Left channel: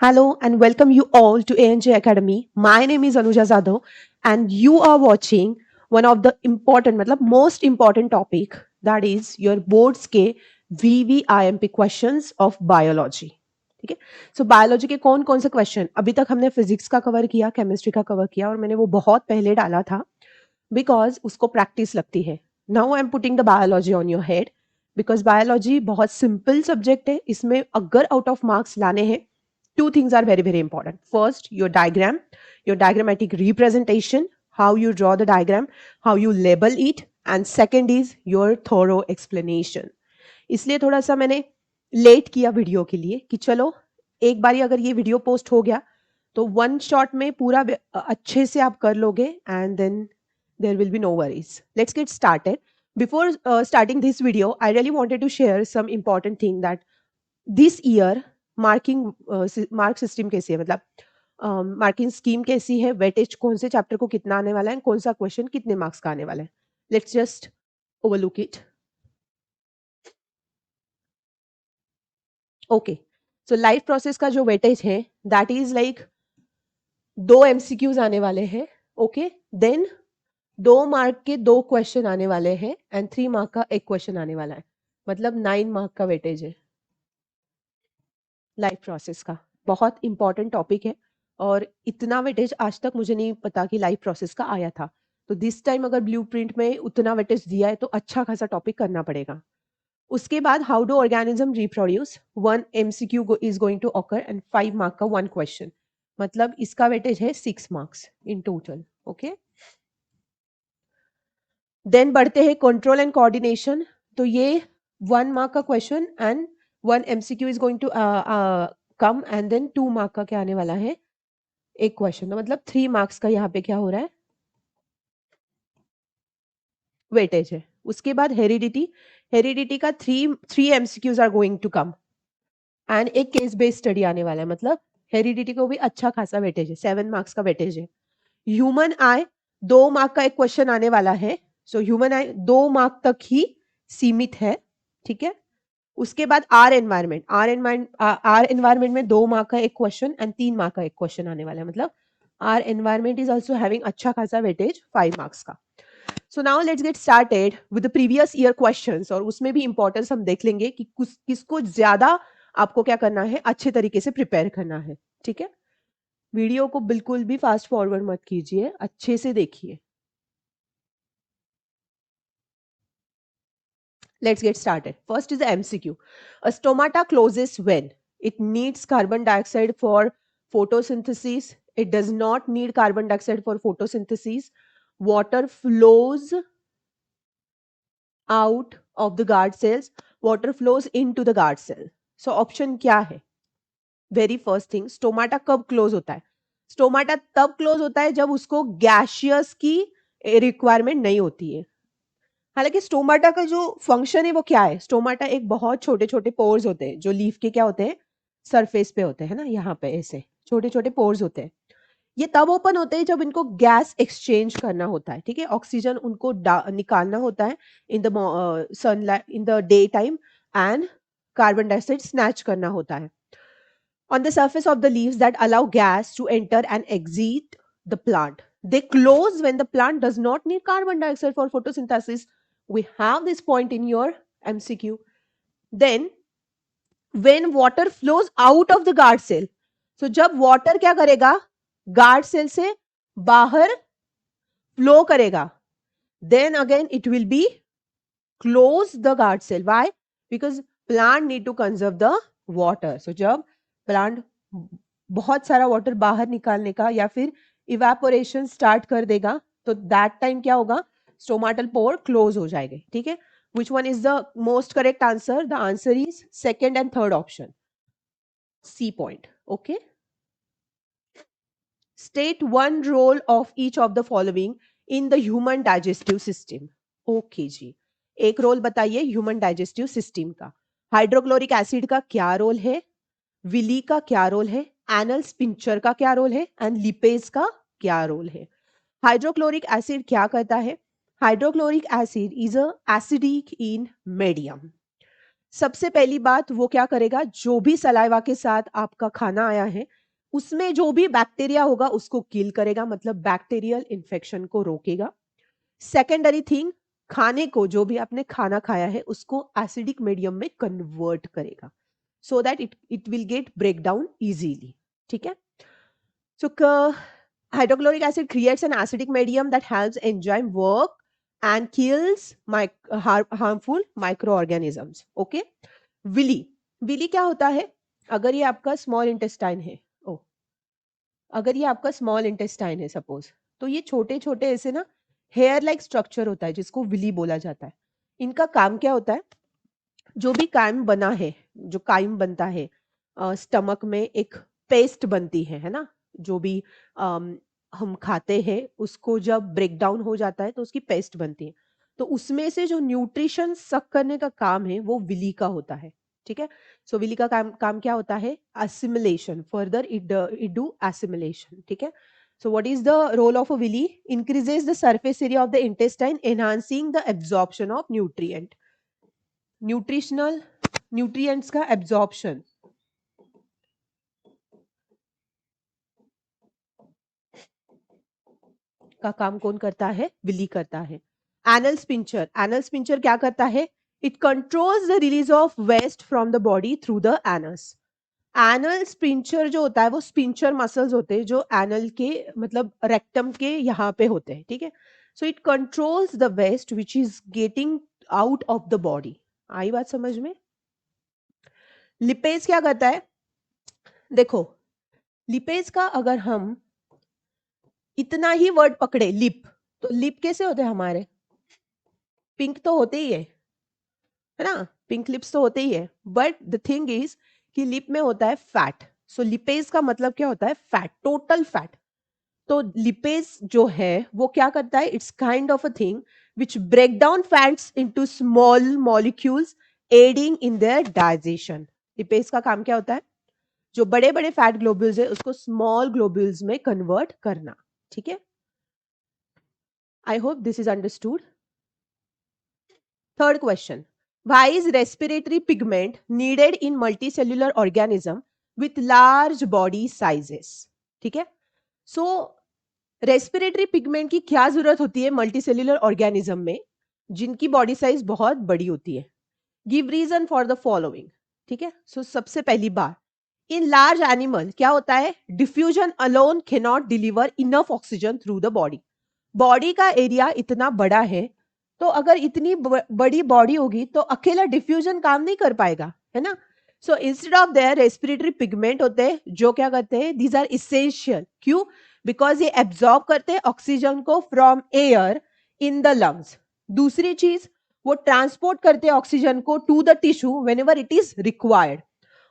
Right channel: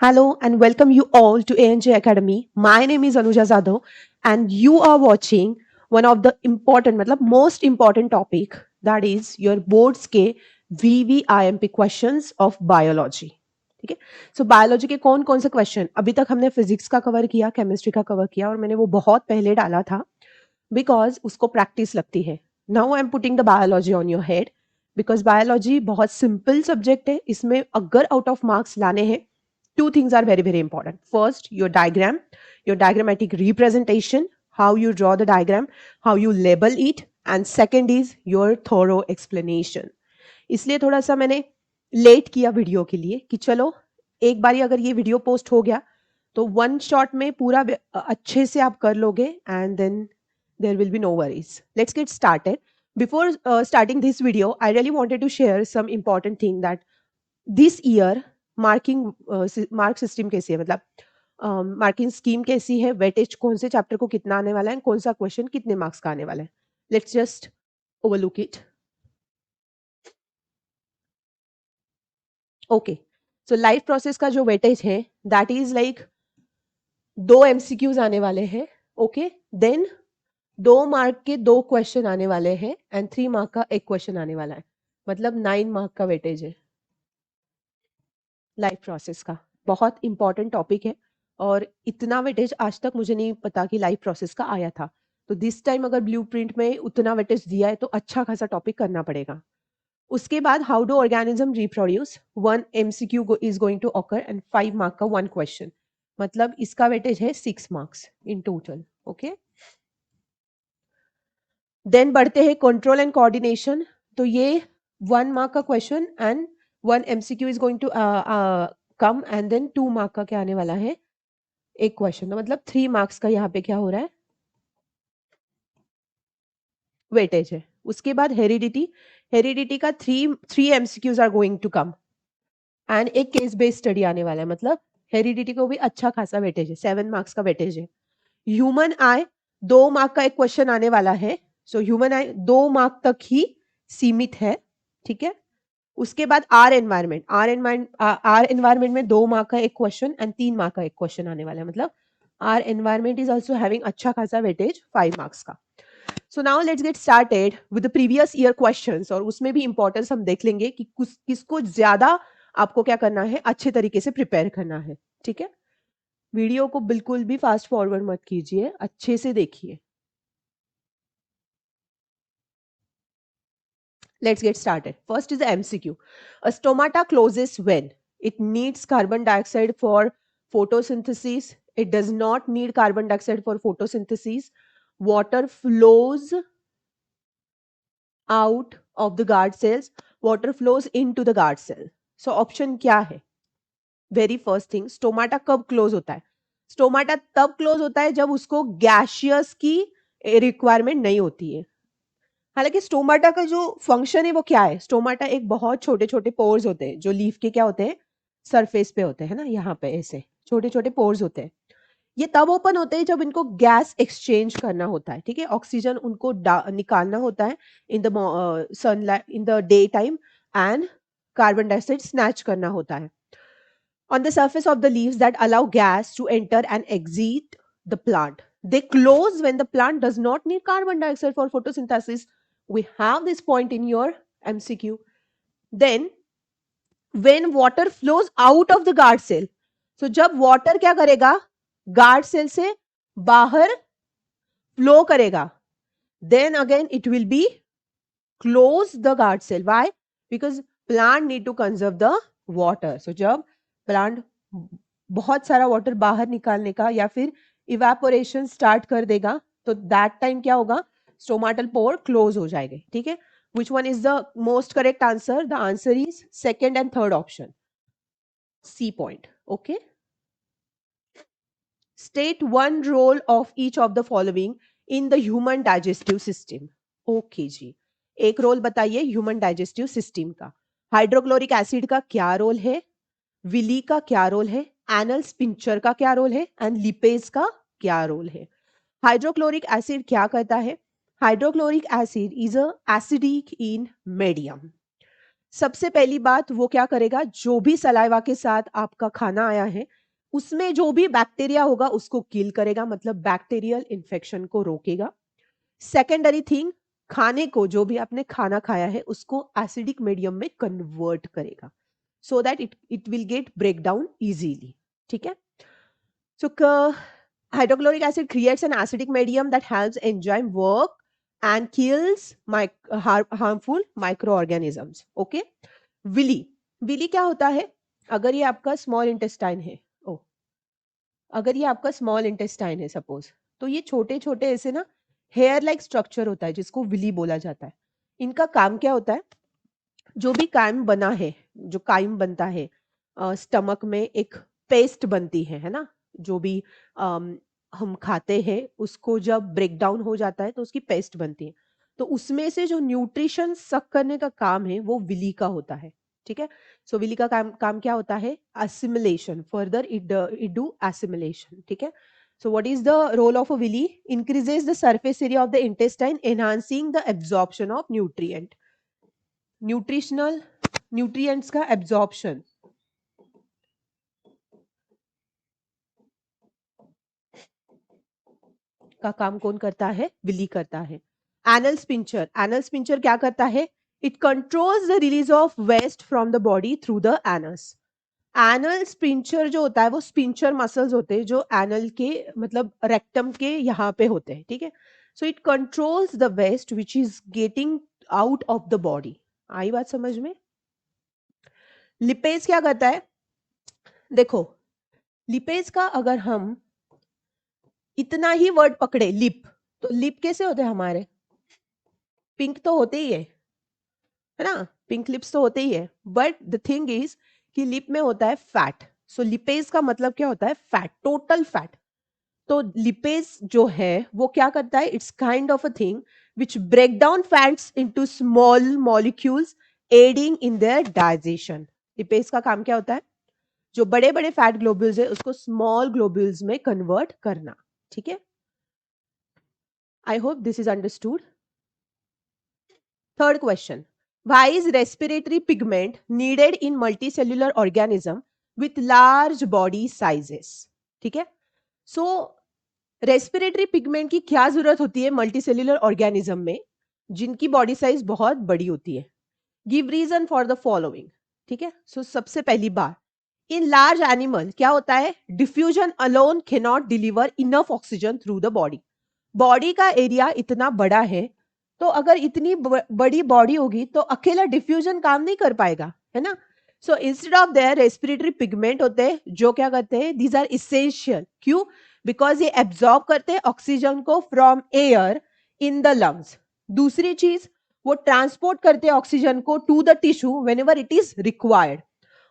Hello and welcome you all to ANJ Academy. My name is Anuja Zadav and you are watching one of the important मतलब most important topic that is your boards के VVIMP questions of biology. ठीक है. सो biology के कौन कौन से question अभी तक हमने फिजिक्स का कवर किया, केमिस्ट्री का कवर किया और मैंने वो बहुत पहले डाला था बिकॉज उसको प्रैक्टिस लगती है. Now I am putting the biology on your head because biology बहुत सिंपल सब्जेक्ट है. इसमें अगर आउट ऑफ मार्क्स लाने हैं, two things are very very important. First, your diagram, your diagrammatic representation, how you draw the diagram, how you label it, and second is your thorough explanation. इसलिए थोड़ा सा मैंने late किया video के लिए कि चलो एक बारी अगर ये वीडियो पोस्ट हो गया तो वन शॉट में पूरा अच्छे से आप कर लोगे and then there will be no worries. Let's get started. Before starting this video, I really wanted to share some important things. This year, marking system कैसे है, मतलब मार्किंग स्कीम कैसी है, वेटेज कौन से चैप्टर को कितना आने वाला है, कौन सा क्वेश्चन कितने मार्क्स का आने वाला है. Let's just overlook it. Okay, so life process का जो वेटेज है दैट इज लाइक 2 MCQs आने वाले हैं. ओके, देन 2 मार्क के 2 क्वेश्चन आने वाले हैं एंड 3 मार्क का एक क्वेश्चन आने वाला है. मतलब 9 मार्क का वेटेज है लाइफ प्रोसेस का. बहुत इंपॉर्टेंट टॉपिक है और इतना वेटेज आज तक मुझे नहीं पता कि लाइफ प्रोसेस का आया था. तो दिस टाइम अगर ब्लूप्रिंट में उतना वेटेज दिया है तो अच्छा खासा टॉपिक करना पड़ेगा. उसके बाद how do organism reproduce, 1 MCQ is going to occur and 5 mark का 1 क्वेश्चन. मतलब इसका वेटेज है 6 marks in total. Okay, then बढ़ते हैं कंट्रोल एंड कोऑर्डिनेशन. तो ये 1 मार्क का question and 1 MCQ is going to come and then 2 mark का क्या आने वाला है, एक क्वेश्चन. तो मतलब 3 मार्क्स का यहाँ पे क्या हो रहा है, वेटेज है. उसके बाद हेरिडिटी, हेरिडिटी का three MCQs are going to come and एक केस बेस्ड स्टडी आने वाला है. मतलब हेरिडिटी को भी अच्छा खासा वेटेज है, 7 मार्क्स का वेटेज है. ह्यूमन आई 2 मार्क का एक क्वेश्चन आने वाला है. सो ह्यूमन आई 2 मार्क तक ही सीमित है. ठीक है. उसके बाद आर एनवायरमेंट में 2 मार्क का एक क्वेश्चन एंड 3 मार्क का एक क्वेश्चन आने वाला है. मतलब our environment is also having अच्छा खासा वेटेज 5 मार्क्स का. So now let's get started with the previous year questions और उसमें भी इंपॉर्टेंस हम देख लेंगे कि किसको ज्यादा आपको क्या करना है, अच्छे तरीके से प्रिपेयर करना है. ठीक है. वीडियो को बिल्कुल भी फास्ट फॉरवर्ड मत कीजिए, अच्छे से देखिए. Let's get started. First is the MCQ. A stomata closes when it needs carbon dioxide for photosynthesis. It does not need carbon dioxide for photosynthesis. Water flows out of the guard cells. Water flows into the guard cell. So option क्या है? Very first thing, stomata कब close होता है? Stomata तब close होता है जब उसको गैशियस की रिक्वायरमेंट नहीं होती है. हालांकि स्टोमाटा का जो फंक्शन है वो क्या है, स्टोमाटा एक बहुत छोटे छोटे पोर्स होते हैं जो लीफ के क्या होते हैं, सरफेस पे होते हैं ना, यहाँ पे ऐसे छोटे छोटे पोर्स होते हैं. ये तब ओपन होते हैं जब इनको गैस एक्सचेंज करना होता है. ठीक है. ऑक्सीजन उनको in the sunlight in the day time and carbon dioxide snatch करना होता है on the surface of the leaves that allow gas to enter and exit the plant. They close when the plant does not need carbon dioxide for photosynthesis. We have this point in your MCQ. Then, when water flows out of the guard cell, so जब water क्या करेगा, guard cell से बाहर flow करेगा, then again it will be close the guard cell. Why? Because plant need to conserve the water. So जब plant बहुत सारा water बाहर निकालने का या फिर इवेपोरेशन स्टार्ट कर देगा तो दैट टाइम क्या होगा, स्टोमाटल पोर क्लोज हो जाएंगे. ठीक है. Which one is the most correct answer? The answer is second and third option, C point. Okay. State one role of each of the following in the human digestive system. Okay जी, एक role बताइए human digestive system का. Hydrochloric acid का क्या role है, Willie का क्या role है, एनल स्पिंचर का क्या रोल है एंड लिपेज का क्या रोल है. हाइड्रोक्लोरिक एसिड क्या करता है? Hydrochloric acid is a acidic in medium. सबसे पहली बात वो क्या करेगा, जो भी सलाइवा के साथ आपका खाना आया है उसमें जो भी बैक्टीरिया होगा उसको किल करेगा, मतलब बैक्टीरियल इन्फेक्शन को रोकेगा। सेकेंडरी थिंग, खाने को, जो भी आपने खाना खाया है उसको एसिडिक मीडियम में कन्वर्ट करेगा, so that it will get break down easily. ठीक है, so hydrochloric acid creates an acidic medium that helps enzyme work and kills harmful microorganisms. Okay, villi, villi क्या होता है, अगर ये आपका स्मॉल इंटेस्टाइन है, ओ अगर ये आपका स्मॉल इंटेस्टाइन है सपोज, तो ये छोटे छोटे ऐसे ना हेयर लाइक स्ट्रक्चर होता है जिसको विली बोला जाता है। इनका काम क्या होता है, जो भी काइम बना है, जो काइम बनता है स्टमक में एक पेस्ट बनती है ना, जो भी हम खाते हैं उसको जब ब्रेक डाउन हो जाता है तो उसकी पेस्ट बनती है, तो उसमें से जो न्यूट्रिशन सक करने का काम है वो विली का होता है। ठीक है, सो विली का काम काम क्या होता है, assimilation, further it do assimilation. ठीक है, so what is the role of a villi? Increases the surface area of the intestine, enhancing the absorption of nutritional nutrients का एब्जॉर्प्शन। का काम कौन करता है, विली करता है। एनल स्पिंचर, एनल स्पिंचर क्या करता है, it controls the release of waste from the body through the anus. Anal sphincter जो होता है वो स्पिंचर मसल्स होते हैं जो एनल के मतलब रेक्टम के यहाँ पे होते हैं। ठीक है, so it controls the waste which is getting out of the body. आई बात समझ में? लिपेज क्या करता है, देखो लिपेज का अगर हम इतना ही वर्ड पकड़े लिप, तो लिप कैसे होते हैं हमारे, पिंक तो होते ही है ना, पिंक लिप्स तो होते ही है, बट द थिंग इज कि लिप में होता है फैट। सो लिपेज का मतलब क्या होता है, फैट, टोटल फैट। तो लिपेज जो है वो क्या करता है, it's kind of a thing which break down fats into small molecules adding in their digestion. Lipase का काम क्या होता है, जो बड़े बड़े फैट ग्लोब्यूल्स है उसको स्मॉल ग्लोब्यूल्स में कन्वर्ट करना। ठीक है, I hope this is understood. Third question. Why is respiratory pigment needed in multicellular organism with large body sizes? ठीक है, सो रेस्पिरेटरी पिगमेंट की क्या जरूरत होती है मल्टीसेल्युलर ऑर्गेनिज्म में जिनकी बॉडी साइज बहुत बड़ी होती है? Give reason for the following. ठीक है, सो सबसे पहली बात, इन लार्ज एनिमल क्या होता है, diffusion alone can not deliver enough oxygen through the body. Body का एरिया इतना बड़ा है, तो अगर इतनी बड़ी बॉडी होगी तो अकेला डिफ्यूजन काम नहीं कर पाएगा, है ना। So instead of their respiratory pigment होते हैं जो क्या करते हैं, दीज आर इसेंशियल। क्यों? बिकॉज ये एब्जॉर्ब करते हैं ऑक्सीजन को from air in the lungs. दूसरी चीज, वो ट्रांसपोर्ट करते हैं ऑक्सीजन को to the tissue whenever it is required.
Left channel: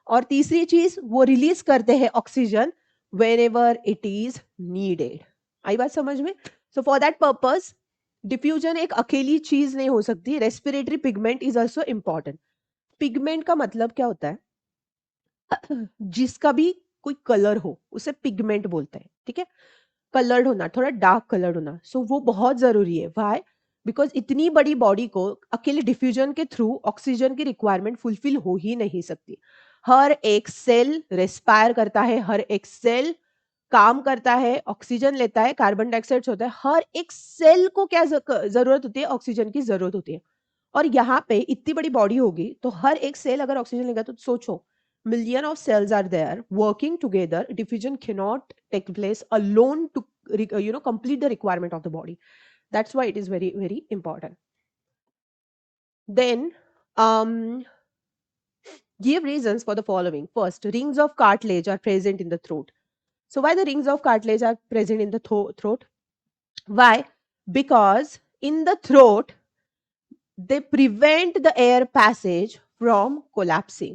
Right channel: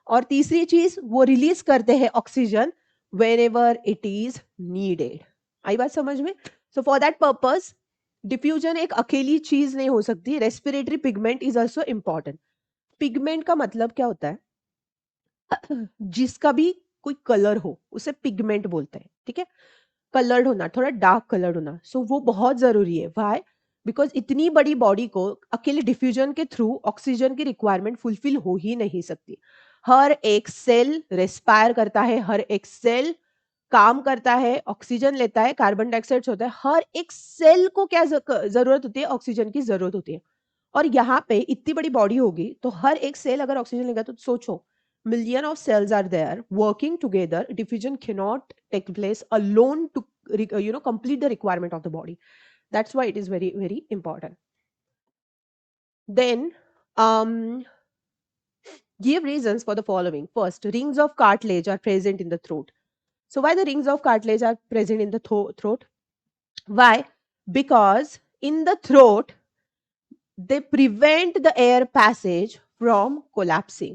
और तीसरी चीज, वो रिलीज करते हैं oxygen whenever it is needed. आई बात समझ में? So for that purpose diffusion एक अकेली चीज नहीं हो सकती, respiratory pigment is also important. Pigment का मतलब क्या होता है, जिसका भी कोई कलर हो उसे पिगमेंट बोलते हैं। ठीक है, कलर्ड होना, थोड़ा डार्क कलर्ड होना, सो वो बहुत जरूरी है। वाई? बिकॉज इतनी बड़ी बॉडी को अकेले डिफ्यूजन के थ्रू ऑक्सीजन की रिक्वायरमेंट फुलफिल हो ही नहीं सकती। हर एक सेल रेस्पायर करता है, हर एक सेल काम करता है, ऑक्सीजन लेता है, कार्बन डाइऑक्साइड होता है, हर एक सेल को क्या जरूरत होती है, ऑक्सीजन की जरूरत होती है। और यहाँ पे इतनी बड़ी बॉडी होगी तो हर एक सेल अगर ऑक्सीजन लेगा तो सोचो, million of cells are there working together, diffusion cannot take place alone to complete the requirement of the body. That's why it is very very important. Then give reasons for the following. First, rings of cartilage are present in the throat. So why the rings of cartilage are present in the throat? Why? Because in the throat they prevent the air passage from collapsing.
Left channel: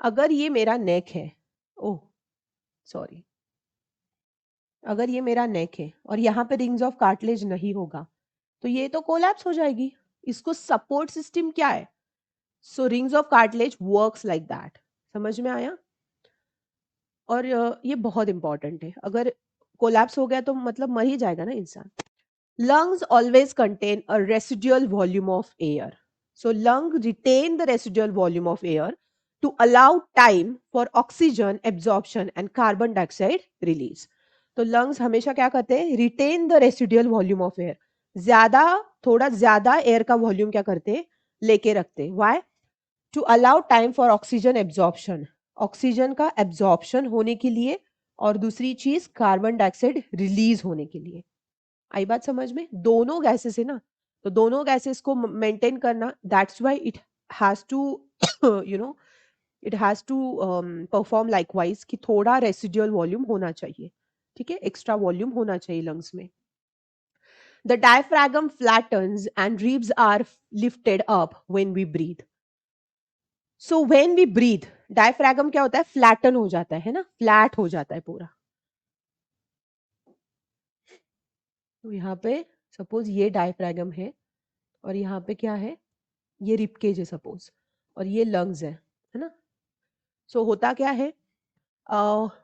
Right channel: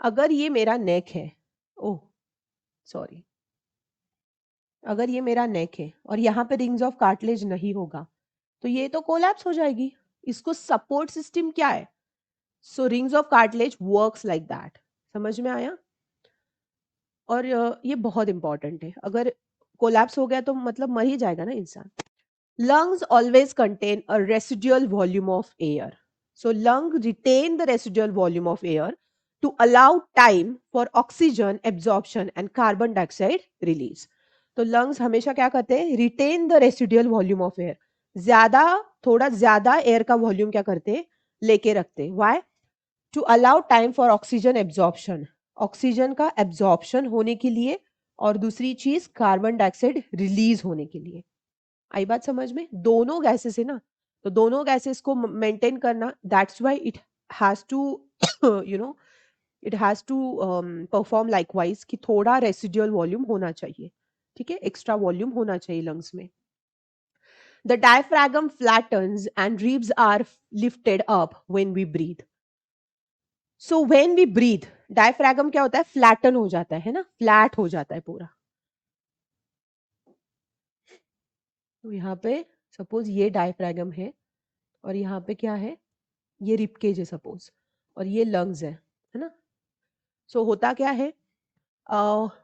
अगर ये मेरा नेक है, oh sorry, अगर ये मेरा नेक है और यहाँ पे रिंग्स ऑफ कार्टिलेज नहीं होगा तो ये तो कोलैप्स हो जाएगी। इसको सपोर्ट सिस्टम क्या है, so rings of cartilage works like that. समझ में आया? और ये बहुत इंपॉर्टेंट है, अगर कोलैप्स हो गया तो मतलब मर ही जाएगा ना इंसान। Lungs always contain a residual volume of air. So lung retain the residual volume of air to allow time for oxygen absorption and carbon dioxide release. तो lungs हमेशा क्या करते हैं? Retain the residual volume of air. थोड़ा ज्यादा air का volume क्या करते हैं? लेके रखते हैं. Why? To allow time for oxygen absorption. Oxygen का एब्जॉर्प्शन होने के लिए और दूसरी चीज कार्बन डाइऑक्साइड रिलीज होने के लिए. आई बात समझ में? दोनों गैसेस है ना, तो दोनों गैसेस को मेंटेन करना, that's why it has to you know it has to perform likewise कि थोड़ा रेसिडुअल वॉल्यूम होना चाहिए. ठीक है, एक्स्ट्रा वॉल्यूम होना चाहिए लंग्स में. The diaphragm flattens and ribs are lifted up when we breathe. So when we breathe, diaphragm क्या होता है? फ्लैटन हो जाता है ना, फ्लैट हो जाता है पूरा. तो यहाँ पे सपोज ये डायफ्रैगम है और यहाँ पे क्या है? ये रिबकेज है सपोज, और ये लंग्स है ना. सो होता क्या है?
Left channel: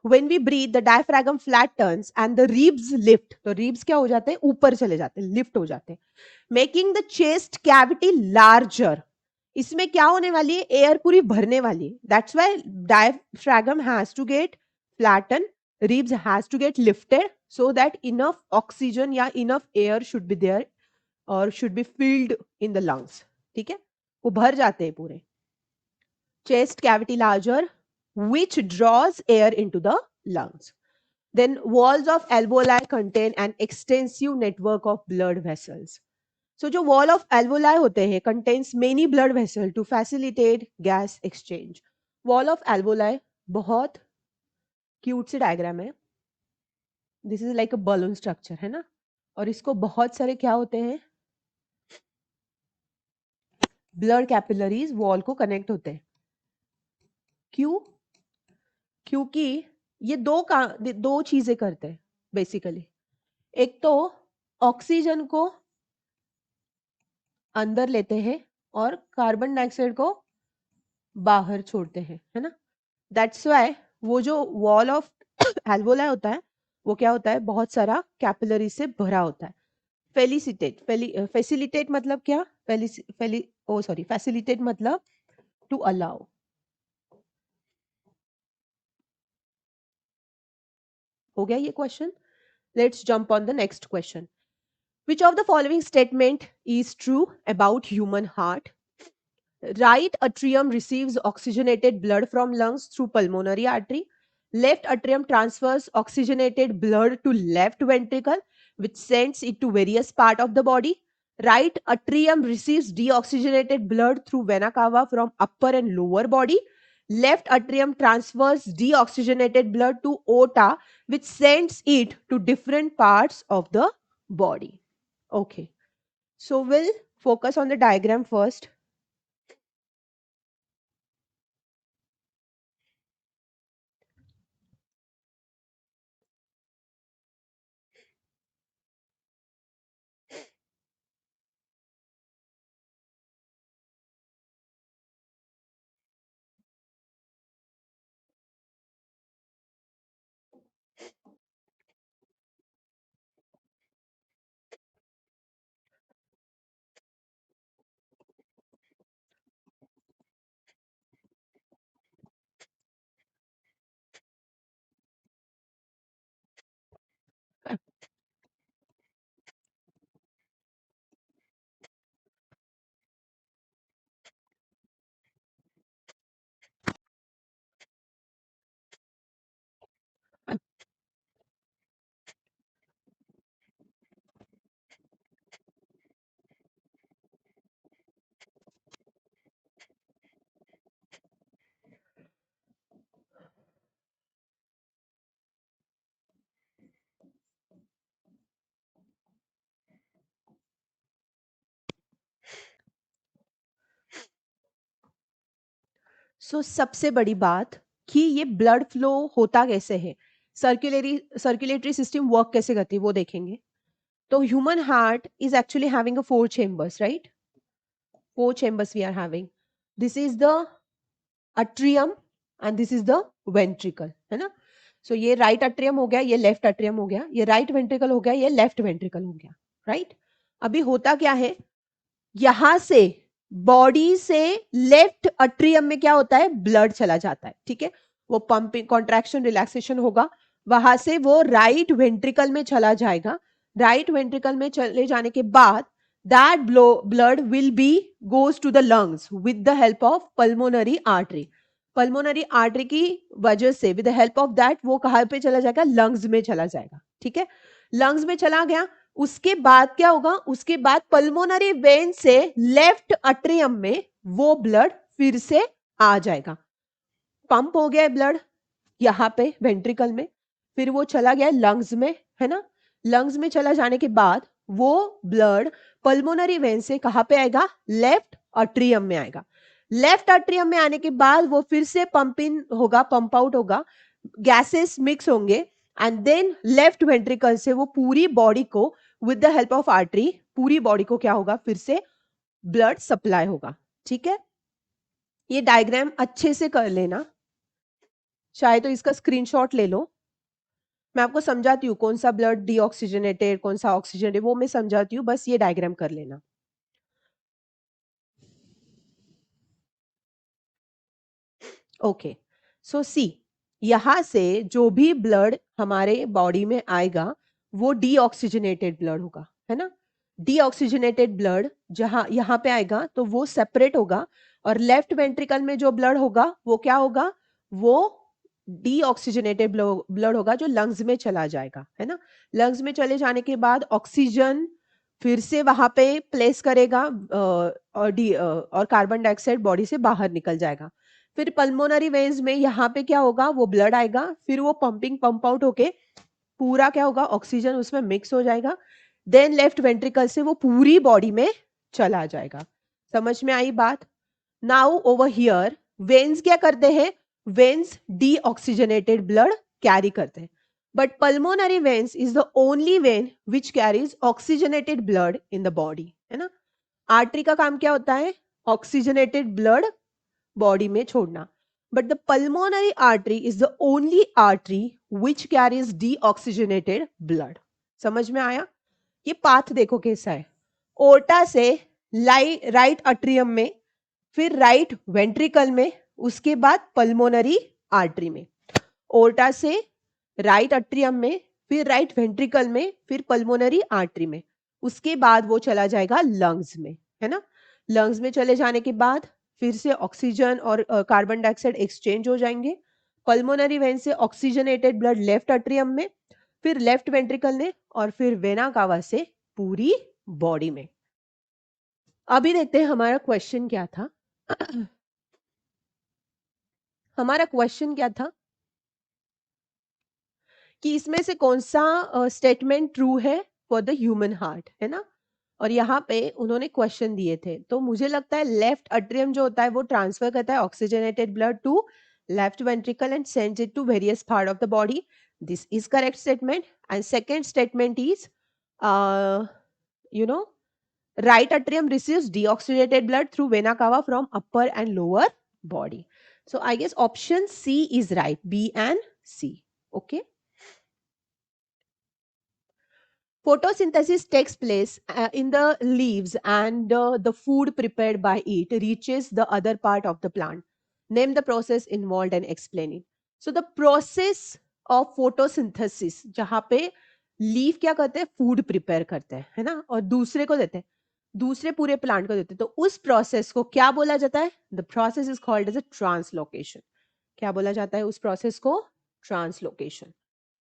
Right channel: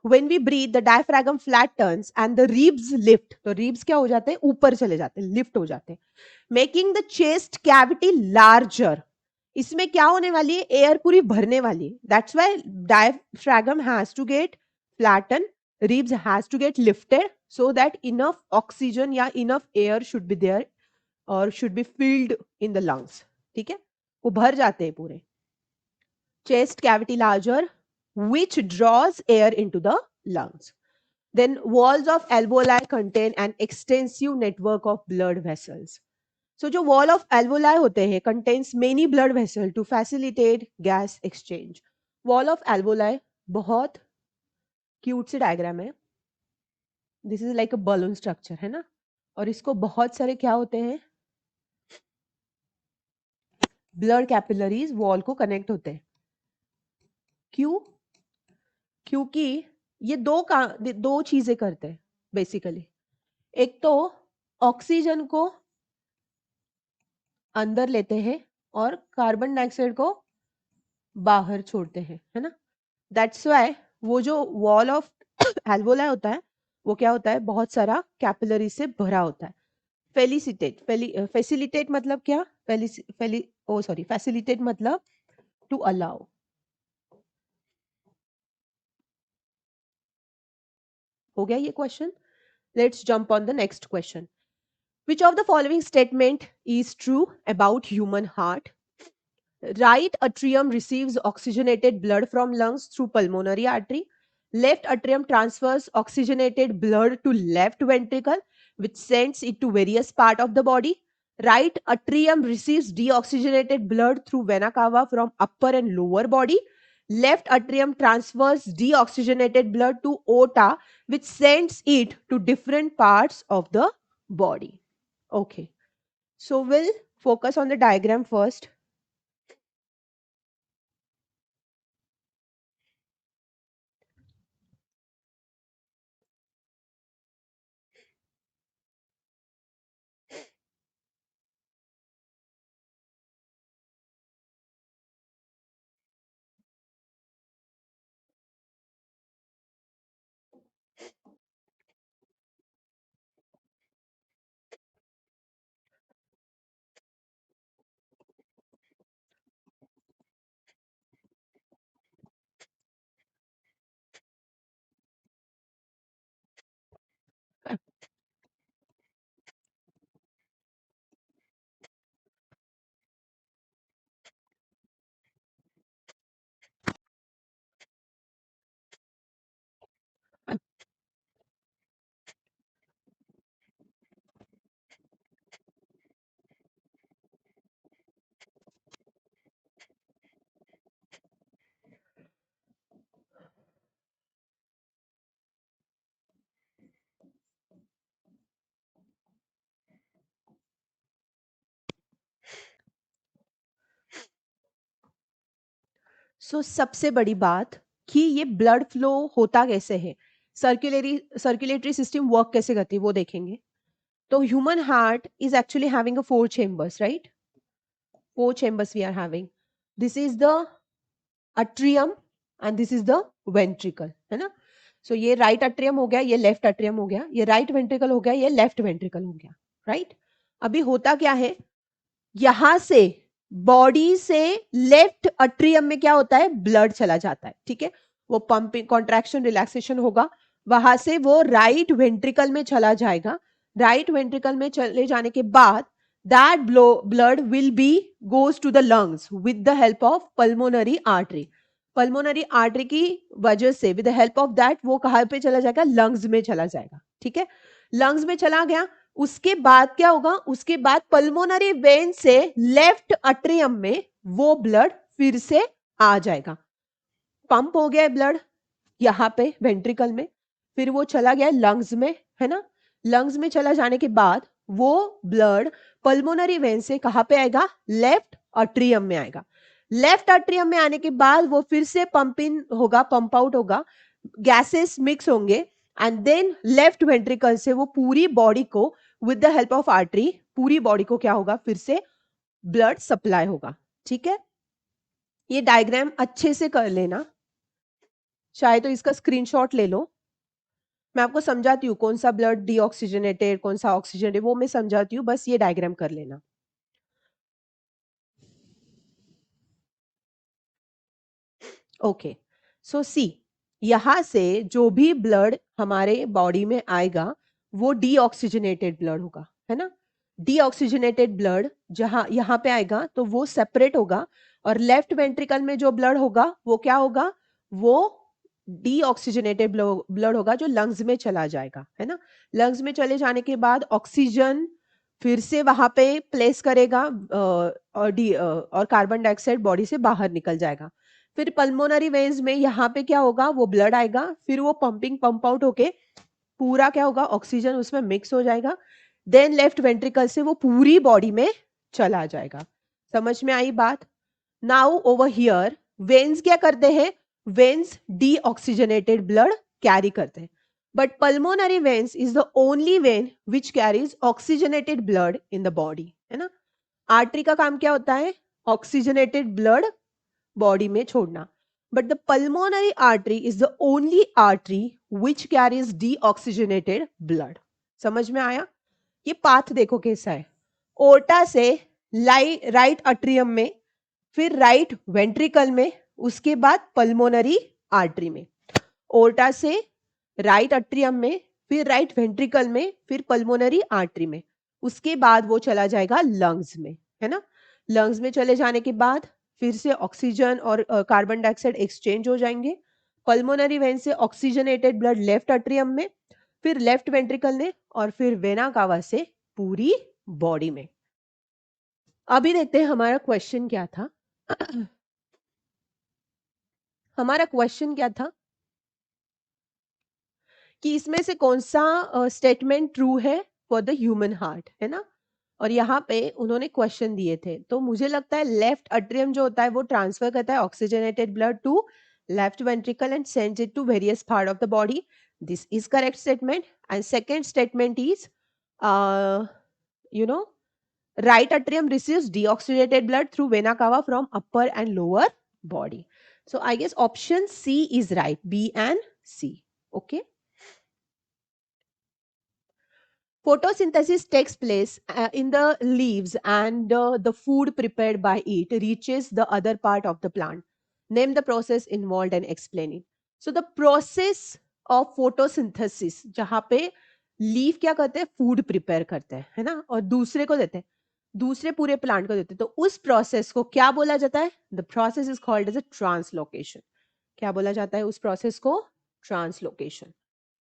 when we breathe the diaphragm flattens and the ribs lift. तो ribs क्या हो जाते हैं? ऊपर चले जाते हैं, लिफ्ट हो जाते हैं, making the chest cavity larger. इसमें क्या होने वाली है? एयर पूरी भरने वाली है. That's why diaphragm has to get flattened, ribs has to get lifted so that enough oxygen या enough air should be there or should be filled in the lungs. ठीक है, वो भर जाते हैं पूरे. Chest cavity larger, which draws air into the lungs. Then walls of alveoli contain an extensive network of blood vessels. So जो wall of alveoli होते हैं contains many blood vessels to facilitate gas exchange. Wall of alveoli बहुत cute C diagram है. This is like a balloon structure है ना, और इसको बहुत सारे क्या होते हैं? ब्लड कैपिलरीज वॉल को कनेक्ट होते हैं. क्यों? क्योंकि ये दो चीजें करते हैं बेसिकली. एक तो ऑक्सीजन को अंदर लेते हैं और कार्बन डाइऑक्साइड को बाहर छोड़ते हैं, है ना. दैट्स व्हाई वो जो वॉल ऑफ एल्वोलाई होता है वो क्या होता है? बहुत सारा कैपिलरी से भरा होता है. फैसिलिटेट मतलब क्या? फैसिलिटेट मतलब टू अलाउ. हो गया ये question. Let's jump on the next question. Which of the following statement is true about human heart? Right atrium receives oxygenated blood from lungs through pulmonary artery. Left atrium transfers oxygenated blood to left ventricle, which sends it to various parts of the body. Right atrium receives deoxygenated blood through vena cava from upper and lower body. Left atrium transfers deoxygenated blood to aorta, which sends it to different parts of the body. Okay, so we'll focus on the diagram first. सबसे बड़ी बात कि ये blood flow होता कैसे है, circulatory system work कैसे करती है वो देखेंगे. तो human heart is actually having a 4 chambers, right? 4 chambers we are having. This is the atrium and this is the ventricle, है ना. सो ये राइट अट्रियम हो गया, ये लेफ्ट अट्रियम हो गया, ये राइट वेंट्रिकल हो गया, ये लेफ्ट वेंट्रिकल हो गया, राइट. अभी होता क्या है, यहां से बॉडी से लेफ्ट अट्रियम में क्या होता है, ब्लड चला जाता है, ठीक है, वो पंपिंग कॉन्ट्रैक्शन रिलैक्सेशन होगा, वहां से वो राइट वेंट्रिकल में चला जाएगा, राइट वेंट्रिकल में चले जाने के बाद that blood will be goes to the lungs with the help of pulmonary artery. pulmonary artery की वजह से with the help of that वो कहाँ पे चला जाएगा, लंग्स में चला जाएगा, ठीक है, लंग्स में चला गया, उसके बाद क्या होगा, उसके बाद पल्मोनरी वेन से लेफ्ट अट्रियम में वो ब्लड फिर से आ जाएगा, पंप हो गया ब्लड यहाँ पे वेंट्रिकल में, फिर वो चला गया लंग्स में, है ना, लंग्स में चला जाने के बाद वो ब्लड पल्मोनरी वेन से कहां पे आएगा, लेफ्ट अट्रियम में आएगा, लेफ्ट अट्रियम में आने के बाद वो फिर से पंप इन होगा, पंप आउट होगा, गैसेस मिक्स होंगे, एंड देन लेफ्ट वेंट्रिकल से वो पूरी बॉडी को with the help of artery पूरी बॉडी को क्या होगा, फिर से ब्लड सप्लाई होगा, ठीक है, ये डायग्राम अच्छे से कर लेना, चाहे तो इसका स्क्रीनशॉट ले लो, मैं आपको समझाती हूँ कौन सा ब्लड डीऑक्सीजनेटेड है, कौन सा ऑक्सीजनेटेड, वो मैं समझाती हूँ, बस ये डायग्राम कर लेना। ओके, सो सी, यहां से जो भी ब्लड हमारे बॉडी में आएगा वो डीऑक्सीजनेटेड ब्लड होगा, है ना, डीऑक्सीजनेटेड ब्लड जहां यहाँ पे आएगा तो वो सेपरेट होगा, और लेफ्ट वेंट्रिकल में जो ब्लड होगा वो क्या होगा, वो डीऑक्सीजनेटेड ब्लड होगा जो लंग्स में चला जाएगा, है ना, लंग्स में चले जाने के बाद ऑक्सीजन फिर से वहां पे प्लेस करेगा, और कार्बन डाइऑक्साइड बॉडी से बाहर निकल जाएगा, फिर पल्मोनरी वेन्स में यहाँ पे क्या होगा, वो ब्लड आएगा, फिर वो पंप आउट होके पूरा क्या होगा, ऑक्सीजन उसमें मिक्स हो जाएगा, देन लेफ्ट वेंट्रिकल से वो पूरी बॉडी में चला जाएगा, समझ में आई बात। नाउ ओवर हियर वेन्स क्या करते हैं, वेन्स डीऑक्सीजनेटेड ब्लड कैरी करते हैं, but pulmonary veins is the only vein which carries oxygenated blood in the body, है ना, आर्टरी का काम क्या होता है, ऑक्सीजनेटेड ब्लड बॉडी में छोड़ना, but the pulmonary artery is the only artery which carries deoxygenated blood, समझ में आए, ये पाथ देखो कैसे है, ओटा से राइट अट्रियम में, फिर राइट वेंट्रिकल में, उसके बाद पल्मोनरी आर्टरी में, ओटा से राइट अट्रियम में, फिर राइट वेंट्रिकल में, फिर पल्मोनरी आर्टरी में, उसके बाद वो चला जाएगा लंग्स में, है ना, लंग्स में चले जाने के बाद फिर से ऑक्सीजन और कार्बन डाइऑक्साइड एक्सचेंज हो जाएंगे, पल्मोनरी वेन से ऑक्सीजनेटेड ब्लड लेफ्ट अट्रियम में, फिर लेफ्ट वेंट्रिकल में, और फिर वेना कावा से पूरी बॉडी में। अभी देखते हैं हमारा क्वेश्चन क्या था। हमारा क्वेश्चन क्या था कि इसमें से कौन सा स्टेटमेंट ट्रू है फॉर द ह्यूमन हार्ट, है ना, और यहाँ पे उन्होंने क्वेश्चन दिए थे, तो मुझे लगता है लेफ्ट अट्रियम जो होता है वो ट्रांसफर करता है oxygenated blood to left ventricle and sends it to various part of the body, this is correct statement, and second statement is you know right atrium receives deoxygenated blood through vena cava from upper and lower body, so I guess option C is right, B and C. Okay, photosynthesis takes place in the leaves, and the food prepared by it reaches the other part of the plant. Name the process involved and explain it. So the process of photosynthesis, जहाँ पे leaf क्या करते हैं, food prepare करते हैं, है ना, और दूसरे को देते हैं, दूसरे पूरे प्लांट को देते हैं, तो उस प्रोसेस को क्या बोला जाता है, the process is called as a translocation, क्या बोला जाता है उस प्रोसेस को, translocation.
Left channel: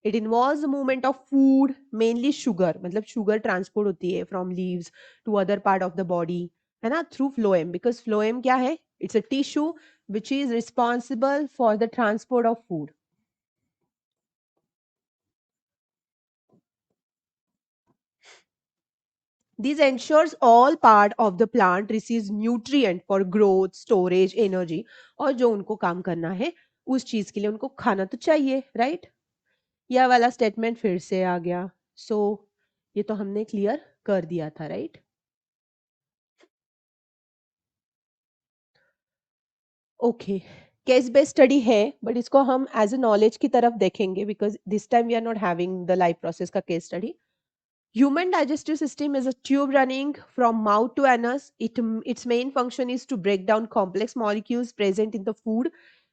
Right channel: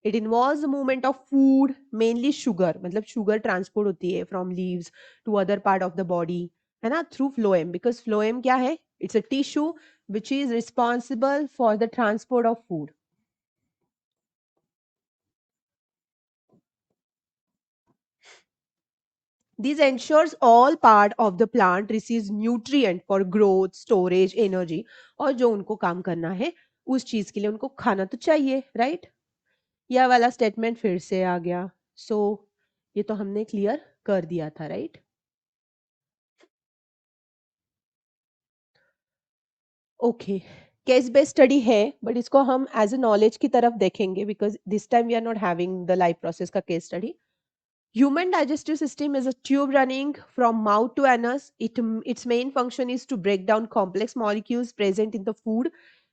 It involves the movement of food, mainly sugar, मतलब शुगर ट्रांसपोर्ट होती है from leaves to other part of the body, है ना, थ्रू फ्लोएम, बिकॉज फ्लोएम क्या है, it's a tissue which is responsible for the transport of food. This ensures all part of the plant receives nutrient for growth, storage, energy, और जो उनको काम करना है उस चीज के लिए उनको खाना तो चाहिए, राइट, यह वाला स्टेटमेंट फिर से आ गया, सो ये तो हमने क्लियर कर दिया था, right. Okay, case based study है, बट इसको हम एज ए नॉलेज की तरफ देखेंगे, because this time we are not having the live process का case study, Human digestive system is a tube running from mouth to anus. Its main function is to break down complex molecules present in the food,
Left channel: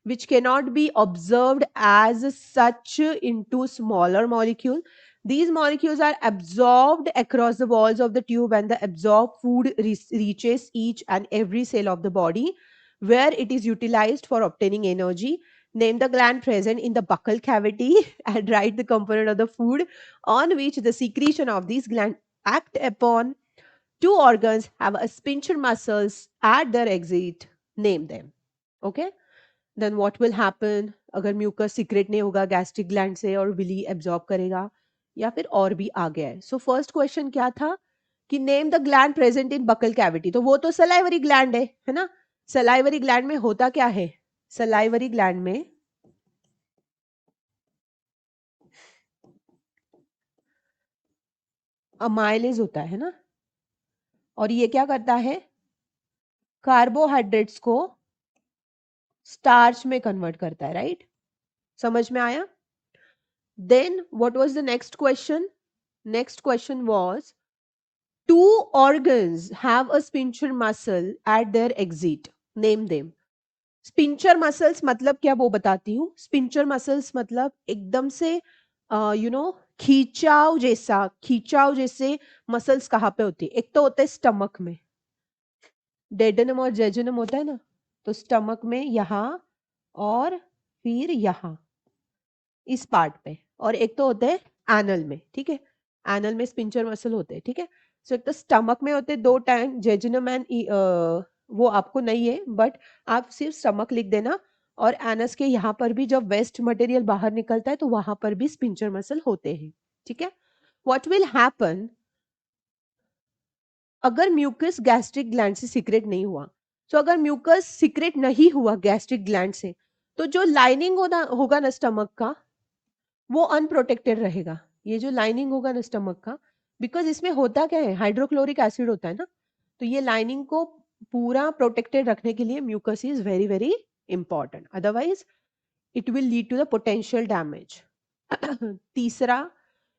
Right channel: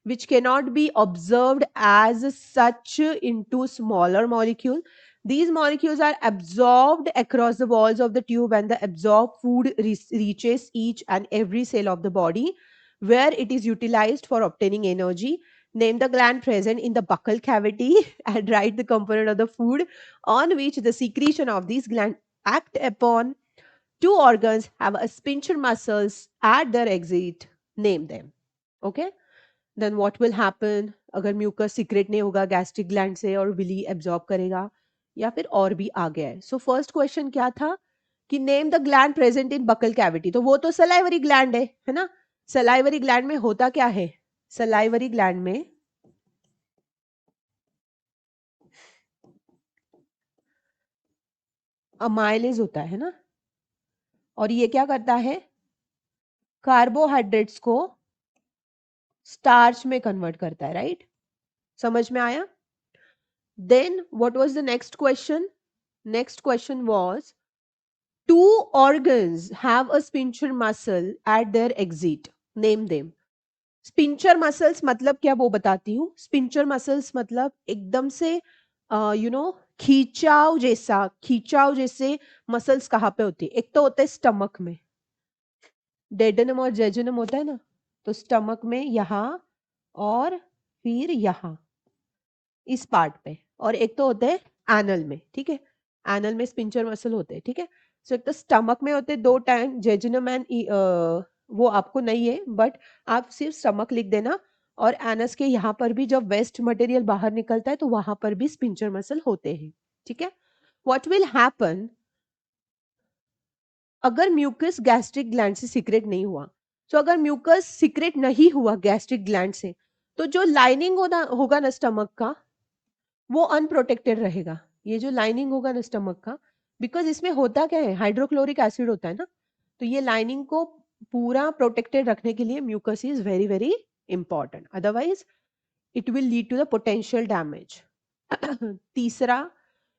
which cannot be observed as such into smaller molecules. These molecules are absorbed across the walls of the tube, and the absorbed food reaches each and every cell of the body, where it is utilized for obtaining energy. Name the gland present in the buccal cavity and write the component of the food on which the secretion of these glands act upon. Two organs have a sphincter muscles at their exit. Name them. Okay. Then what will happen अगर mucus secret नहीं होगा gastric gland से और Willie absorb करेगा या फिर और भी आगे है. सो फर्स्ट क्वेश्चन क्या था कि name the gland present in buccal cavity. तो वो तो सलाइवरी ग्लैंड है ना. सलाइवरी ग्लैंड में होता क्या है. सलाइवरी ग्लैंड में अमाइलेज होता है ना. और ये क्या करता है कार्बोहाइड्रेट्स को स्टार्च में कन्वर्ट करता है. राइट. समझ में आया. Then what was the next question. Next question was two organs have a sphincter muscle at their exit. Name them. Sphincter muscles मतलब क्या वो बताती हूँ. स्पिंचर मसल्स मतलब एकदम से खींचाव जैसे मसल्स कहाँ पे होती है. एक तो होता है स्टमक में. डेडनम और जेजुनम होता है ना. तो स्टमक में यहाँ और फिर यहाँ इस पार्ट पे. और एक तो होते हैं एनल में. ठीक है. एनल में स्पिंचर मसल होते हैं. ठीक है. सो एक तो स्टमक में होते हैं दो टैंक जेजुनम एंड वो आपको नहीं है बट आप सिर्फ स्टमक लिख देना. और एनस के यहाँ पर भी जब वेस्ट मटेरियल बाहर निकलता है तो वहां पर भी स्पिंचर मसल होते हैं. ठीक है. व्हाट विल हैपन अगर म्यूकस गैस्ट्रिक ग्लैंड से सीक्रेट नहीं हुआ. तो अगर म्यूकस सीक्रेट नहीं हुआ गैस्ट्रिक ग्लैंड से तो जो लाइनिंग होगा ना स्टमक का वो अनप्रोटेक्टेड रहेगा. ये जो लाइनिंग होगा ना स्टमक का बिकॉज इसमें होता क्या है हाइड्रोक्लोरिक एसिड होता है ना. तो ये लाइनिंग को पूरा प्रोटेक्टेड रखने के लिए mucus is very very important. Otherwise it will lead to the potential damage. तीसरा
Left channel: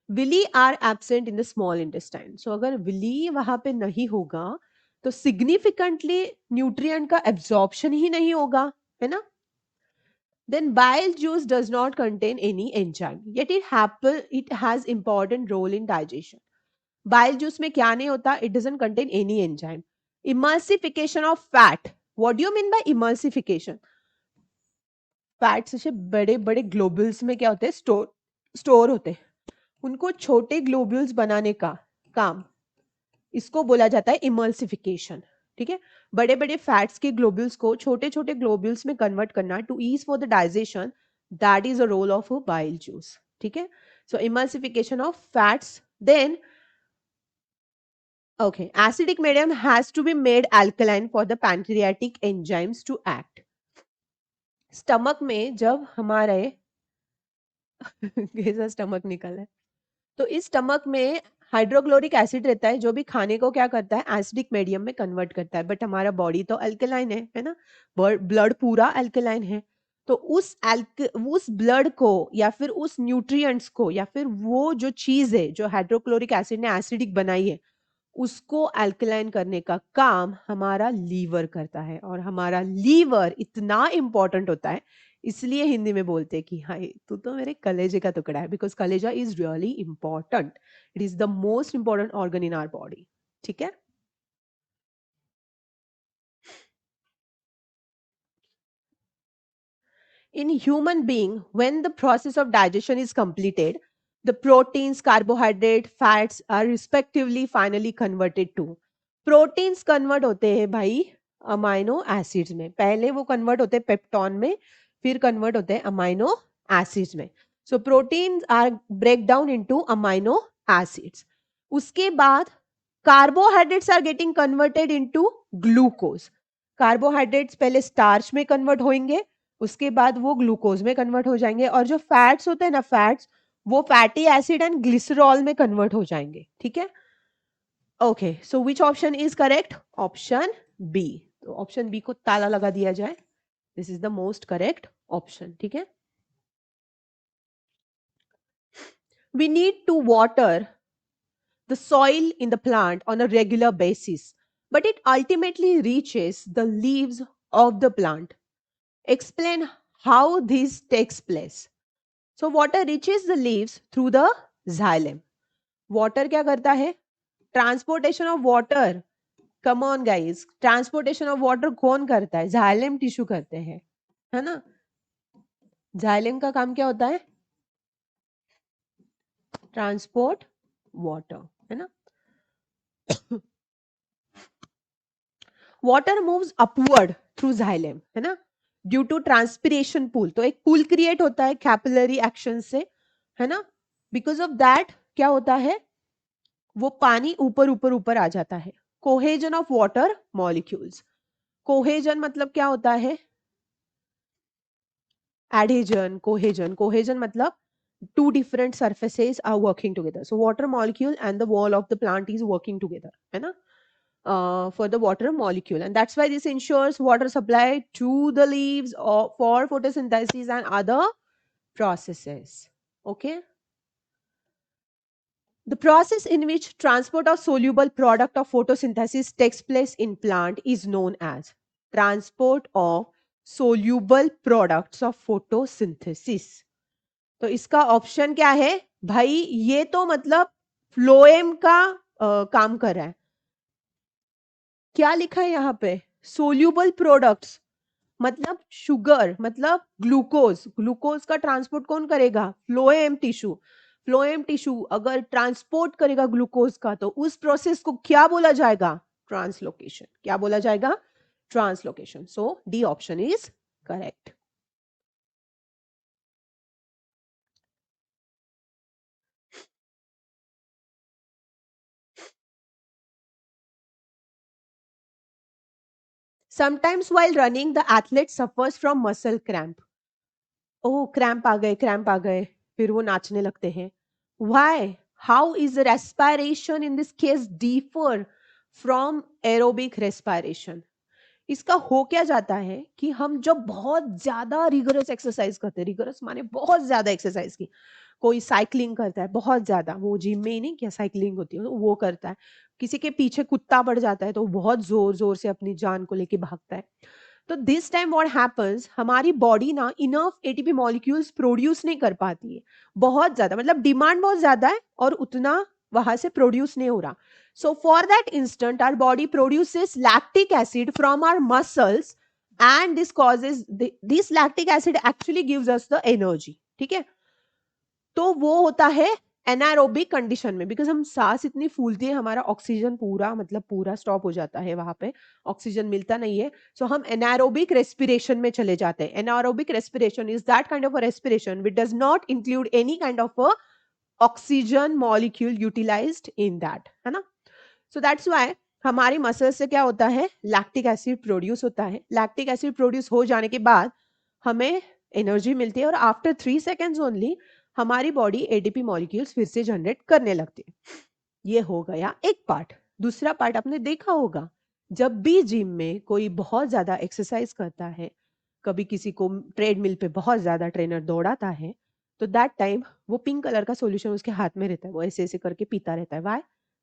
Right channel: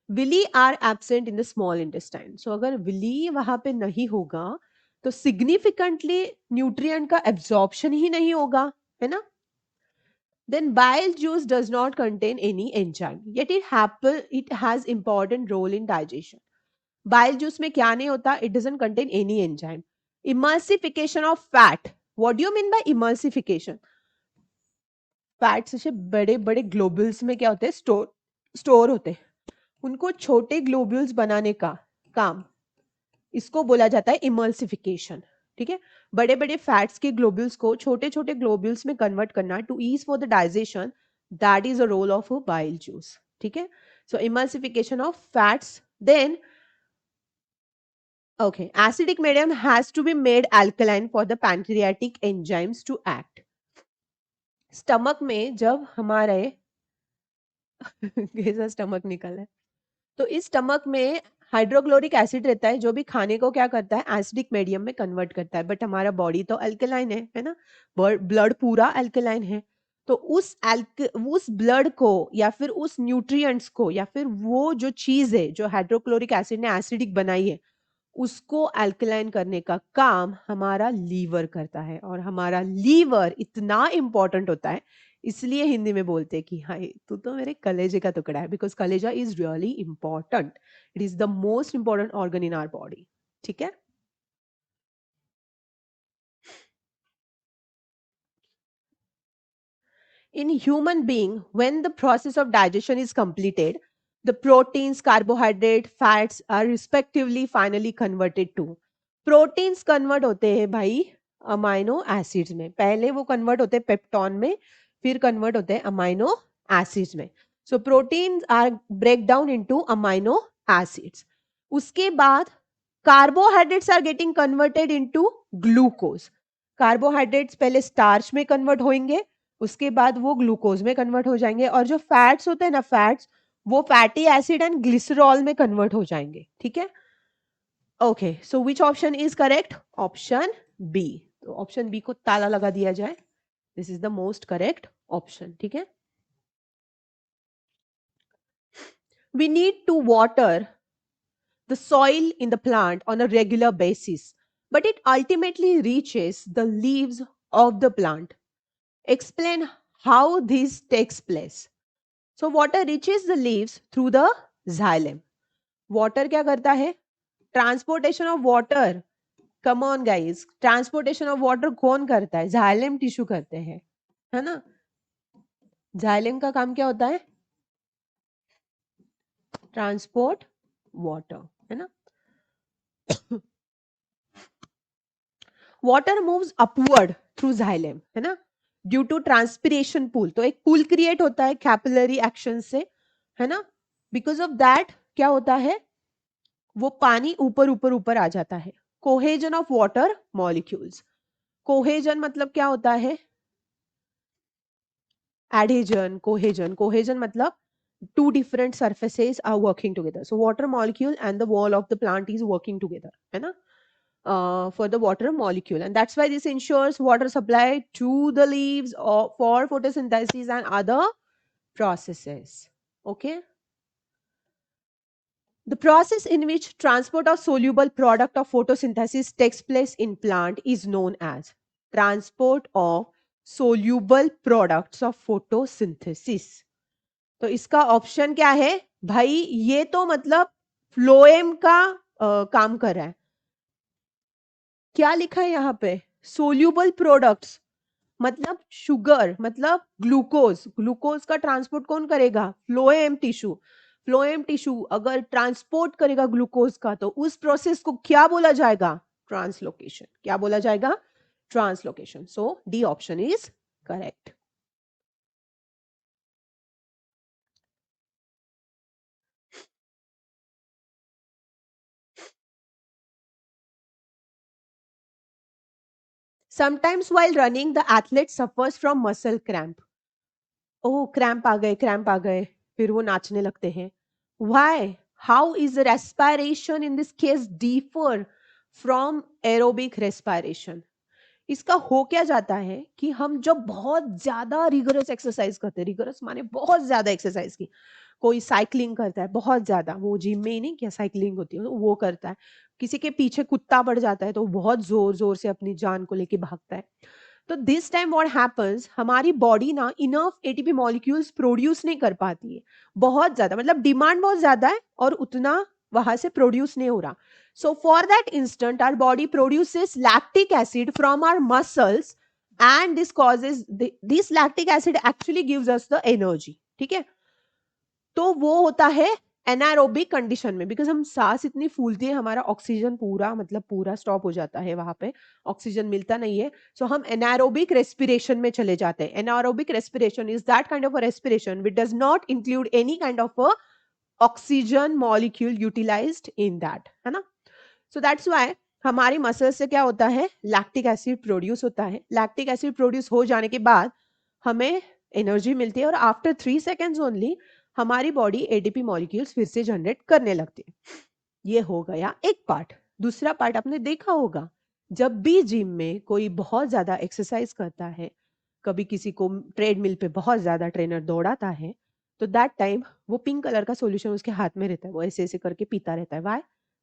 villi are absent in the small intestine. So अगर विली वहां पे नहीं होगा तो सिग्निफिकेंटली न्यूट्रिएंट का एब्जॉर्प्शन ही नहीं होगा. है ना. Then bile juice does not contain any enzyme, yet it has important role in digestion. Bile juice में क्या नहीं होता. It doesn't contain any enzyme. Emulsification of fat. What do you mean by emulsification? Fats ऐसे बड़े बड़े globules में क्या होते हैं स्टोर होते हैं. उनको छोटे ग्लोब्यूल्स बनाने का काम इसको बोला जाता है इमल्सिफिकेशन. ठीक है. बड़े बड़े फैट्स के ग्लोब्यूल्स को छोटे छोटे ग्लोब्यूल्स में कन्वर्ट करना to ease for the digestion. That is a role of a bile juice. ठीक है. So emulsification of fats. Then okay, acidic medium has to be made alkaline for the pancreatic enzymes to act. Stomach में जब हमारे कैसा stomach निकला है. तो इस स्टमक में हाइड्रोक्लोरिक एसिड रहता है जो भी खाने को क्या करता है एसिडिक मीडियम में कन्वर्ट करता है. बट हमारा बॉडी तो अल्कलाइन है ना. ब्लड पूरा अल्कलाइन है. तो उस ब्लड को या फिर उस न्यूट्रिएंट्स को या फिर वो जो चीज है जो हाइड्रोक्लोरिक एसिड ने एसिडिक बनाई है उसको अल्कलाइन करने का काम हमारा लीवर करता है. और हमारा लीवर इतना इंपॉर्टेंट होता है इसलिए हिंदी में बोलते हैं कि हाय तू तो मेरे कलेजे का टुकड़ा है. बिकॉज कलेजा is really important. It is the most important organ in our body. ठीक है. In human being, when the process of digestion is completed, the proteins, carbohydrate, fats are respectively finally converted to. Proteins convert होते हैं भाई amino acids में. पहले वो convert होते हैं पेप्टॉन में फिर convert होते हैं अमाइनो एसिड्स में. So proteins are break down into amino acids. उसके बाद carbohydrates are getting converted into glucose. Carbohydrates पहले स्टार्च में कन्वर्ट होंगे उसके बाद वो ग्लूकोज में कन्वर्ट हो जाएंगे. और जो फैट्स होते हैं ना फैट्स वो फैटी एसिड एंड ग्लिसरॉल में कन्वर्ट हो जाएंगे. ठीक है. Okay. So which option is correct. Option B. तो ऑप्शन बी को ताला लगा दिया जाए. This is the most correct option. ठीक है. We need to water the soil in the plant on a regular basis, but it ultimately reaches the leaves of the plant. Explain how this takes place. So water reaches the leaves through the xylem. Water क्या करता है? Transportation of water. Come on guys. Transportation of water कौन करता है? Xylem tissue करते हैं, है ना? Xylem का काम क्या होता है? Transport water, है ना? Water moves upward through xylem, है ना? Due to transpiration pool. तो एक pool create होता है capillary action से, है ना? Because of that क्या होता है? वो पानी ऊपर ऊपर ऊपर आ जाता है. Cohesion of water molecules. Cohesion मतलब क्या होता है? Adhesion, cohesion मतलब two different surfaces are working together. So water molecule and the wall of the plant is working together, है ना? For the water molecule, and that's why this ensures water supply to the leaves or for photosynthesis and other processes. Okay. The process in which transport of soluble product of photosynthesis takes place in plant is known as transport of soluble products of photosynthesis. तो इसका option क्या है भाई? ये तो मतलब phloem का काम कर रहा है. क्या लिखे हैं यहाँ पे? सोल्यूबल प्रोडक्ट्स मतलब शुगर, मतलब ग्लूकोज. ग्लूकोज का ट्रांसपोर्ट कौन करेगा? Phloem tissue. फ्लोएम टिश्यू अगर ट्रांसपोर्ट करेगा ग्लूकोज का तो उस प्रोसेस को क्या बोला जाएगा? ट्रांसलोकेशन. क्या बोला जाएगा? Translocation. So D option is correct. Sometimes while running, the athlete suffers from muscle cramp. Oh cramp आ गए, क्रैम्प आ गए, फिर वो नाचने लगते हैं. Why? How is respiration in this case differ from aerobic respiration? इसका हो क्या जाता है कि हम जब बहुत ज्यादा रिगरस एक्सरसाइज करते हैं, रिगरस माने बहुत ज्यादा एक्सरसाइज की, कोई साइकिलिंग करता है बहुत ज्यादा, वो जिम में ही नहीं क्या साइकिलिंग होती है तो वो करता है, किसी के पीछे कुत्ता पड़ जाता है तो बहुत जोर जोर से अपनी जान को लेके भागता है. तो दिस टाइम व्हाट हैपेंस, हमारी बॉडी ना इनफ एटीपी मॉलिक्यूल्स प्रोड्यूस नहीं कर पाती है. बहुत ज्यादा मतलब डिमांड बहुत ज्यादा है और उतना वहां से प्रोड्यूस नहीं हो रहा. So for that instant, our body produces lactic acid from our muscles, and this lactic acid actually gives us the energy. ठीक है? तो वो होता है एनारोबिक कंडीशन में, बिकॉज हम सांस इतनी फूलती है, हमारा ऑक्सीजन पूरा मतलब पूरा स्टॉप हो जाता है, वहां पे ऑक्सीजन मिलता नहीं है. सो हम एनारोबिक रेस्पिरेशन में चले जाते हैं. Anaerobic respiration is that kind of a respiration which does not include any kind of a oxygen molecule utilized in that, है ना? सो दैट्स व्हाई हमारी मसल से क्या होता है? लैक्टिक एसिड प्रोड्यूस होता है. लैक्टिक एसिड प्रोड्यूस हो जाने के बाद हमें एनर्जी मिलती है और आफ्टर 3 सेकेंड्स ओनली हमारी बॉडी एटीपी मॉलिक्यूल्स फिर से जनरेट करने लगती है. ये हो गया एक पार्ट. दूसरा पार्ट आपने देखा होगा, जब भी जिम में कोई बहुत ज्यादा एक्सरसाइज करता है, कभी किसी को ट्रेडमिल पे बहुत ज्यादा ट्रेनर दौड़ाता है, तो दैट टाइम वो पिंक कलर का सॉल्यूशन उसके हाथ में रहता है, वो ऐसे ऐसे करके पीता रहता है. Why?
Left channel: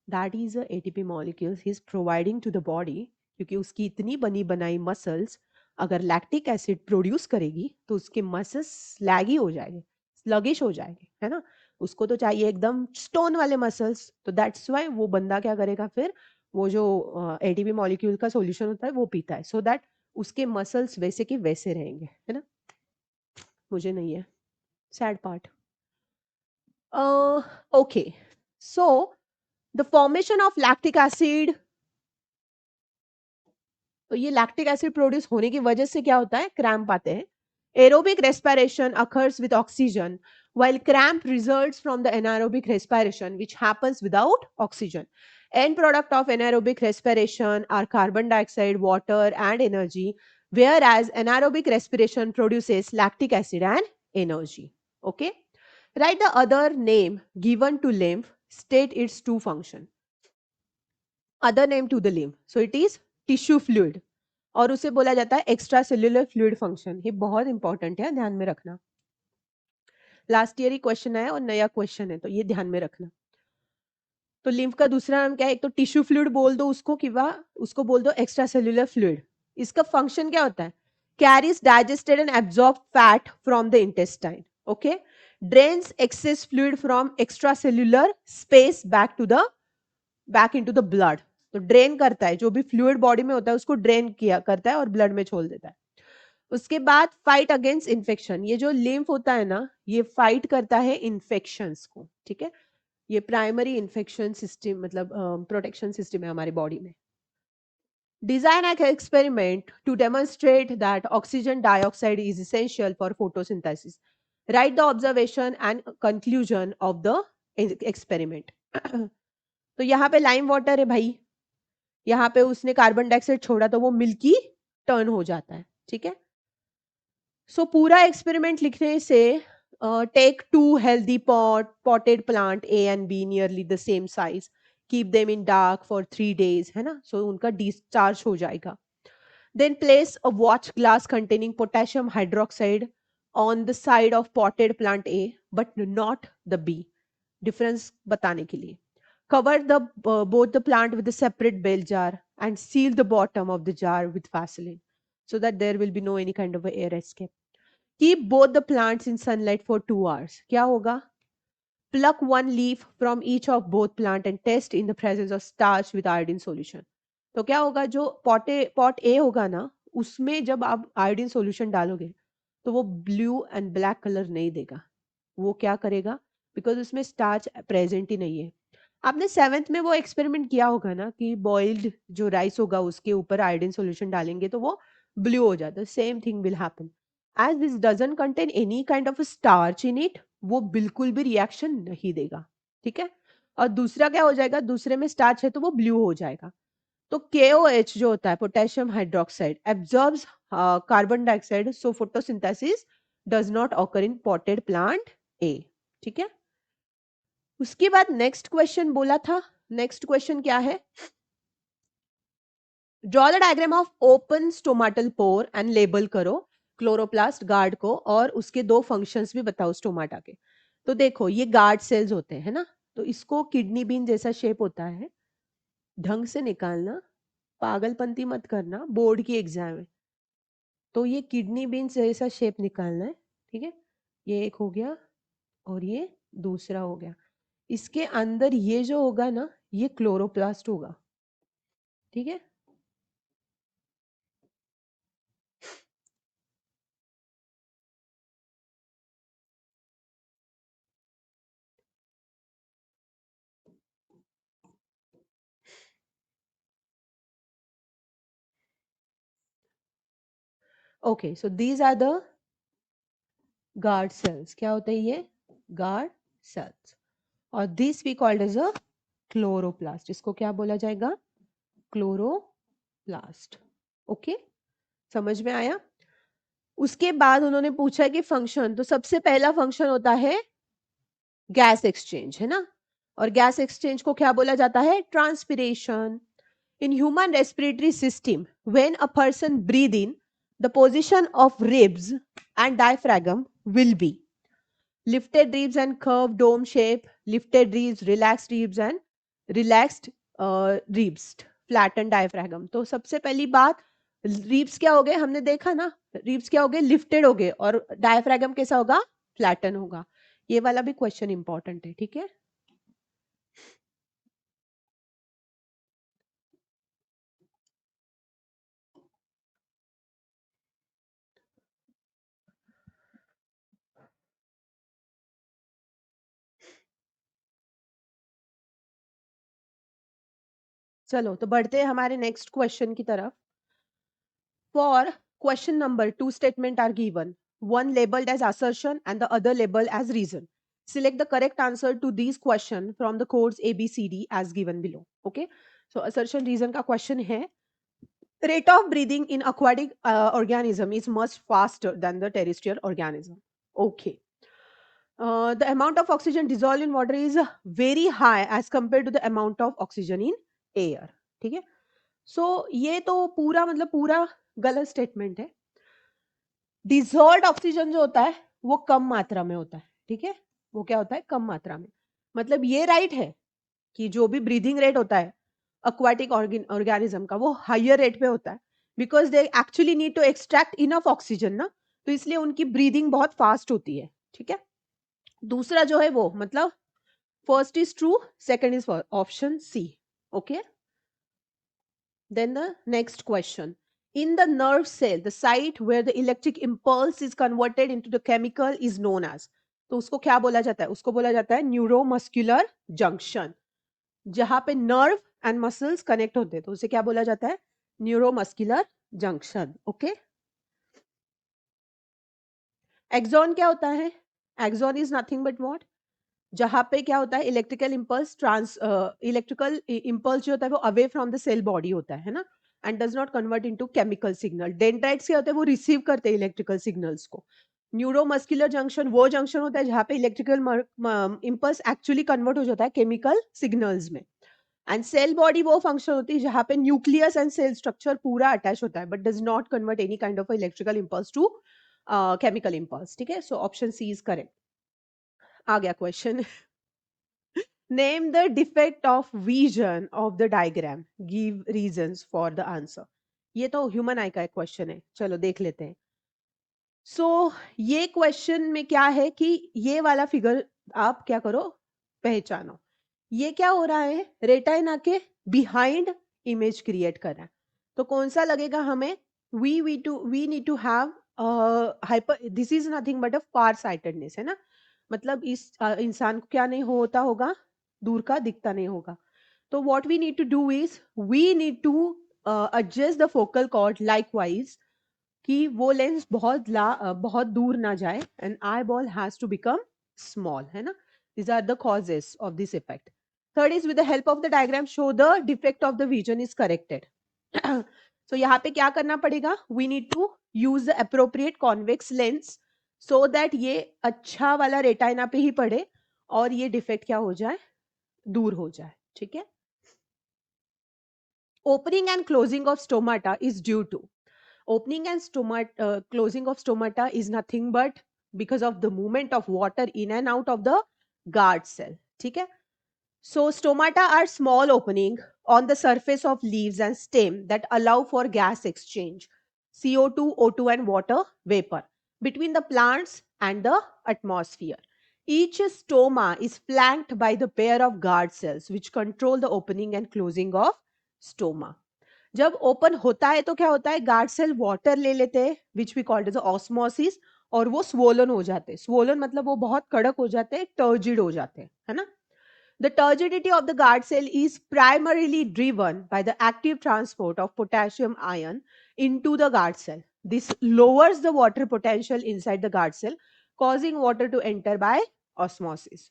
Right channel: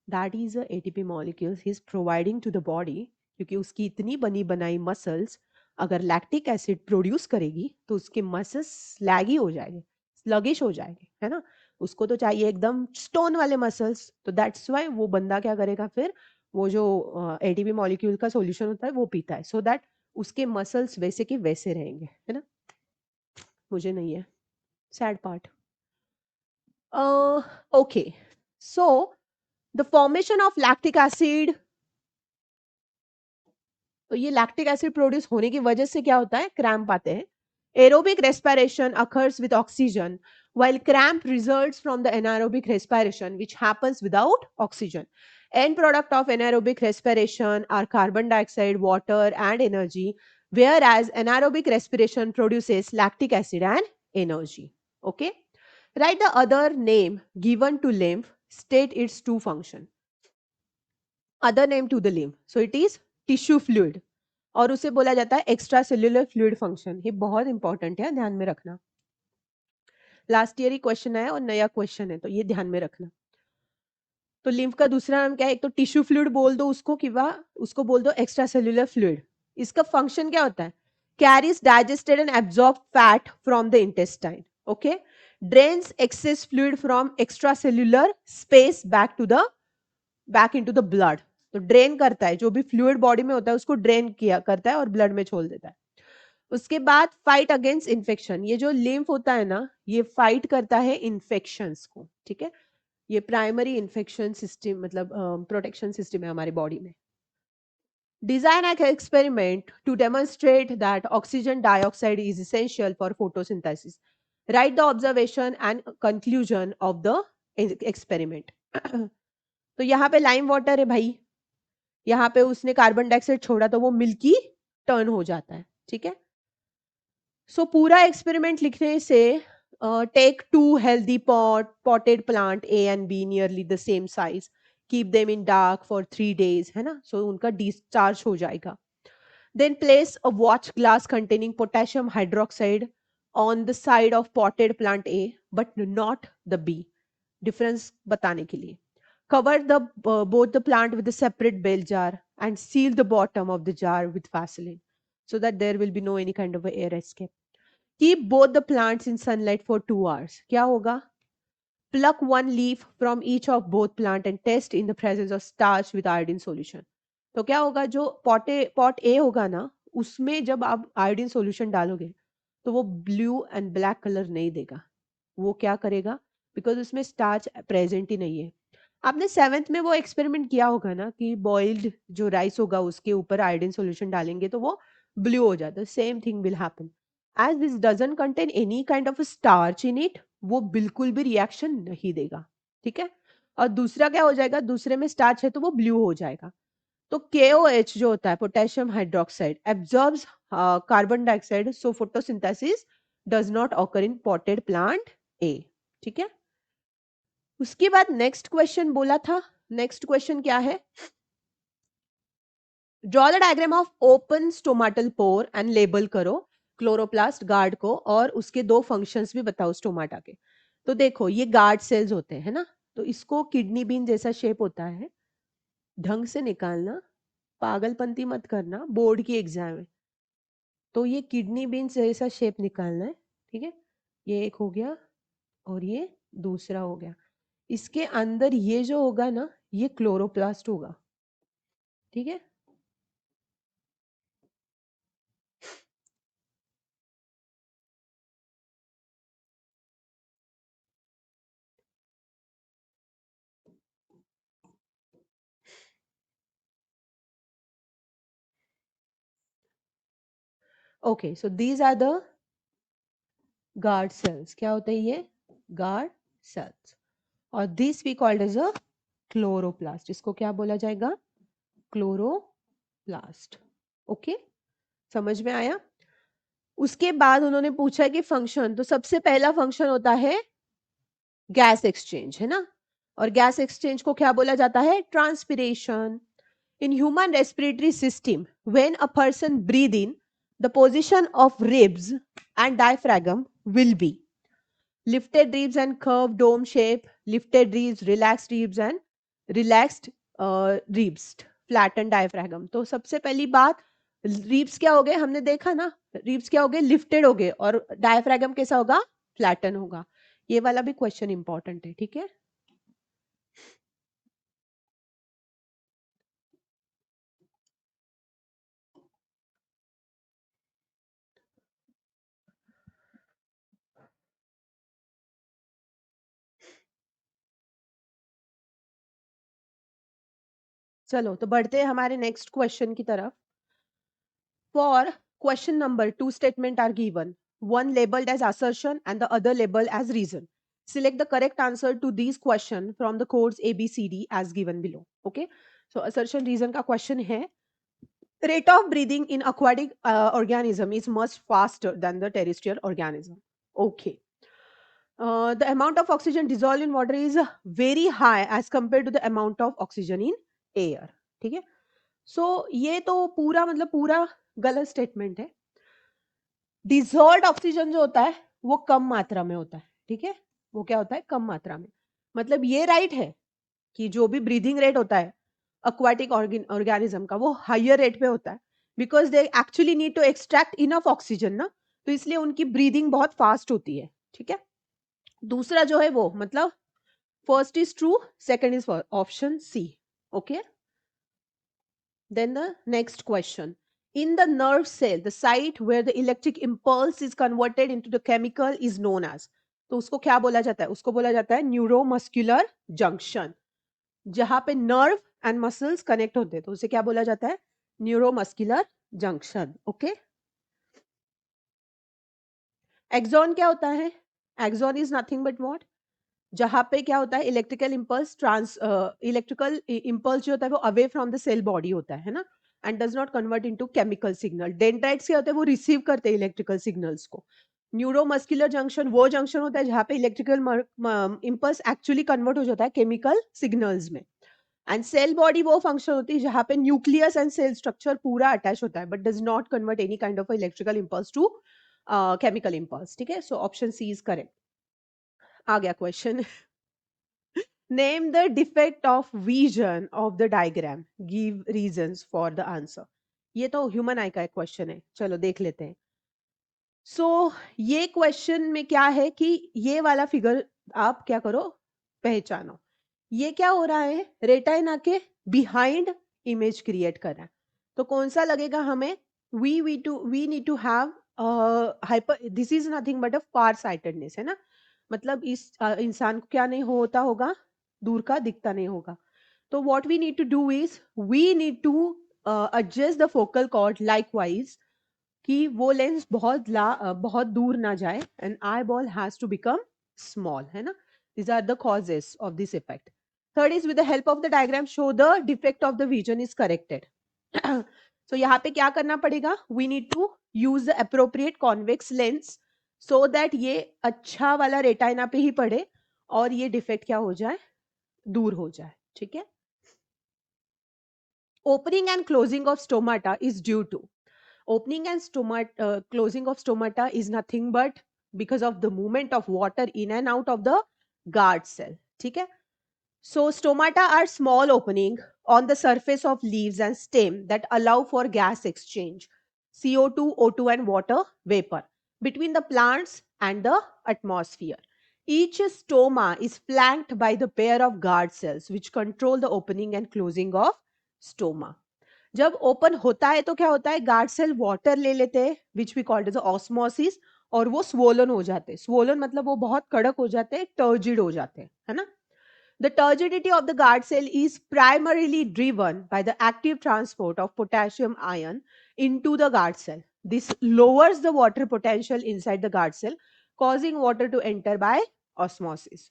That is a ATP molecules ही is providing to the body, क्योंकि उसकी इतनी बनी बनाई मसल्स अगर लैक्टिक एसिड प्रोड्यूस करेगी तो उसके मसल्स स्लैगी हो जाएंगे, स्लगिश हो जाएंगे, है ना? उसको तो चाहिए एकदम स्टोन वाले मसल्स. तो दैट्स व्हाई वो बंदा क्या करेगा फिर? वो जो एटीपी मॉलिक्यूल का सॉल्यूशन होता है वो पीता है, सो दैट उसके मसल्स वैसे के वैसे रहेंगे, है ना? मुझे नहीं है. Sad part. Okay. So the formation of lactic acid, तो ये लैक्टिक एसिड प्रोड्यूस होने की वजह से क्या होता है? क्रैम्प आते हैं. Aerobic respiration occurs with oxygen while cramp results from the anaerobic respiration which happens without oxygen. End product of anaerobic respiration are carbon dioxide, water and energy, whereas anaerobic respiration produces lactic acid and energy. Okay? Write the other name given to lymph, state its two function. Other name to the lymph. So it is tissue fluid. और उसे बोला जाता है extra cellular fluid function. ये बहुत important है, ध्यान में रखना. लास्ट ईयर ही क्वेश्चन है और नया क्वेश्चन है, तो ये ध्यान में रखना. तो लिम्फ का दूसरा नाम क्या है? एक तो टिश्यू फ्लूइड बोल दो उसको, कि उसको बोल दो एक्स्ट्रा सेल्यूलर फ्लूइड। इसका फंक्शन क्या होता है? Carries digested and absorb fat from the intestine, okay, drains access fluid from extra cellular space back into the blood. तो ड्रेन करता है, जो भी फ्लूइड बॉडी में होता है उसको ड्रेन किया करता है और ब्लड में छोड़ देता है। उसके बाद फाइट अगेंस्ट इन्फेक्शन, ये जो लिम्फ होता है ना, ये फाइट करता है इन्फेक्शंस को, ठीक है। ये प्राइमरी इन्फेक्शन सिस्टम, मतलब प्रोटेक्शन सिस्टम है हमारी बॉडी में। Design an experiment to demonstrate that oxygen dioxide is essential for photosynthesis. Write the observation and conclusion of the experiment. तो यहाँ पे लाइम वाटर है भाई, यहाँ पे उसने कार्बन डाइऑक्साइड छोड़ा तो वो मिल्की टर्न हो जाता है, ठीक है। सो पूरा एक्सपेरिमेंट लिखने से take two healthy potted plant A and B nearly the same size, keep them in dark for 3 days, है ना, सो उनका डिस्चार्ज हो जाएगा। Then place a watch glass containing potassium hydroxide on the side of potted plant A, but not the B. Difference बताने के लिए. Cover both the plant with a separate bell jar and seal the bottom of the jar with Vaseline so that there will be no any kind of a air escape. Keep both the plants in sunlight for 2 hours. क्या होगा? Pluck one leaf from each of both plant and test in the presence of starch with iodine solution. तो क्या होगा, जो pot ए होगा ना, उसमें जब आप आयोडीन सॉल्यूशन डालोगे तो वो ब्लू एंड ब्लैक कलर नहीं देगा। वो क्या करेगा? बिकॉज उसमें स्टार्च प्रेजेंट ही नहीं है। आपने 7th में वो एक्सपेरिमेंट किया होगा ना कि बॉइल्ड जो राइस होगा उसके ऊपर आयोडीन सॉल्यूशन डालेंगे तो वो ब्लू हो जाता है। Same thing will happen as this doesn't contain any kind of starch in it, वो बिल्कुल भी रिएक्शन नहीं देगा, ठीक है। और दूसरा क्या हो जाएगा? दूसरे में स्टार्च है तो वो ब्लू हो जाएगा। तो KOH जो होता है, potassium hydroxide, absorbs carbon dioxide, so photosynthesis does not occur in potted plant A, ठीक है। उसके बाद नेक्स्ट क्वेश्चन बोला था, नेक्स्ट क्वेश्चन क्या है? Draw the diagram of open stomatal pore and label करो क्लोरोप्लास्ट गार्ड को, और उसके 2 फंक्शंस भी बताओ स्टोमाटा के। तो देखो, ये गार्ड सेल्स होते हैं ना, तो इसको किडनी बीन जैसा शेप होता है, ढंग से निकालना, पागलपंती मत करना बोर्ड की एग्जाम में। तो ये किडनी बीन जैसा शेप निकालना है, ठीक है। ये एक हो गया और ये दूसरा हो गया। इसके अंदर ये जो होगा ना, ये क्लोरोप्लास्ट होगा, ठीक है। Okay, so these are the guard cells. क्या होते हैं ये? Guard cells. और this we called as a chloroplast. इसको क्या बोला जाएगा? क्लोरोप्लास्ट। ओके, समझ में आया? उसके बाद उन्होंने पूछा कि फंक्शन, तो सबसे पहला फंक्शन होता है गैस एक्सचेंज, है ना। और गैस एक्सचेंज को क्या बोला जाता है? Transpiration. In human respiratory system, when a person breathe in, the position of ribs and diaphragm will be lifted ribs and curved dome shape, lifted ribs, relaxed ribs and relaxed ribs, flattened diaphragm. तो सबसे पहली बात, ribs क्या हो गए? हमने देखा ना, रिब्स क्या हो गए? लिफ्टेड हो गए। और डायफ्रागम कैसा होगा? फ्लैटन होगा। ये वाला भी क्वेश्चन इंपॉर्टेंट है, ठीक है। चलो तो बढ़ते हैं हमारे नेक्स्ट क्वेश्चन की तरफ। For question number, 2 statements are given, one labeled as assertion and the other labeled as reason. Select the correct answer to these questions from the codes A, B, C, D as given below. Okay. So assertion reason का question है, rate of breathing in aquatic organism is much faster than the terrestrial organism. Okay. The amount of oxygen dissolved in water is very high as compared to the amount of oxygen in air. ठीक है। सो ये तो पूरा मतलब पूरा गलत statement है। Dissolved oxygen जो होता है वो कम मात्रा में होता है, ठीक है। वो क्या होता है? कम मात्रा में। मतलब ये राइट है, कि जो भी ब्रीदिंग रेट होता है aquatic ऑर्गेनिज्म का वो हायर रेट पे होता है because they actually need to extract enough oxygen ना, तो इसलिए उनकी ब्रीदिंग बहुत फास्ट होती है। ठीक है, दूसरा जो है वो मतलब first is true, second is option C. Okay, then the next question, in the nerve cell the site where the electric impulse is converted into the chemical is known as, तो उसको क्या बोला जाता है? उसको बोला जाता है न्यूरोमस्कुलर जंक्शन। जहां पे नर्व एंड मसल्स कनेक्ट होते हैं तो उसे क्या बोला जाता है? Neuromuscular junction. ओके, एक्सॉन क्या होता है? Axon is nothing but what, जहां पे क्या होता है इलेक्ट्रिकल इम्पल्स जो होता है वो away from the cell body होता है ना, and does not convert into chemical signal. Dendrites क्या होते हैं? वो रिसीव करते हैं इलेक्ट्रिकल सिग्नल्स को। न्यूरोमस्कुलर जंक्शन वो जंक्शन होता है जहां पे इलेक्ट्रिकल इम्पल्स एक्चुअली कन्वर्ट हो जाता है केमिकल सिग्नल्स में। एंड सेल बॉडी वो फंक्शन होती है जहां पे न्यूक्लियस एंड सेल स्ट्रक्चर पूरा अटैच होता है but does not convert any kind of electrical impulse to chemical impulse. ठीक है, so option C is correct. आ गया question, name the defect of vision of the diagram, give reasons for the answer। ये तो human आई का question है, चलो देख लेते हैं। ये क्वेश्चन में क्या है कि ये वाला फिगर आप क्या करो, पहचानो। ये क्या हो रहा है? रेटाइना के बिहाइंड इमेज क्रिएट कर रहा है, तो कौन सा लगेगा हमें? We need to have hyper, this is nothing but a far sightedness है ना, मतलब इस इंसान को क्या नहीं होता होगा, दूर का दिखता नहीं होगा। तो what we need to do is we need to adjust the focal cord likewise कि वो लेंस बहुत दूर ना जाए and eyeball has to become small, है ना। these are the causes of this effect. Third is with the help of the diagram show the defect of the vision is corrected। so यहाँ पे क्या करना पड़ेगा? we need to use the appropriate convex lens so that ये अच्छा वाला retina पे ही पड़े और ये डिफेक्ट क्या हो जाए, दूर हो जाए। ठीक है, opening and closing of stomata is due to, opening and closing of stomata is nothing but because of the movement of water in and out of the guard cell। ठीक है, so stomata are small opening on the surface of leaves and stem that allow for gas exchange, CO2, O2 and water vapor between the plants and the atmosphere। Each stoma is flanked by the pair of guard cells which control the opening and closing of stoma। जब open होता है तो क्या होता है? Guard cell water ले लेते हैं which we called as osmosis, और वो स्वोलन हो जाते हैं। स्वोलन मतलब वो बहुत कड़क हो जाते हैं, टर्जिड हो जाते हैं, है ना। The turgidity of the guard cell is primarily driven by the active transport of potassium ion into the guard cell. This lowers the water potential inside the guard cell, causing water to enter by osmosis।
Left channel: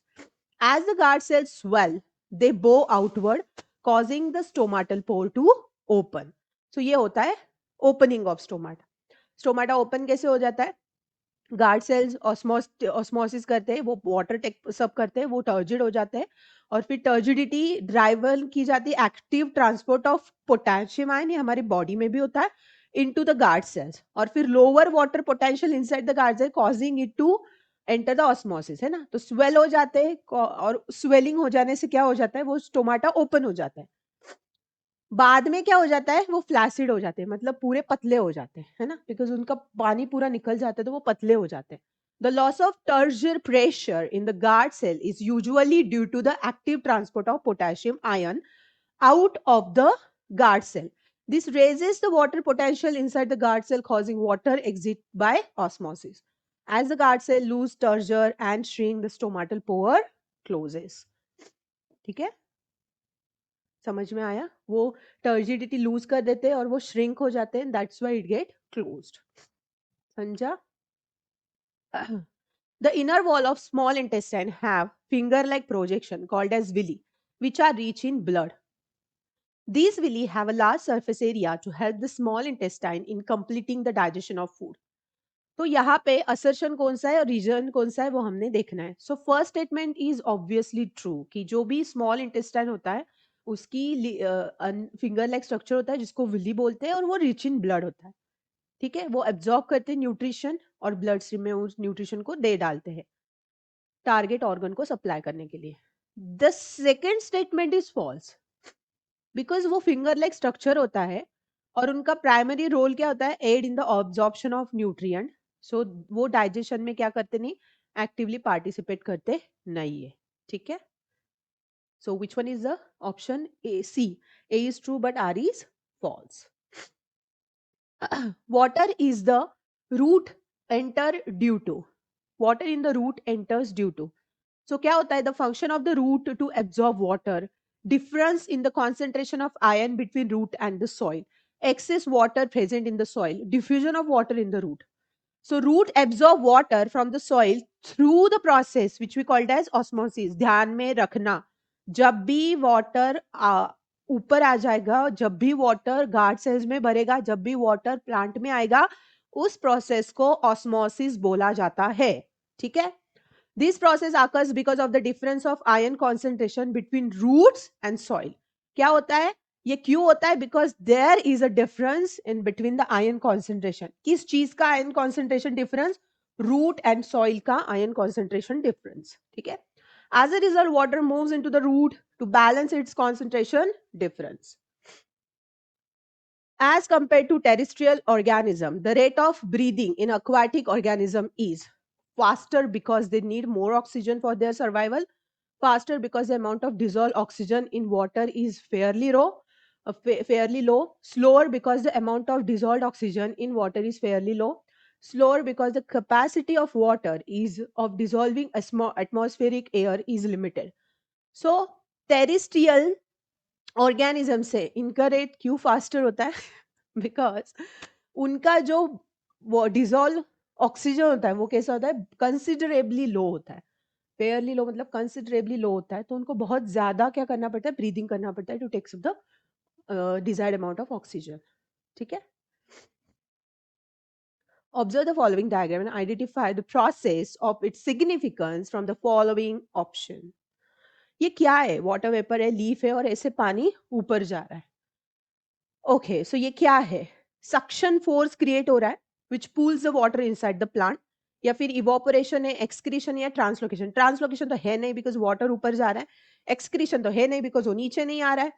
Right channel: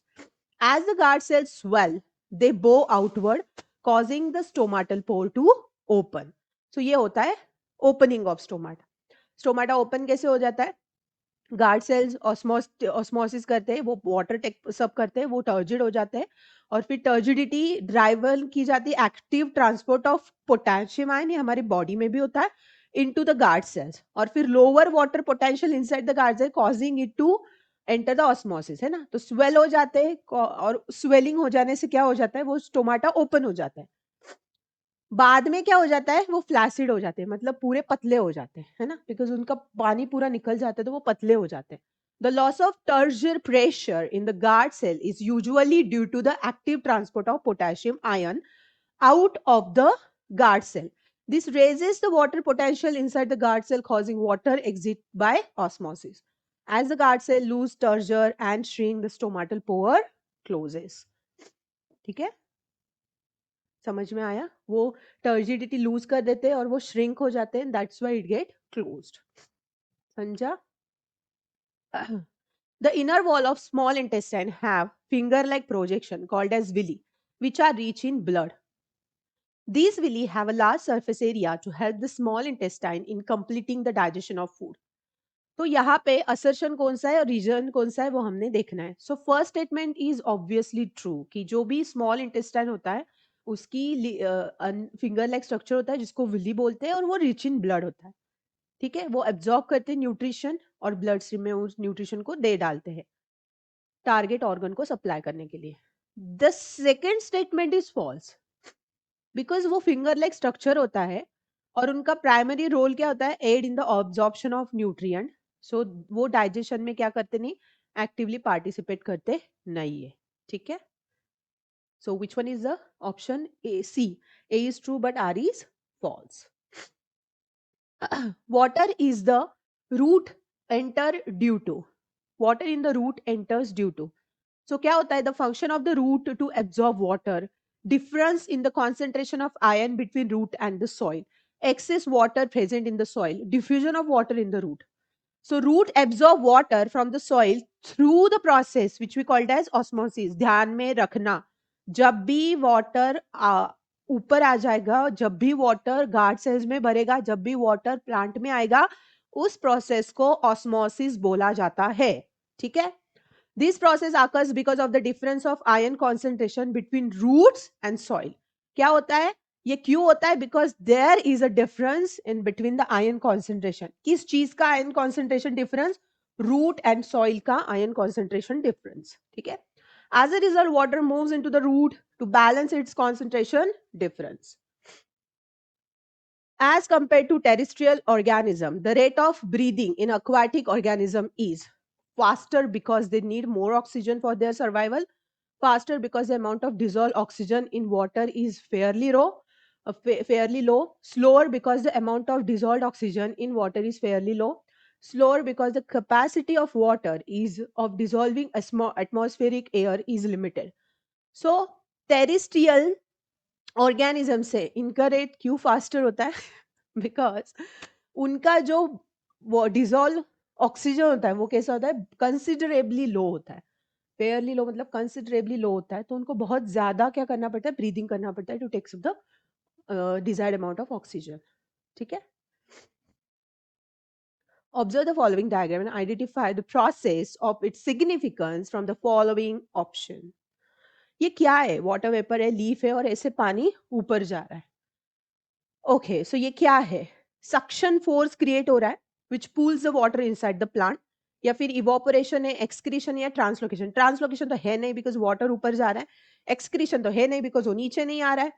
As the guard cells swell, they bow outward, causing the stomatal pore to open। So ये होता है opening of stomata। Stomata open कैसे हो जाता है? Guard cells osmosis करते हैं, वो वाटर टेक सब करते हैं, वो टर्जिड हो जाते हैं और फिर टर्जिडिटी ड्राइवर की जाती है active transport of potassium ion, ये हमारे बॉडी में भी होता है, इनटू द गार्ड सेल्स, और फिर lower water potential inside the guard cell causing it to enter the osmosis, है ना। तो स्वेल हो जाते हैं और स्वेलिंग हो जाने से क्या हो जाता है? वो स्टोमाटा ओपन हो जाता है। बाद में क्या हो जाता है? वो फ्लैसिड हो जाते हैं, मतलब पूरे पतले हो जाते हैं, है ना, बिकॉज उनका पानी पूरा निकल जाता है तो वो पतले हो जाते हैं। The loss of turgor pressure in the guard cell is usually due to the active transport of potassium ion out of the guard cell। This raises the water potential inside the guard cell, causing water exit by osmosis। As the guard cell lose turgor and shrink, the stomatal pore closes। ठीक है, समझ में आया? वो turgidity loose कर देते हैं और वो श्रिंक हो जाते हैं, that's why it get closed. समझा? The inner wall of small intestine have finger-like projection called as villi, which are rich in blood। These villi have a large surface area to help the small intestine in completing the digestion of food। तो यहाँ पे assertion कौन सा है और reason कौन सा है वो हमने देखना है। So first statement is obviously true कि जो भी स्मॉल इंटेस्टाइन होता है उसकी फिंगर लाइक स्ट्रक्चर होता है जिसको विली बोलते हैं और वो रिच इन ब्लड होता है। ठीक है, वो एब्जॉर्ब करते हैं न्यूट्रिशन और ब्लड स्ट्रीम में उस न्यूट्रिशन को दे डालते हैं। टारगेट ऑर्गन को सप्लाई करने के लिए। The second statement is false, because वो फिंगर लाइक स्ट्रक्चर होता है और उनका प्राइमरी रोल क्या होता है, aid in the absorption of nutrient. So वो डाइजेशन में क्या करते नहीं, एक्टिवली पार्टिसिपेट करते नहीं है, ठीक है। So which one is the option A, C, A is true but R is false. water is the root enter due to, water in the root enters due to, so क्या होता है, the function of the root to absorb water, difference in the concentration of ion between root and the soil, excess water present in the soil, diffusion of water in the root. So root absorb water from the soil through the process which we called as osmosis. ध्यान में रखना, जब भी water ऊपर आ जाएगा, जब भी water guard cells में भरेगा, जब भी वाटर प्लांट में आएगा, उस प्रोसेस को ऑस्मोसिस बोला जाता है, ठीक है। This process occurs because of the difference of ion concentration between roots and soil. क्या होता है, ये क्यों होता है, because there is a difference in between the ion concentration. किस चीज का ion concentration difference, root and soil का आयन कॉन्सेंट्रेशन डिफरेंस, ठीक है। As a result water moves into the root to balance its concentration difference. As compared to terrestrial organism, the rate of breathing in aquatic organism is faster because they need more oxygen for their survival, faster because the amount of dissolved oxygen in water is fairly low, slower because the amount of dissolved oxygen in water is fairly low, slower because the capacity of water is of dissolving atmospheric air is limited. So terrestrial organism से इनका rate क्यों faster होता है, because उनका जो वो dissolve oxygen होता है वो कैसा होता है, कंसिडरेबली लो होता है। फेयरली लो मतलब कंसिडरेबली लो होता है, तो उनको बहुत ज्यादा क्या करना पड़ता है, ब्रीदिंग करना पड़ता है to take the desired amount of oxygen, ठीक है। Observe the following diagram and identify the process of its significance from the following option. ये क्या है, वाटर वेपर है, लीफ है और ऐसे पानी ऊपर जा रहा है। ओके सो ये क्या है, सक्शन फोर्स क्रिएट हो रहा है which pools the water inside the plant, या फिर इवोपोरेशन है, एक्सक्रीशन या ट्रांसलोकेशन। ट्रांसलोकेशन तो है नहीं बिकॉज वाटर ऊपर जा रहा है, एक्सक्रीशन तो है नहीं बिकॉज वो नीचे नहीं आ रहा है,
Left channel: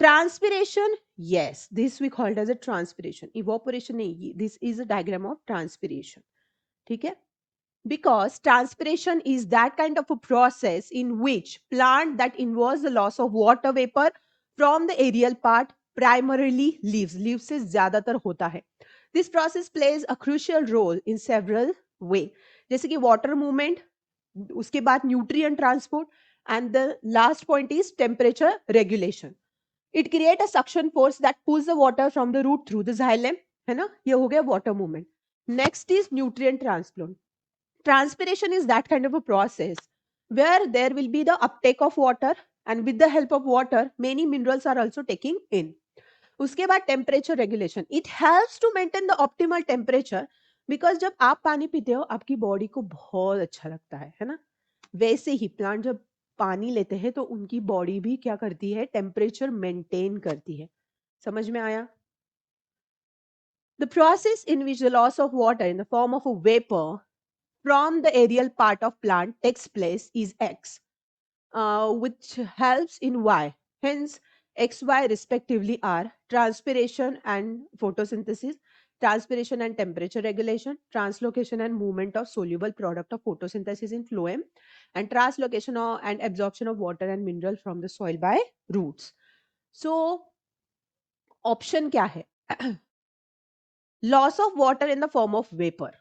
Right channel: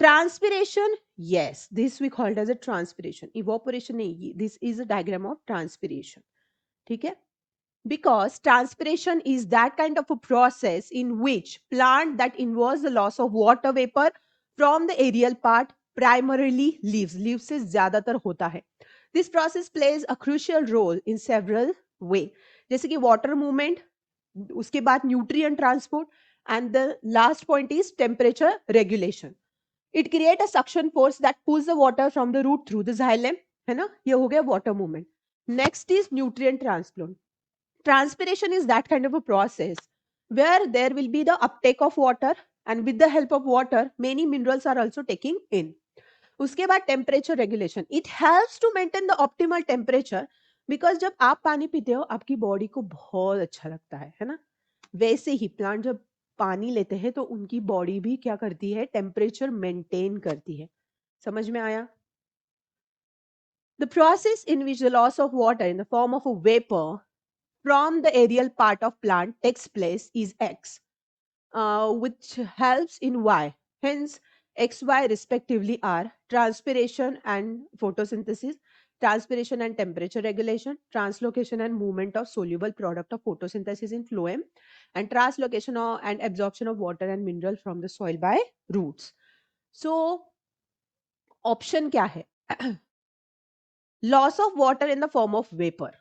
transpiration yes this we called as a transpiration, evaporation नहीं, this is a diagram of transpiration, ठीक है। Because transpiration is that kind of a process in which plant that involves the loss of water vapor from the aerial part, primarily leaves से ज्यादातर होता है। This process plays a crucial role in several way, जैसे कि water movement, उसके बाद nutrient transport, and the last point is temperature regulation. It creates a suction force that pulls the water from the root through the xylem, है ना, ये हो गया water movement. Next is nutrient transport. Transpiration is that kind of a process where there will be the uptake of water, and with the help of water many minerals are also taking in. उसके बाद temperature regulation, it helps to maintain the optimal temperature, because जब आप पानी पीते हो आपकी body को बहुत अच्छा लगता है ना, वैसे ही प्लांट जब पानी लेते हैं तो उनकी बॉडी भी क्या करती है, टेम्परेचर मेंटेन करती है। समझ में आया? The process in which the loss of water in the form of a vapor from the aerial part of plant takes place is X, which helps in Y. Hence, XY respectively are transpiration and photosynthesis, transpiration and temperature regulation, translocation and movement of soluble product of photosynthesis in phloem, and translocation and absorption of water and mineral from the soil by roots. So, option क्या है? Loss of water in the form of vapor.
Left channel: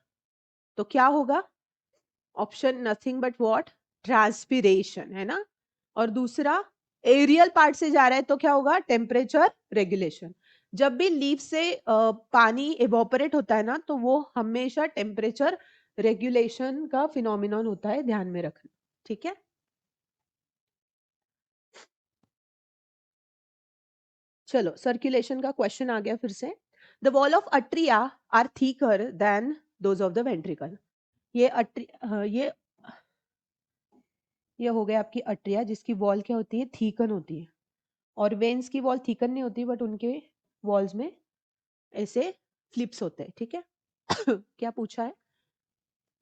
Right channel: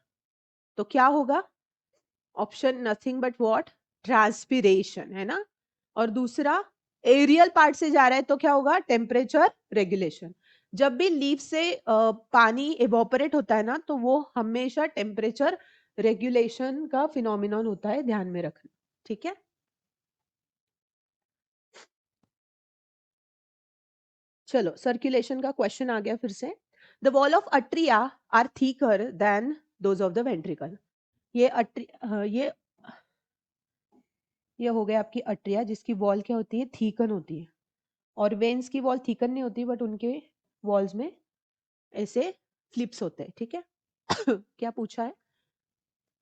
तो क्या होगा? Option nothing but what, transpiration, है ना। और दूसरा aerial part से जा रहा है तो क्या होगा, टेम्परेचर रेगुलेशन। जब भी लीफ से पानी एवोपरेट होता है ना तो वो हमेशा टेम्परेचर रेगुलेशन का फिनोमिनन होता है, ध्यान में रखना, ठीक है। चलो सर्कुलेशन का क्वेश्चन आ गया फिर से। The wall of atria are thicker than those of the ventricle. ये हो गया आपकी अट्रिया जिसकी वॉल क्या होती है, थीकन होती है, और वेन्स की वॉल थीकन नहीं होती बट उनके वॉल्स में ऐसे स्लिप्स होते हैं, ठीक है। क्या पूछा है?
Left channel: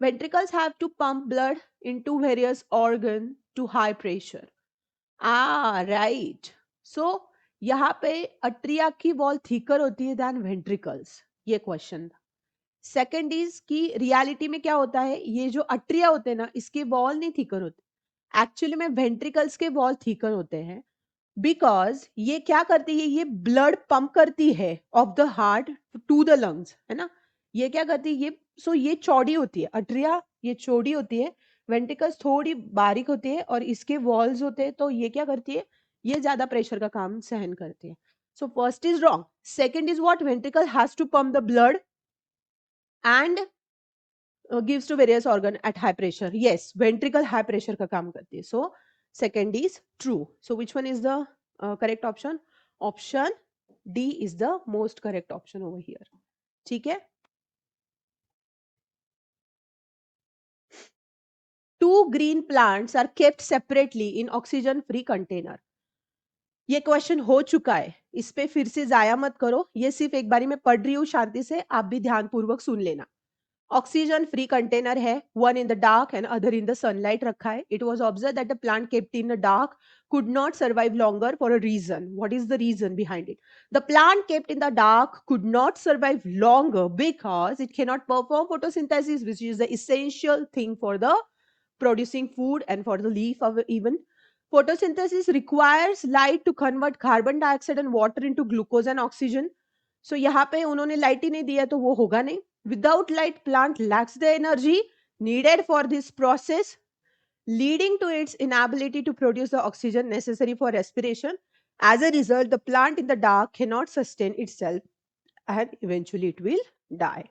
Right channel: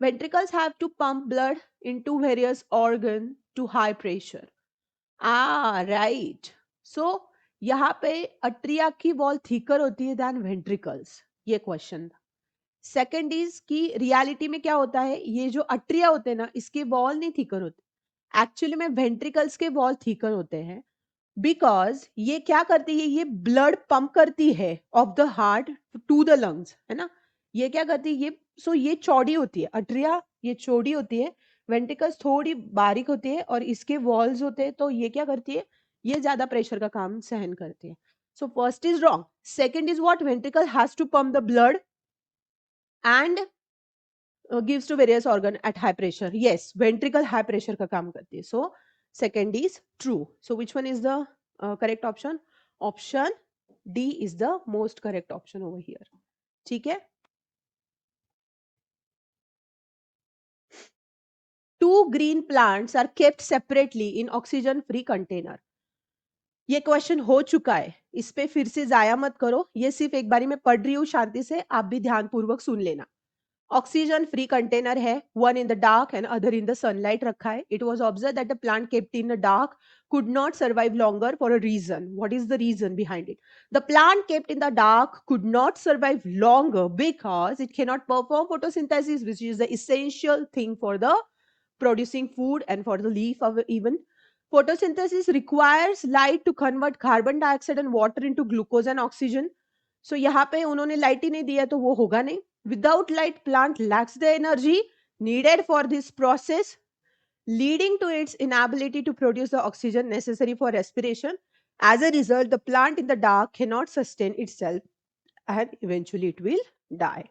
Ventricles have to pump blood into various organs to high pressure. Right. So यहाँ पे अट्रिया की वॉल थिकर होती है देन वेंट्रिकल्स. ये क्वेश्चन. सेकंड इज कि रियलिटी में क्या होता है, ये जो अट्रिया होते हैं ना, इसके वॉल नहीं थिकर होते, एक्चुअली में वेंट्रिकल्स के वॉल थिकर होते हैं. बिकॉज ये क्या करती है, ये ब्लड पंप करती है of the heart to the lungs, है ना. ये क्या करती है, ये ये चौड़ी होती है अट्रिया, ये चौड़ी होती है. वेंट्रिकल्स थोड़ी बारीक होती है और इसके वॉल्स होते हैं, तो ये क्या करती है, ये ज्यादा प्रेशर का काम सहन करती है. So first is wrong. Second is what, ventricle has to pump the blood and gives to various organ at high pressure. Yes, ventricle high pressure का काम करती है. So second is true. So which one is the correct option? Option D is the most correct option over here. ठीक है. Two green plants are kept separately in oxygen free container. ये question हो चुका है, इस पे फिर से जाया मत करो, ये सिर्फ एक बारी मैं पढ़ रही हूँ, शांति से आप भी ध्यान पूर्वक सुन लेना. ऑक्सीजन फ्री कंटेनर है, one in the dark and other in the sunlight रखा है. It was observe that the plant kept in the dark could not survive longer for a reason. What is the reason behind it? The plant kept in the dark could not survive longer because it cannot perform photosynthesis, which is the essential thing for the producing food and for the leaf of even. Photosynthesis requires light to convert carbon dioxide and water into glucose and oxygen. So यहाँ पे उन्होंने light ही नहीं दिया तो वो होगा नहीं. Without light, plant lacks the energy needed for this process, leading to its inability to produce the oxygen necessary for respiration. As a result, the plant in the dark cannot sustain itself and eventually it will die.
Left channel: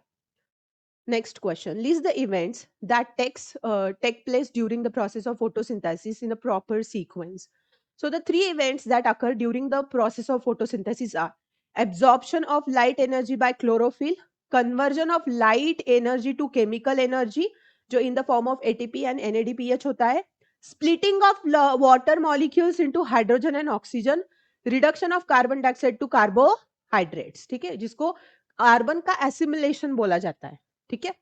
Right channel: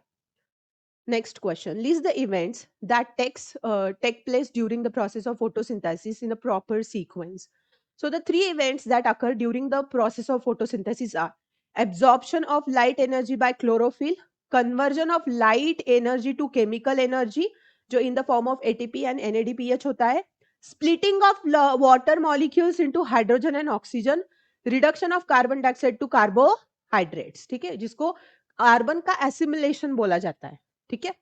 Next question. List the events that take place during the process of photosynthesis in a proper sequence. So the three events that occur during the process of photosynthesis are absorption of light energy by chlorophyll, conversion of light energy to chemical energy, जो in the form of ATP and NADPH होता है, splitting of water molecules into hydrogen and oxygen, reduction of carbon dioxide to carbohydrates. ठीक है, जिसको carbon का assimilation बोला जाता है. ठीक है,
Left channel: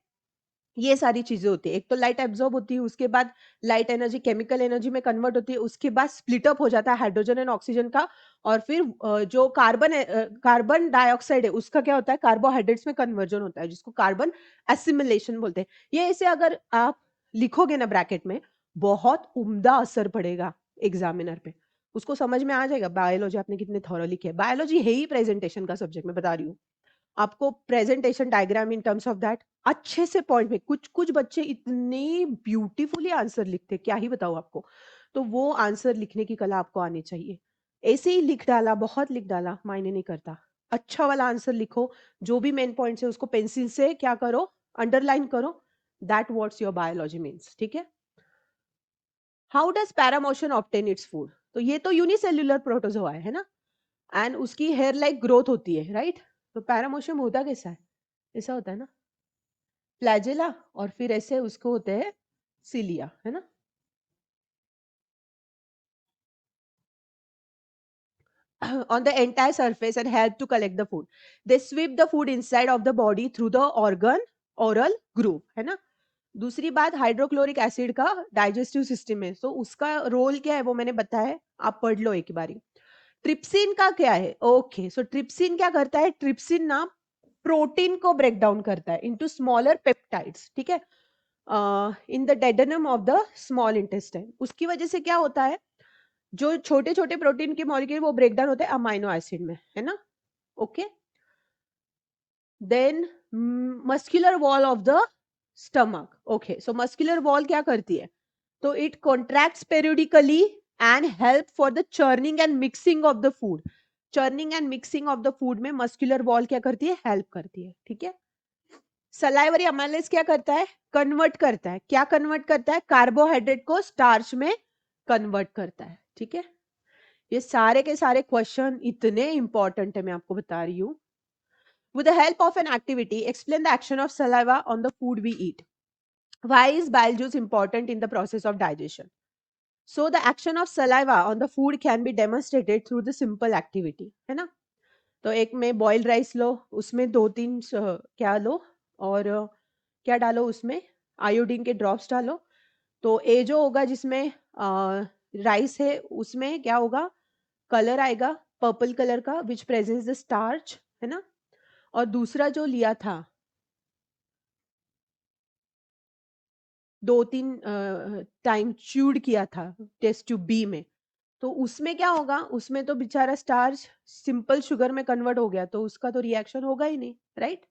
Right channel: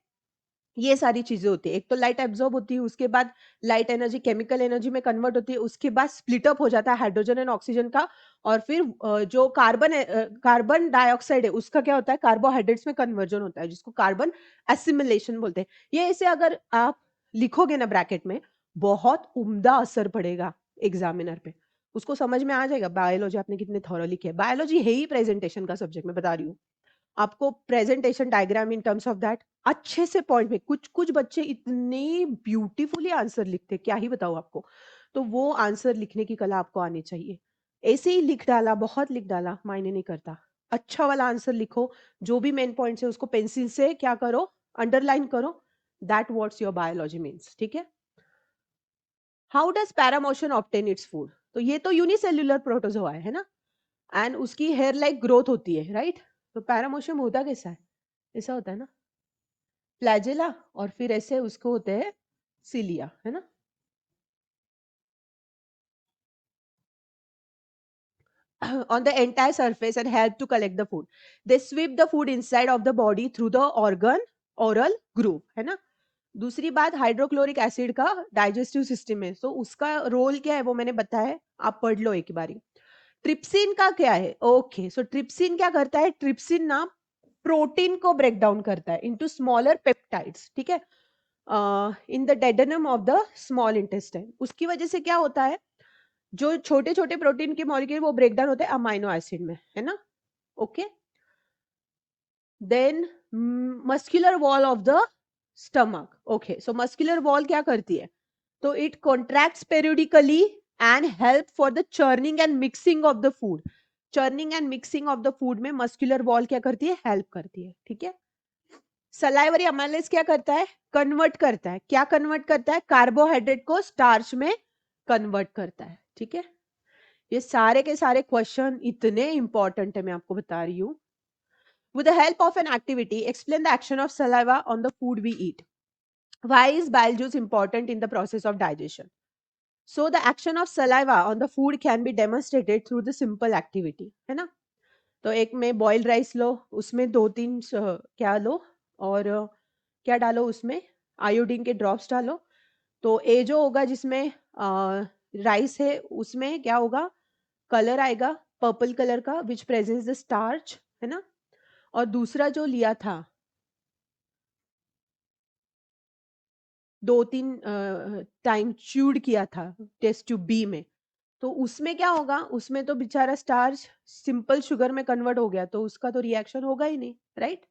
ये सारी चीजें होती है. एक तो लाइट एब्जॉर्ब होती है, उसके बाद लाइट एनर्जी केमिकल एनर्जी में कन्वर्ट होती है, उसके बाद स्प्लिट अप हो जाता है हाइड्रोजन एंड ऑक्सीजन का, और फिर जो कार्बन डाइऑक्साइड है उसका क्या होता है, कार्बोहाइड्रेट्स में कन्वर्जन होता है, जिसको कार्बन एसिमिलेशन बोलते हैं. ये ऐसे अगर आप लिखोगे ना ब्रैकेट में, बहुत उम्दा असर पड़ेगा एग्जामिनर पे, उसको समझ में आ जाएगा. बायोलॉजी आपने कितने थॉरो लिखे है, बायोलॉजी है ही प्रेजेंटेशन का सब्जेक्ट, मैं बता रही हूँ आपको. Presentation diagram in terms of that अच्छे से पॉइंट में, कुछ कुछ बच्चे इतने ब्यूटीफुली आंसर लिखते, क्या ही बताओ आपको. तो वो आंसर लिखने की कला आपको आनी चाहिए. ऐसे ही लिख डाला, बहुत लिख डाला, मायने नहीं करता. अच्छा वाला आंसर लिखो, जो भी मेन पॉइंट है उसको पेंसिल से क्या करो, अंडरलाइन करो. That what's your biology means. ठीक है. How does paramecium obtain its food? तो ये तो यूनिसेल्युलर प्रोटोजोआ है ना, एंड उसकी हेयर लाइक ग्रोथ होती है, राइट. तो पैरामोशियम होता कैसा है, ऐसा होता है ना, फ्लैजेला, और फिर ऐसे उसको होते हैं सिलिया, है ना. On the entire surface and help to collect the food. They sweep the food inside of the body through the oral groove, है ना. दूसरी बात, हाइड्रोक्लोरिक एसिड का डाइजेस्टिव सिस्टम है, तो उसका रोल क्या है वो मैंने बताया, आप पढ़ लो एक बारी. ट्रिप्सिन का क्या है, ओके. सो ट्रिप्सिन क्या करता है, ट्रिप्सिन ना प्रोटीन को ब्रेक डाउन करता है इनटू स्मॉलर पेप्टाइड्स. ठीक है, in the duodenum of the small intestine. उसकी वजह से क्या होता है, जो छोटे छोटे प्रोटीन के मॉलिक्यूल वो ब्रेक डाउन होते हैं अमाइनो एसिड में, है ना. Okay. Then muscular wall of the stomach. Okay, so muscular wall क्या करती है, तो it contracts periodically and help for the churning and mixing of the food. Churning and mixing of the food में muscular wall क्या करती है, help करती है. ठीक है. सलाइवरी अमाइलेज क्या करता है, कन्वर्ट करता है. क्या कन्वर्ट करता है, कार्बोहाइड्रेट को स्टार्च में कन्वर्ट करता है. ठीक है. ये सारे के सारे क्वेश्चन इतने इंपॉर्टेंट है, मैं आपको बता रही हूँ. With the help of an activity, explain the action of saliva on the food we eat. Why is bile juice important in the process of digestion? So the action of saliva on the food can be demonstrated through the simple activity, है ना. तो एक में boiled rice लो, उसमें 2-3 क्या लो, और क्या डालो उसमें, आयोडीन के ड्रॉप्स डालो। तो ए जो होगा जिसमें राइस है उसमें क्या होगा, कलर आएगा पर्पल कलर का विच प्रेजेंट्स द स्टार्च, है ना। और दूसरा जो लिया था, 2-3 टाइम च्यूड किया था टेस्ट ट्यूब बी में, तो उसमें क्या होगा, उसमें तो बेचारा स्टार्च सिंपल शुगर में कन्वर्ट हो गया, तो उसका तो रिएक्शन होगा ही नहीं, राइट।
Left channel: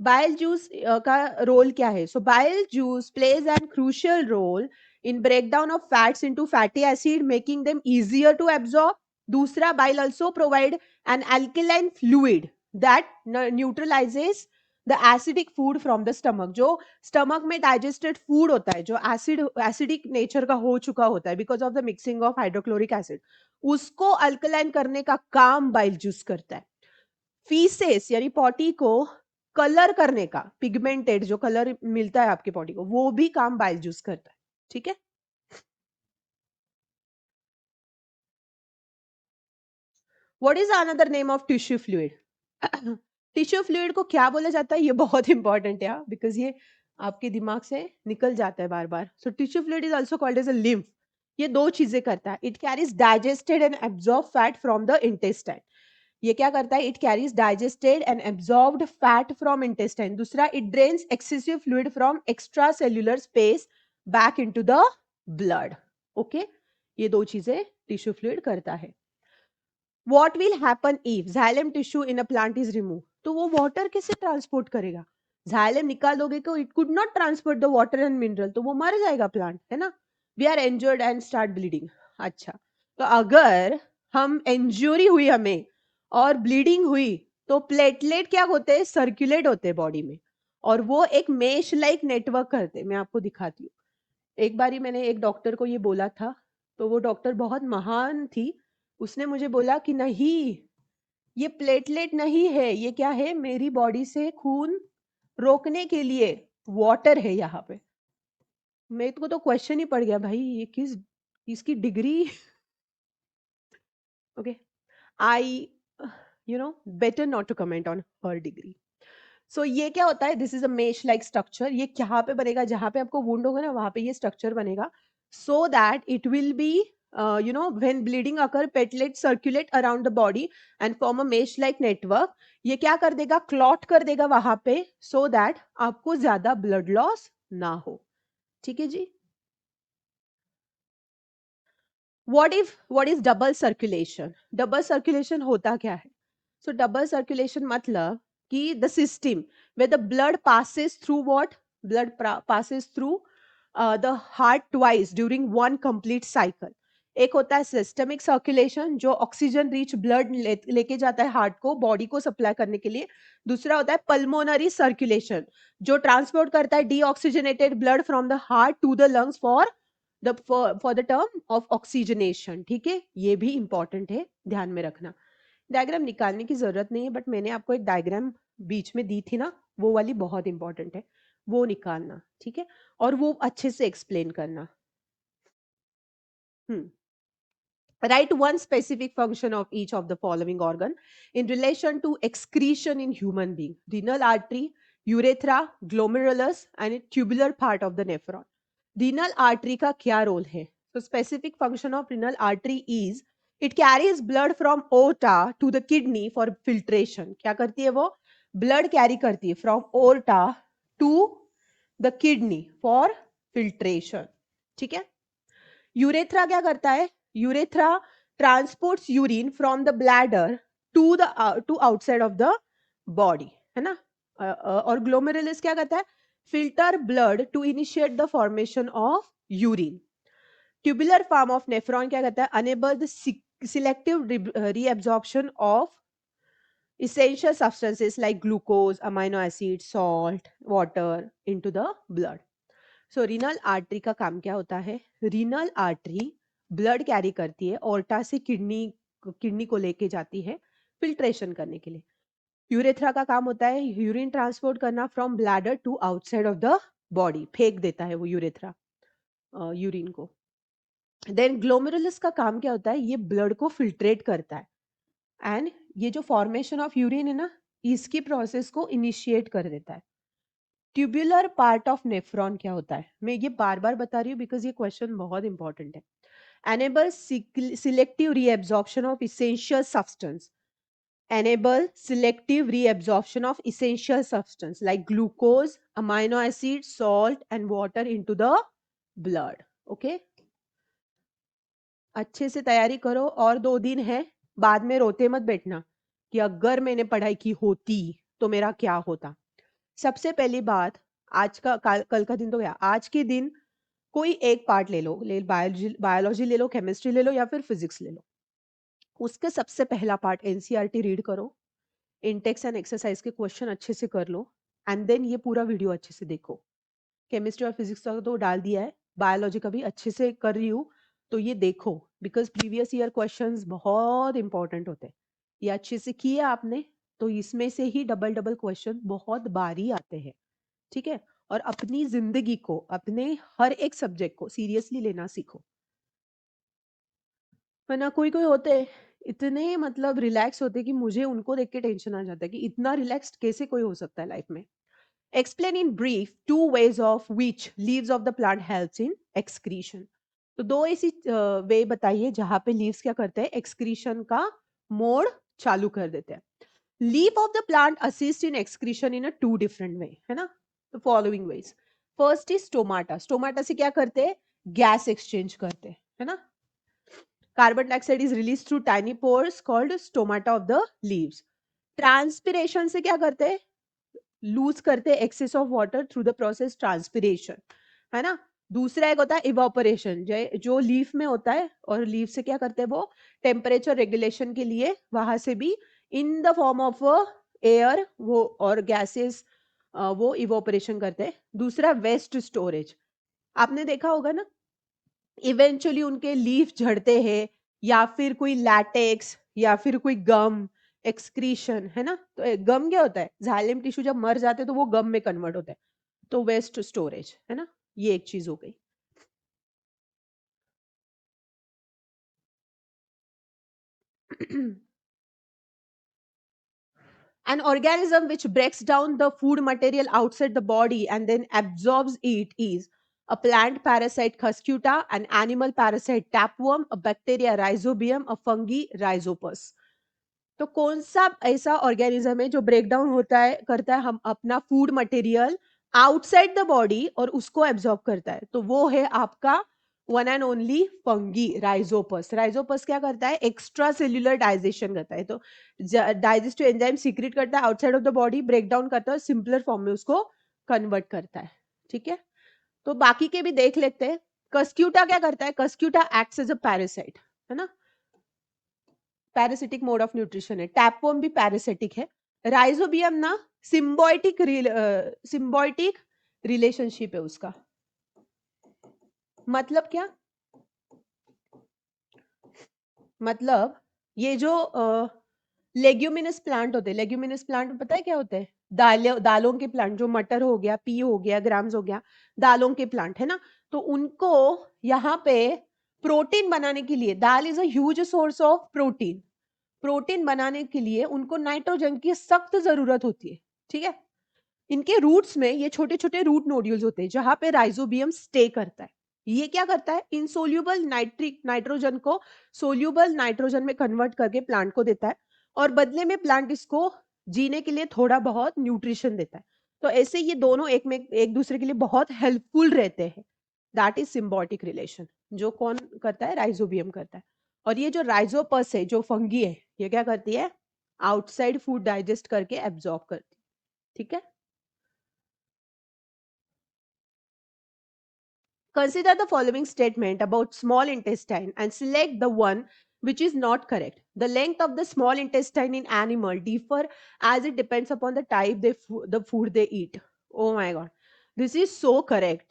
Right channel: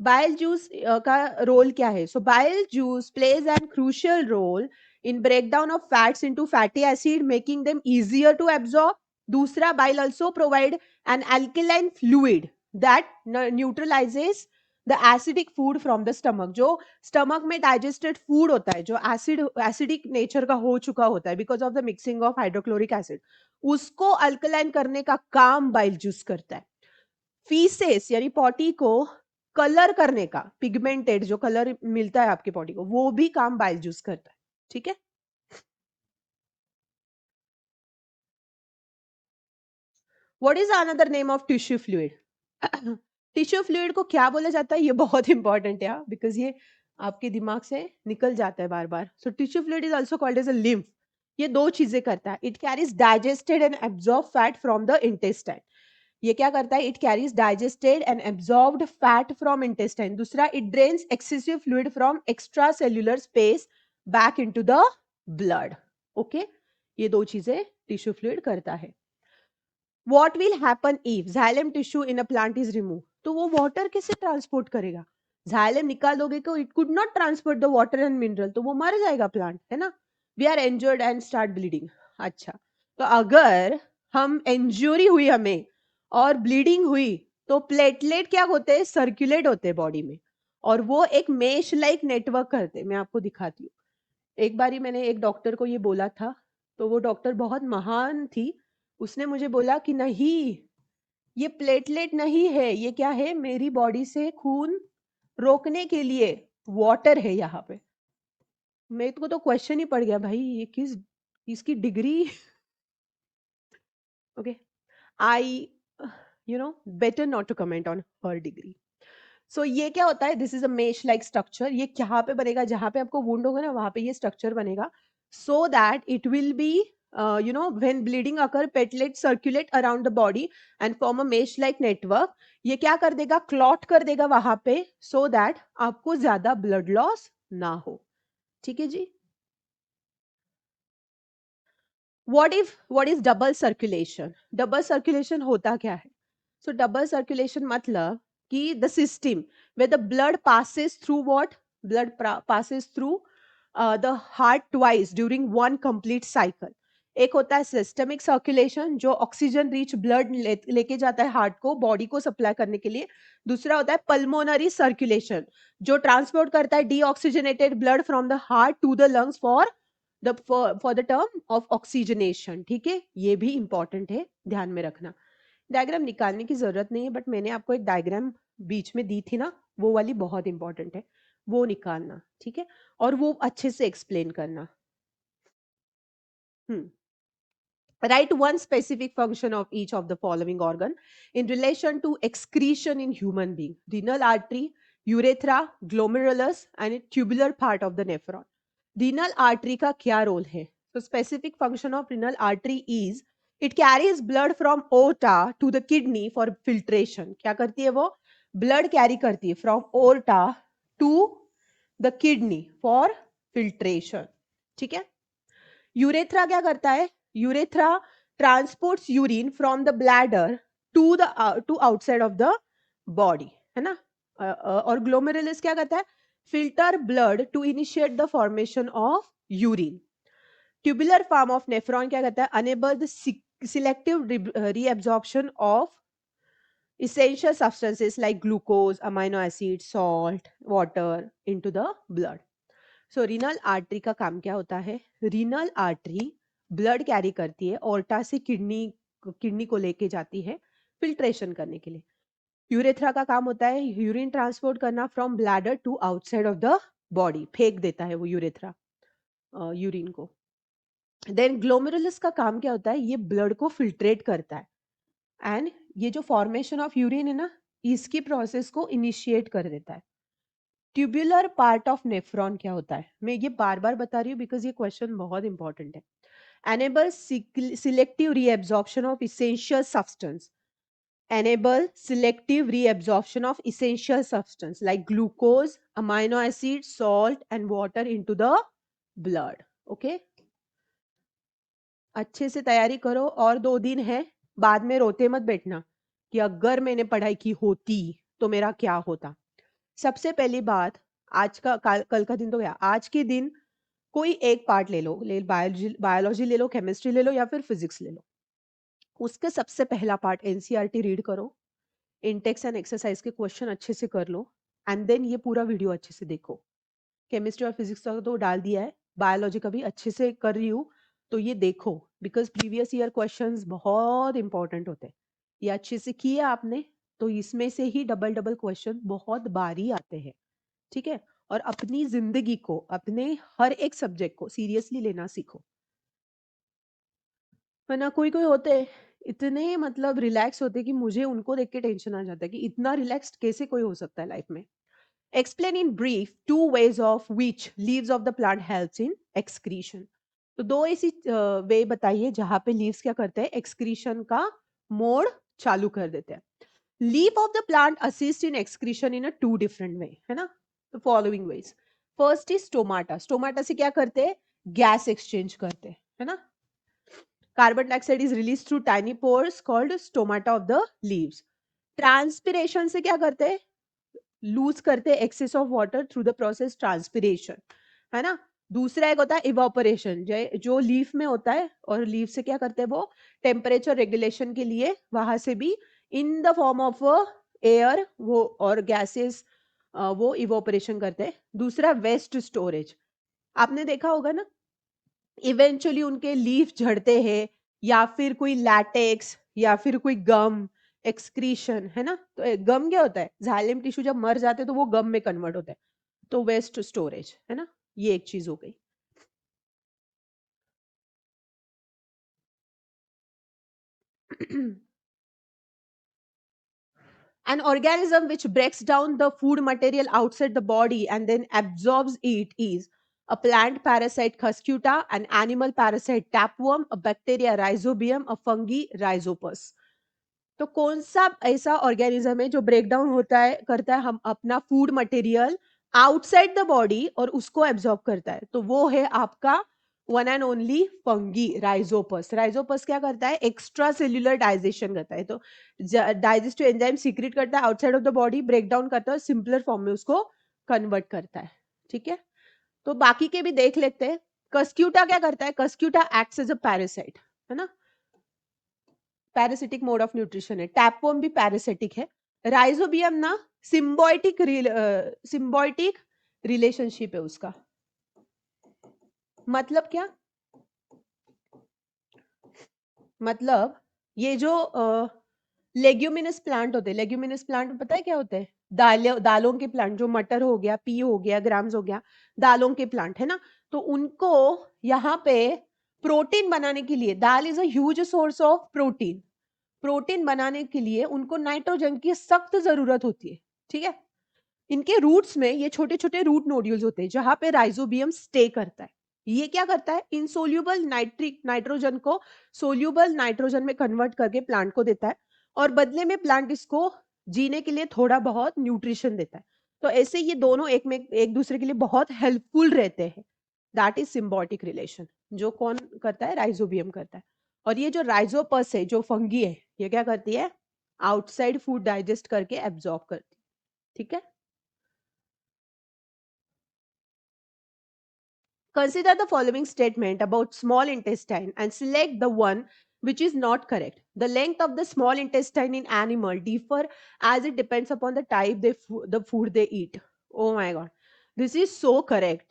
बाइल जूस का रोल क्या है? So bile juice plays an crucial role in breakdown of fats into fatty acid making them easier to absorb. दूसरा, bile also provide an alkaline fluid that neutralizes the acidic food from the stomach. जो stomach में digested food होता है जो acidic nature का हो चुका होता है because of the mixing of hydrochloric acid, उसको अल्कलाइन करने का काम बाइल जूस करता है। फीसेस यानी पॉटी को कलर करने का, पिगमेंटेड जो कलर मिलता है आपके बॉडी में, वो भी काम बाइल जूस करता है। What is another name of tissue fluid? Tissue fluid को क्या बोला जाता है, ये बहुत इंपॉर्टेंट है बिकॉज ये आपके दिमाग से निकल जाता है बार बार। So tissue fluid is also called as a lymph. ये दो चीजें करता है, it carries digested and absorb fat from the intestine. ये क्या करता है, it carries digested and absorbed fat from intestine. दूसरा, it drains excessive fluid from extra cellular space back into the blood. Okay, ये दो चीजें टिश्यू फ्लूइड करता है। What will happen if xylem tissue in a plant is removed? तो वो water कैसे transport करेगा? xylem निकाल दोगे तो it could not transport the water and mineral, तो वो मर जाएगा प्लांट, है ना। We are injured and start bleeding. अच्छा, तो अगर हम इंजरी हुई हमें और ब्लीडिंग हुई, तो प्लेटलेट क्या होते हैं, सर्कुलेट होते हैं बॉडी में, और वो एक मेश लाइक नेटवर्क करते हैं। मैं आपको दिखाती हूँ। एक बारी मैंने एक डॉक्टर को ये बोला था, तो वो डॉक्टर बहुत महान थी। उसने मुझे बोला कि नहीं, ये प्लेटलेट नहीं है, ये क्या है, मेरी बॉडी से खून रोकने के लिए वाटर है यहाँ पे। मेरे को तो क्वेश्चन ही पड़ गया, भाई ये किस, इसकी degree. Okay, I better not to comment on her degree. So ये क्या होता है, this is a mesh like structure. ये कहाँ पे बनेगा, जहां पे आपको वुंड होगा ना वहां पे ये स्ट्रक्चर बनेगा, so that it will be when bleeding occur platelet circulate around the body and form a mesh like network. ये क्या कर देगा, क्लॉट कर देगा वहां पे, सो दैट आपको ज्यादा ब्लड लॉस ना हो। ठीक है जी। What is double circulation? Double circulation होता क्या है? सो डबल सर्कुलेशन मतलब कि the system where the blood passes through what? Blood passes through the heart twice during one complete cycle. एक होता है सिस्टमिक सर्कुलेशन जो ऑक्सीजन रिच ब्लड लेके जाता है हार्ट को, बॉडी को सप्लाई करने के लिए। दूसरा होता है पल्मोनरी सर्कुलेशन जो ट्रांसपोर्ट करता है deoxygenated blood from the heart to the lungs for the term of oxygenation. ठीक है, ये भी इंपॉर्टेंट है, ध्यान में रखना। डायग्राम निकालने की जरूरत नहीं है, बट मैंने आपको एक डायग्राम बीच में दी थी ना, वो वाली बहुत इंपॉर्टेंट है, वो निकालना, ठीक है, और वो अच्छे से एक्सप्लेन करना। Write one specific function of each of the following organ in relation to excretion in human being: renal artery, urethra, glomerulus, and a tubular part of the nephron. Renal artery का क्या role है? So specific function of renal artery is it carries blood from aorta to the kidney for filtration. क्या करती है वो? Blood carry करती है from aorta to the kidney for filtration. ठीक है? यूरेथ्रा क्या करता है? Urethra transports urine from the bladder to outside of the body, है ना। और ग्लोमेरुलस क्या करता है? Filter blood to initiate the formation of urine. Tubular form of nephron क्या करता है? Enable the selective reabsorption of essential substances like glucose, amino acid, salt, water into the blood. So renal artery का काम क्या होता है? Renal artery blood carry करती है, ओर्टा से किडनी को लेके जाती है फिल्ट्रेशन करने के लिए। यूरेथ्रा का काम होता है यूरिन ट्रांसपोर्ट करना from bladder to outside of the body, फेंक देता है वो यूरेथ्रा यूरिन को। देन ग्लोमेरुलस का काम क्या होता है? ये ब्लड को फिल्ट्रेट करता है एंड ये जो फॉर्मेशन ऑफ यूरिन है ना, इसकी प्रोसेस को इनिशिएट कर देता है। ट्यूबुलर पार्ट ऑफ नेफ्रॉन क्या होता है? मैं ये बार बार बता रही हूँ बिकॉज ये क्वेश्चन बहुत इंपॉर्टेंट है. Enable selective reabsorption of essential substance. Enable selective reabsorption of essential substance like glucose, amino acid, salt and water into the blood. Okay? अच्छे से तैयारी करो और 2 दिन है. बाद में रोते मत बैठना कि अगर मैंने पढ़ाई की होती तो मेरा क्या होता. सबसे पहली बात, आज का कल कल का दिन तो है. आज के दिन कोई एक पार्ट ले लो, बायोलॉजी ले लो, केमिस्ट्री ले लो या फिर फिजिक्स ले लो. उसका सबसे पहला पार्ट एनसीईआरटी रीड करो. इंटेक्स एंड एक्सरसाइज के क्वेश्चन अच्छे से कर लो एंड देन ये पूरा वीडियो अच्छे से देखो. केमिस्ट्री और फिजिक्स का तो डाल दिया है, बायोलॉजी का भी अच्छे से कर रही हूँ. तो ये देखो बिकॉज प्रीवियस ईयर क्वेश्चंस बहुत इंपॉर्टेंट होते हैं. ये अच्छे से किए आपने तो इसमें से ही डबल डबल क्वेश्चन बहुत बारी आते हैं. ठीक है. और अपनी जिंदगी को, अपने हर एक सब्जेक्ट को सीरियसली लेना सीखो. वरना कोई कोई होते हैं इतने मतलब रिलैक्स होते कि मुझे उनको देख के टेंशन आ जाता है कि इतना रिलैक्स कैसे कोई हो सकता है लाइफ में. Explain in brief two ways of which leaves of the plant helps in excretion. तो दो ऐसी वे बताइए जहां पे लीव्स क्या करते हैं, एक्सक्रीशन का मोड चालू कर देते हैं. Leaf of the plant assist in excretion in a 2 different way, है ना. The following veg. First is stomata. Stomata से क्या करते हैं, गैस एक्सचेंज करते हैं, है ना. Carbon dioxide is release through tiny pores called stomata of the leaves. Transpiration से क्या करते हैं, लूज करते हैं excess of water through the process transpiration, है ना. दूसरा एक होता है इवापोरेशन, जो लीफ में होता है. और लीफ से क्या करते हैं, वो टेम्परेचर रेगुलेशन के लिए वहां से भी in the form of air वो और गैसेस वो इवापोरेशन करते हैं. दूसरा वेस्ट स्टोरेज. आपने देखा होगा ना, इवेंचुअली उनके लीफ झड़ते हैं या फिर कोई लैटेक्स या फिर कोई गम एक्सक्रीशन, है ना. तो गम क्या होता है, जाइलम टिश्यू जब मर जाते हैं तो वो गम में कन्वर्ट होता है. तो वेस्ट स्टोरेज, है ना. ये एक चीज हो गई. An organism which breaks down the food material outside the body and then absorbs it is a plant parasite Cuscuta, an animal parasite tapeworm, a bacteria Rhizobium, a fungi Rhizopus. तो कौन सा ऐसा ऑर्गेनिज्म है जो break down होता है, करता है हम अपना food material outside the body और उसको एब्जॉर्ब करता है, तो वो है आपका one and only fungi Rhizopus. Rhizopus क्या करता है, एक्स्ट्रा सेल्यूलर डाइजेशन करता है. तो डाइजेस्टिव एंजाइम सीक्रेट करता है outside of the body, break down करता है, सिंपलर फॉर्म में उसको कन्वर्ट करता है. ठीक है. तो बाकी के भी देख लेते हैं. कस्क्यूटा क्या करता है, cuscuta acts as a parasite, है ना. पैरासिटिक मोड ऑफ न्यूट्रिशन है. टैपवर्म भी पैरासिटिक है. राइजोबियम ना सिम्बायोटिक रिलेशनशिप है उसका. मतलब क्या, मतलब ये जो लेग्यूमिनस प्लांट होते हैं, लेग्यूमिनस प्लांट पता है क्या होते हैं, दालों के प्लांट, जो मटर हो गया, पी हो गया, ग्राम्स हो गया, दालों के प्लांट, है ना. तो उनको यहाँ पे प्रोटीन बनाने के लिए, dal is a huge source of protein. Protein बनाने के लिए उनको नाइट्रोजन की सख्त जरूरत होती है. ठीक है. इनके रूट्स में ये छोटे छोटे रूट नोड्यूल्स होते हैं जहां पे राइजोबियम स्टे करता है. ये क्या करता है, इनसोल्यूबल नाइट्रिक नाइट्रोजन को सोल्यूबल नाइट्रोजन में कन्वर्ट करके प्लांट को देता है और बदले में प्लांट इसको जीने के लिए थोड़ा बहुत न्यूट्रिशन देता है. तो ऐसे ये दोनों एक दूसरे के लिए बहुत हेल्पफुल रहते हैं. That is symbiotic relation. जो कौन करता है, राइजोबियम करता है. और ये जो राइजोपस है, जो फंगी है, ये क्या करती है, आउटसाइड फूड डाइजेस्ट करके एब्जॉर्ब करती है. ठीक है. Consider the following statement about small intestine and select the one which is not correct. The length of the small intestine in animal differ as it depends upon the type the food they eat. Oh my god. This is so correct.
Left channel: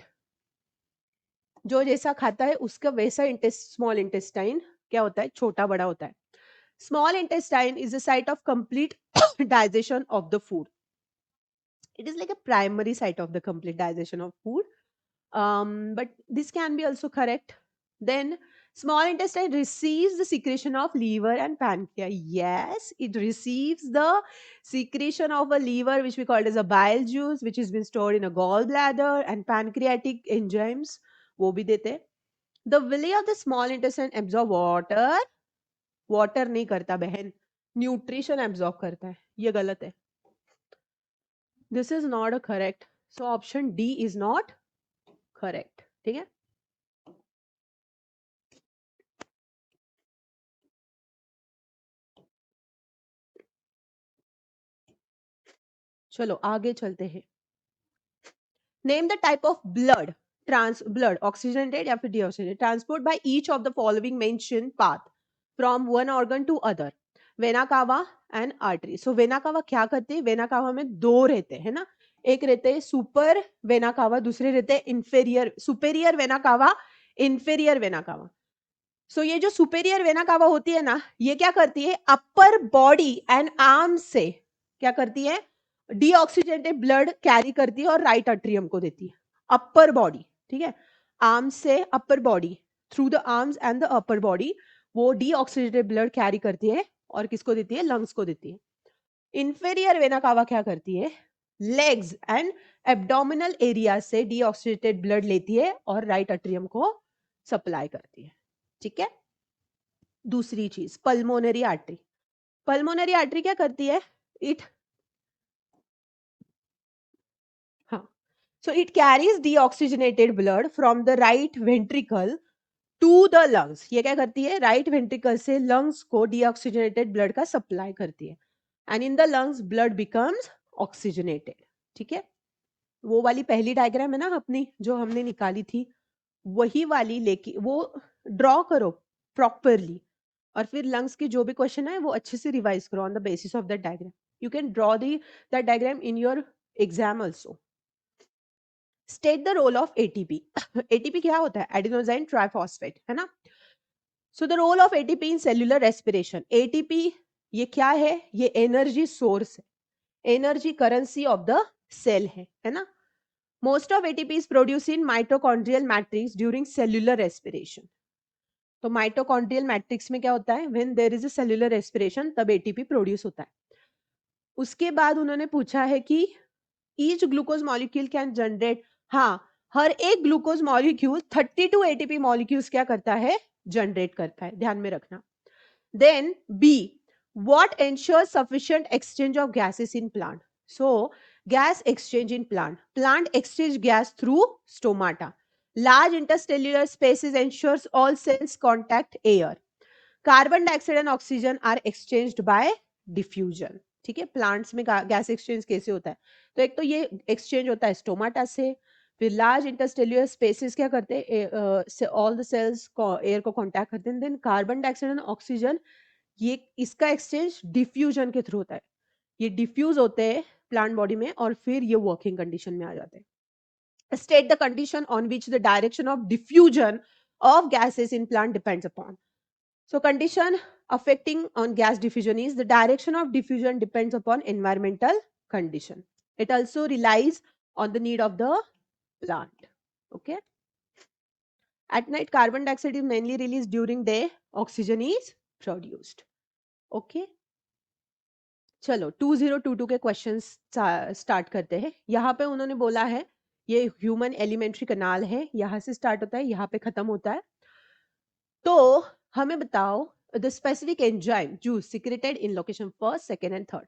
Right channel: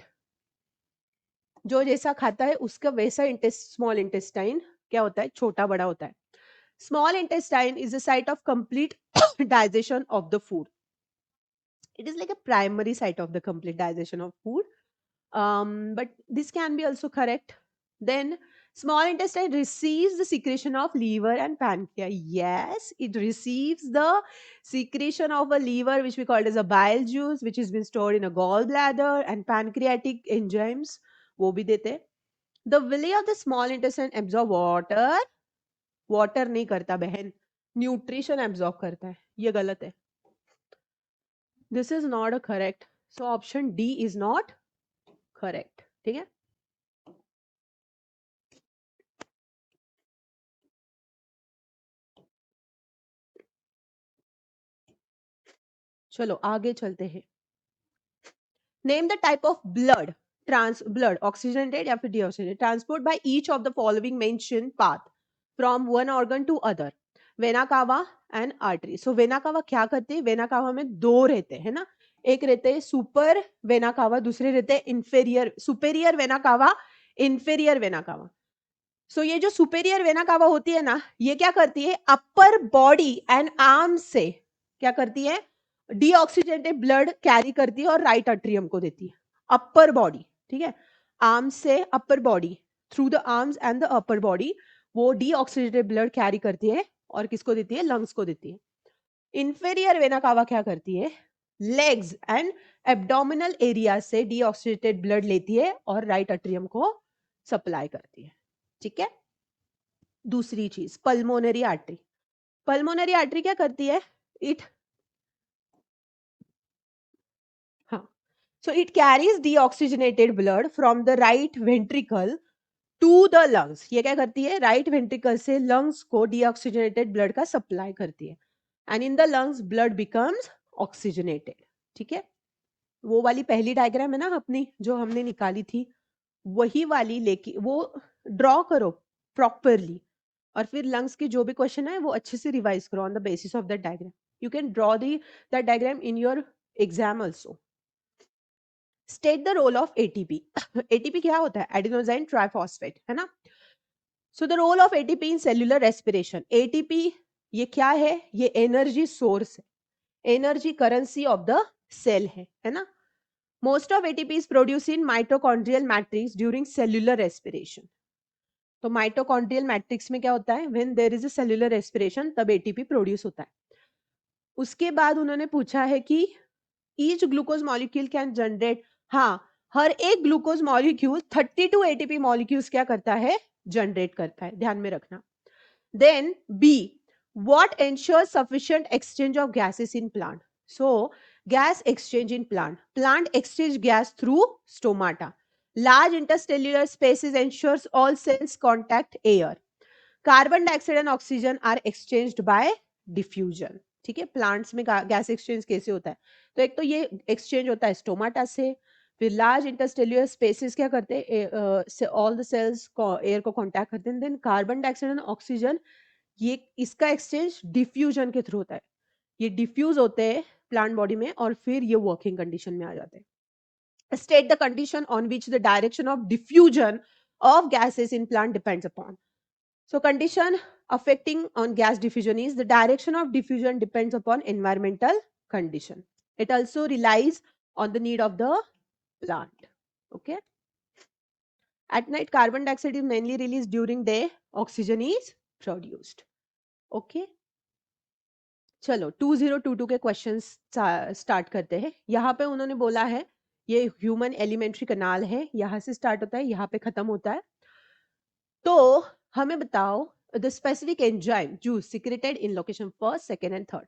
जो जैसा खाता है उसका वैसा small intestine क्या होता है, छोटा बड़ा होता है. Small intestine is a site of complete digestion of the food. It is like a primary site of the complete digestion of food. But this can be also correct. Then small intestine receives the secretion of liver and pancreas. Yes, it receives the secretion of a liver which we call as a bile juice which is been stored in a gallbladder and pancreatic enzymes वो भी देते हैं. The villi of the small intestine absorb water. Water नहीं करता बहन, nutrition absorb करता है. ये गलत है. This is not a correct. So option D is not correct. ठीक है. चलो आगे चलते हैं. Name the type of blood blood oxygenated या फिर deoxygenated transport by each of the following mentioned path from one organ to other. Vena cava and artery. So vena cava क्या करते हैं? वेना कावा में दो रहते हैं ना, एक रहते हैं सुपर वेना कावा, दूसरे रहते हैं inferior superior vena cava, inferior vena cava. So ये जो सुपेरियर वेना कावा होती है ना, ये क्या करती है? अपर बॉडी एंड आर्म से डीऑक्सीजेनेटेड ब्लड कैरी करती है और राइट एट्रियम को देती है. अपर बॉडी, ठीक है, आर्म से upper body, through the arms and the upper body वो डीऑक्सीजेनेटेड ब्लड कैरी करती है और किसको देती है? लंग्स को देती है. इंफेरियर वेना कावा क्या करती है? लेग्स एंड एब्डोमिनल एरिया से डीऑक्सीजेनेटेड ब्लड लेती है और राइट एट्रियम को सप्लाई करती है. ठीक है. दूसरी चीज पल्मोनरी आर्टरी. पल्मोनरी आर्टरी क्या करती है? It So it carries deoxygenated blood from the right ventricle to the lungs. ये क्या करती है? राइट वेंट्रिकल से लंग्स को डीऑक्सीजनेटेड ब्लड का सप्लाई करती है. And in the lungs blood becomes oxygenated. ठीक है. वो वाली पहली डायग्राम है ना अपनी जो हमने निकाली थी, वही वाली लेके वो ड्रॉ करो प्रॉपरली और फिर लंग्स के जो भी क्वेश्चन है वो अच्छे से रिवाइज करो on the basis of that diagram. You can draw that diagram in your exam also. State the role of ATP. ATP क्या होता है? एडिनोसाइन ट्राइफॉस्फेट, है ना. So the role of ATP in cellular respiration. ATP ये क्या है? ये energy source है, energy currency of the cell है ना. Most of ATP is produce in mitochondrial matrix during cellular respiration. तो माइटोकॉन्ड्रियल मैट्रिक्स में क्या होता है? When there is a cellular respiration तब एटीपी प्रोड्यूस होता है. उसके बाद उन्होंने पूछा है कि each glucose molecule can generate. हाँ, हर एक ग्लूकोज मॉलिक्यूल 32 एटीपी मॉलिक्यूल्स क्या करता है? जनरेट करता है. ध्यान में रखना. Then B, what ensures sufficient exchange of gases in plant? So gas exchange in plant exchange gas through stomata. Large interstellar spaces ensures all cells contact air. Carbon dioxide and oxygen are exchanged by diffusion. ठीक है. Plants में gas exchange कैसे होता है? तो एक तो ये एक्सचेंज होता है स्टोमाटा से, फिर लार्ज इंटरस्टेलुलर स्पेसेस क्या करते हैं? ऑल द सेल्स एयर को कांटेक्ट करते हैं. Then carbon dioxide and oxygen ये इसका एक्सचेंज डिफ्यूजन के थ्रू होता है. ये डिफ्यूज होते हैं प्लांट बॉडी में और फिर ये वर्किंग कंडीशन में आ जाते हैं. State the condition on which the direction of diffusion of gases in plant depends upon. So condition affecting on gas diffusion is the direction of diffusion depends upon environmental condition. It also relies on the need of the plant. Okay. At night, carbon dioxide is mainly released. During day, oxygen is produced. Okay. चलो 2022 के questions start करते हैं. यहाँ पे उन्होंने बोला है ये ह्यूमन एलिमेंट्री कनाल है, यहाँ से स्टार्ट होता है, यहाँ पे खत्म होता है. तो हमें बताओ the specific enzyme juice secreted in location first, second and third.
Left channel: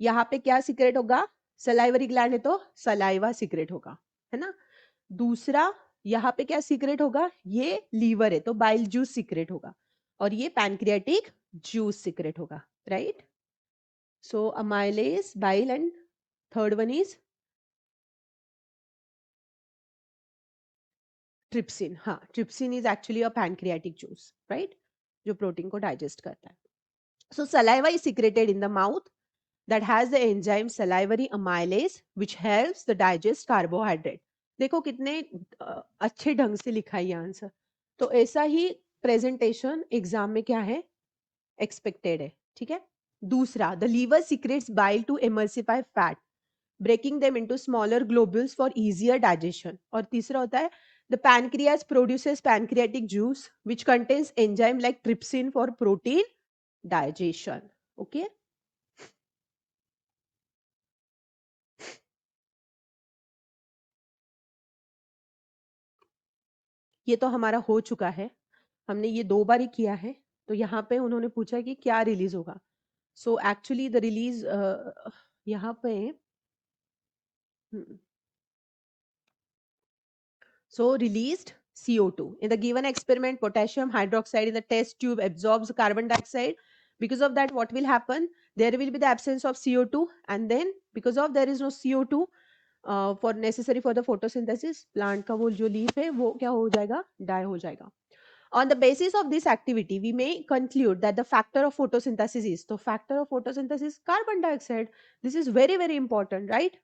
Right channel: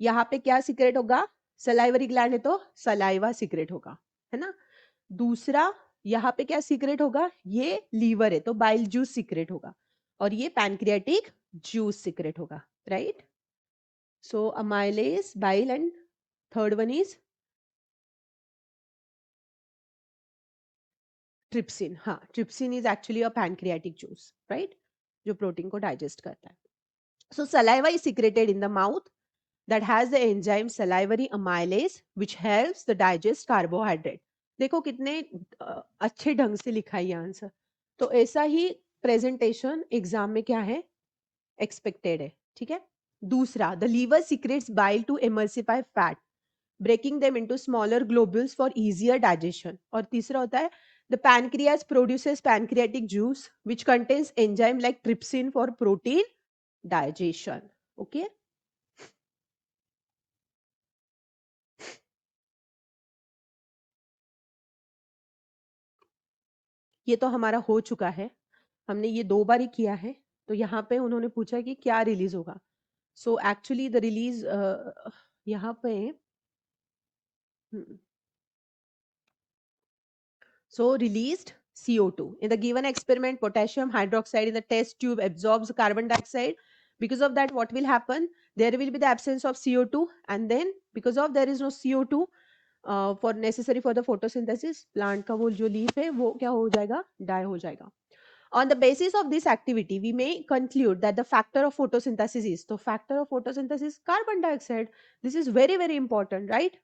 यहाँ पे क्या सीक्रेट होगा? सलाइवरी ग्लैंड है तो सलाइवा सीक्रेट होगा, है ना. दूसरा यहाँ पे क्या सीक्रेट होगा? ये लीवर है तो बाइल जूस सीक्रेट होगा और ये पैनक्रियाटिक जूस सीक्रेट होगा. Right. So amylase, bile and third one is trypsin. हाँ, trypsin is actually a pancreatic juice, right, जो प्रोटीन को डाइजेस्ट करता है. So saliva is secreted in the mouth that has the enzyme salivary amylase which helps the digest carbohydrate. देखो कितने अच्छे ढंग से लिखा है ये आंसर. तो ऐसा ही प्रेजेंटेशन एग्जाम में क्या है? एक्सपेक्टेड है. ठीक है. दूसरा, the liver secretes bile to emulsify fat, breaking them into smaller globules for easier digestion. और तीसरा होता है the pancreas produces pancreatic juice which contains enzyme like trypsin for protein digestion. Okay. ये तो हमारा हो चुका है, हमने ये 2 बार ही किया है। तो यहाँ पे उन्होंने पूछा कि क्या रिलीज होगा। सो एक्चुअली द रिलीज यहाँ पे so released CO2. In the given experiment, potassium hydroxide in the test tube absorbs carbon dioxide. Because of that, what will happen? There will be the absence of CO2, and then because of there is no CO2 for necessary for the photosynthesis, plant का वो जो leaf है वो क्या हो जाएगा? Die हो जाएगा. On the basis of this activity, we may conclude that the factor of photosynthesis is the factor of photosynthesis carbon dioxide. This is very very important, right?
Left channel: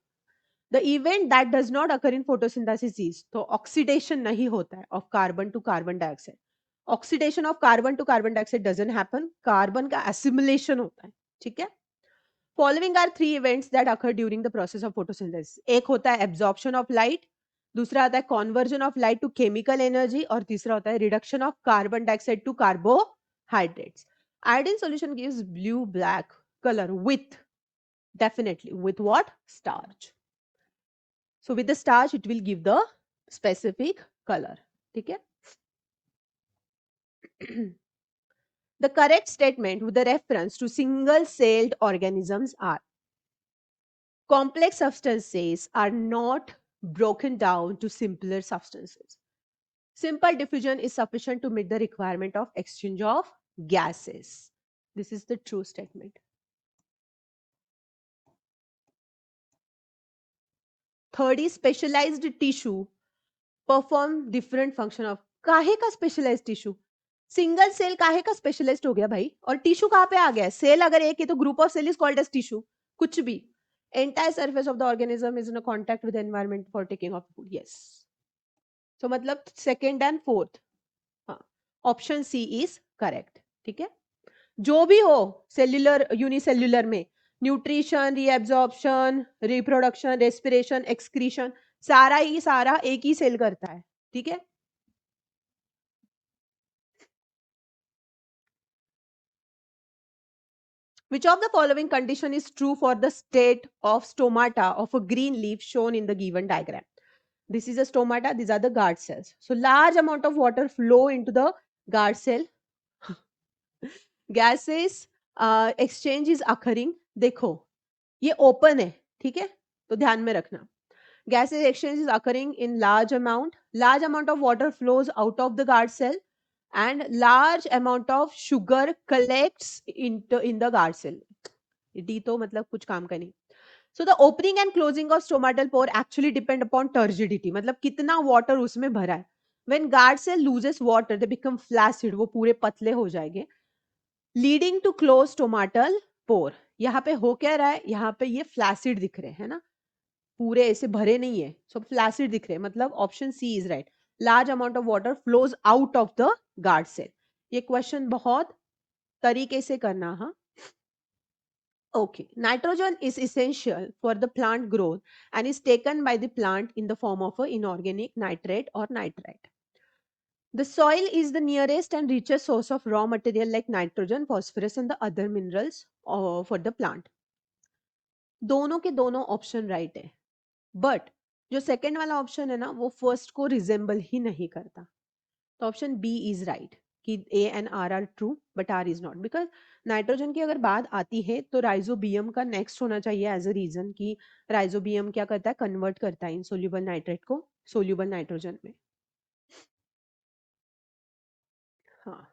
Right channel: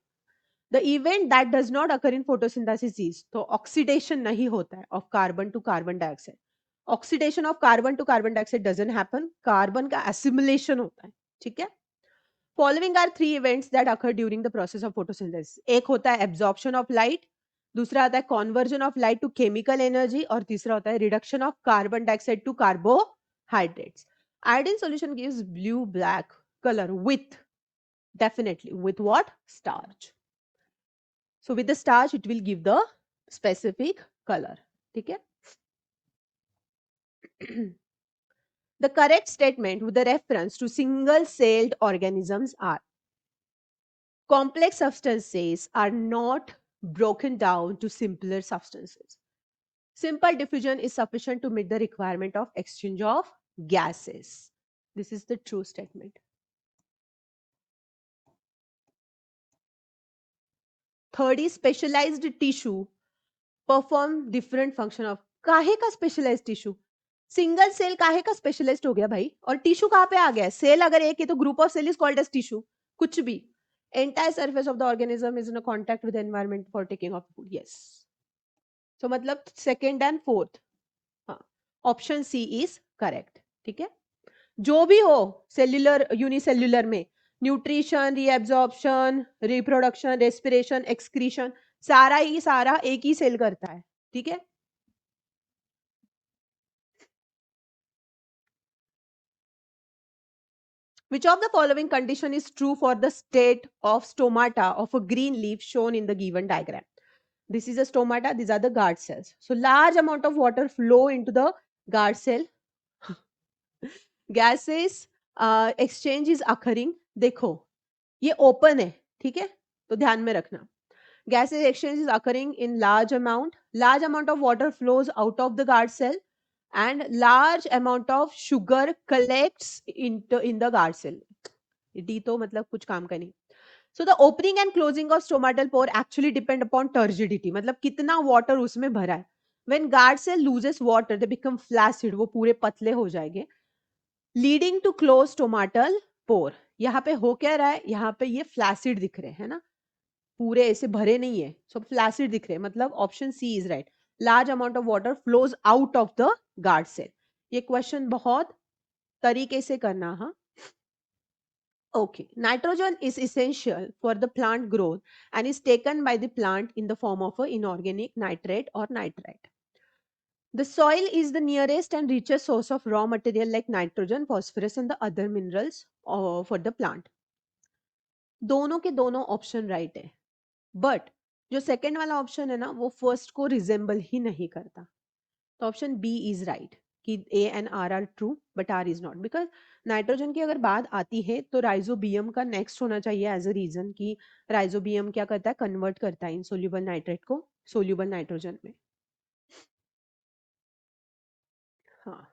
The event that does not occur in photosynthesis is तो oxidation नहीं होता है of carbon to carbon dioxide. Oxidation of carbon to carbon dioxide doesn't happen. Carbon का assimilation होता है. ठीक है? Following are 3 events that occur during the process of photosynthesis. एक होता है absorption of light, दूसरा आता है conversion of light to chemical energy और तीसरा होता है reduction of carbon dioxide to carbohydrates. Iodine solution gives blue black color with definitely with what? Starch. So with the starch, it will give the specific color. ठीक है? The correct statement with the reference to single-celled organisms are complex substances are not broken down to simpler substances. Simple diffusion is sufficient to meet the requirement of exchange of gases. This is the true statement. Third is specialized tissue perform different function of काहे का specialized tissue single cell काहे का specialist हो गया भाई और tissue कहाँ पे आ गया सेल अगर एक है तो group of cell is called as tissue कुछ भी entire surface of the organism is in a contact with the environment for taking of food yes so मतलब second and fourth हाँ ऑप्शन सी इज करेक्ट ठीक है जो भी हो cellular unicellular में nutrition reabsorption reproduction respiration excretion सारा ही सारा एक ही सेल करता है ठीक है Which of the following condition is true for the state of stomata of a green leaf shown in the given diagram? This is a stomata, these are the guard cells. So large amount of water flow into the guard cell. Gases exchange is occurring. देखो ये open है ठीक है तो ध्यान में रखना gases exchange is occurring in large amount. Large amount of water flows out of the guard cell and large amount of sugar collects in the guard cell. D तो मतलब कुछ काम का नहीं so the opening and closing of stomatal pore actually depend upon turgidity मतलब कितना water उसमें भरा है when guard cell loses water they become flaccid वो पूरे पतले हो जाएंगे leading to close stomatal pore यहाँ पे हो क्या रहा है यहाँ पे ये फ्लैसिड दिख रहे हैं ना पूरे ऐसे भरे नहीं है सब फ्लैसिड दिख रहे हैं मतलब option C is right large amount of water flows out of the guard cell ये क्वेश्चन बहुत तरीके से करना हाँ Okay, nitrogen is essential for the plant growth and is taken by the plant in the form of an inorganic nitrate or nitrite. The soil is the nearest and richest source of raw material like nitrogen, phosphorus and the other minerals for the plant. दोनों के दोनों option right है but जो second वाला option है ना वो first को रिजेंबल ही नहीं करता तो ऑप्शन बी इज राइट कि A and R true but R is not because nitrogen की अगर बात आती है तो राइजोबियम का नेक्स्ट होना चाहिए एज अ रीजन कि राइजोबियम क्या करता है कन्वर्ट करता है इनसोल्यूबल नाइट्रेट को सोल्यूबल नाइट्रोजन में हाँ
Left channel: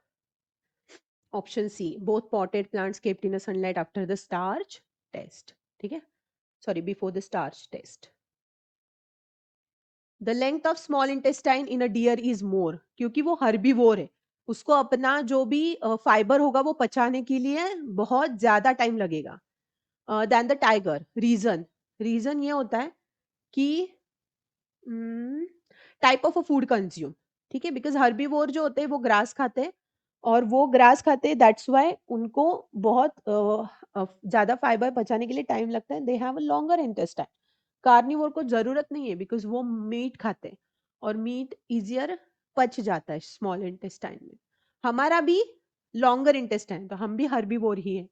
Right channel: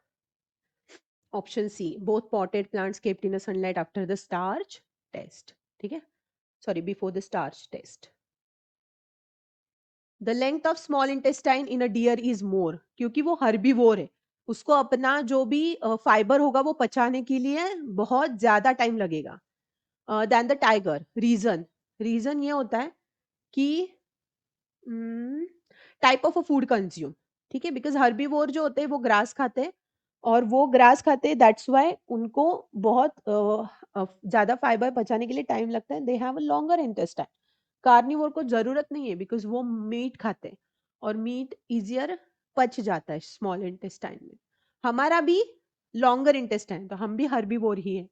option C both potted plants kept in sunlight after the starch test ठीक है sorry before the starch test the length of small intestine in a deer is more क्योंकि वो herbivore है उसको अपना जो भी फाइबर होगा वो पचाने के लिए बहुत ज्यादा टाइम लगेगा then the tiger reason reason ये होता है कि type of a food consume ठीक है बिकॉज हर्बीवोर जो होते हैं वो ग्रास खाते हैं और वो ग्रास खाते हैं दैट्स वाई उनको बहुत ज्यादा फाइबर पचाने के लिए टाइम लगता है they have a longer intestine carnivore को जरूरत नहीं है बिकॉज वो मीट खाते हैं और मीट इजियर पच जाता है स्मॉल इंटेस्टाइन में हमारा भी लॉन्गर इंटेस्टाइन तो हम भी हर्बीवोर ही है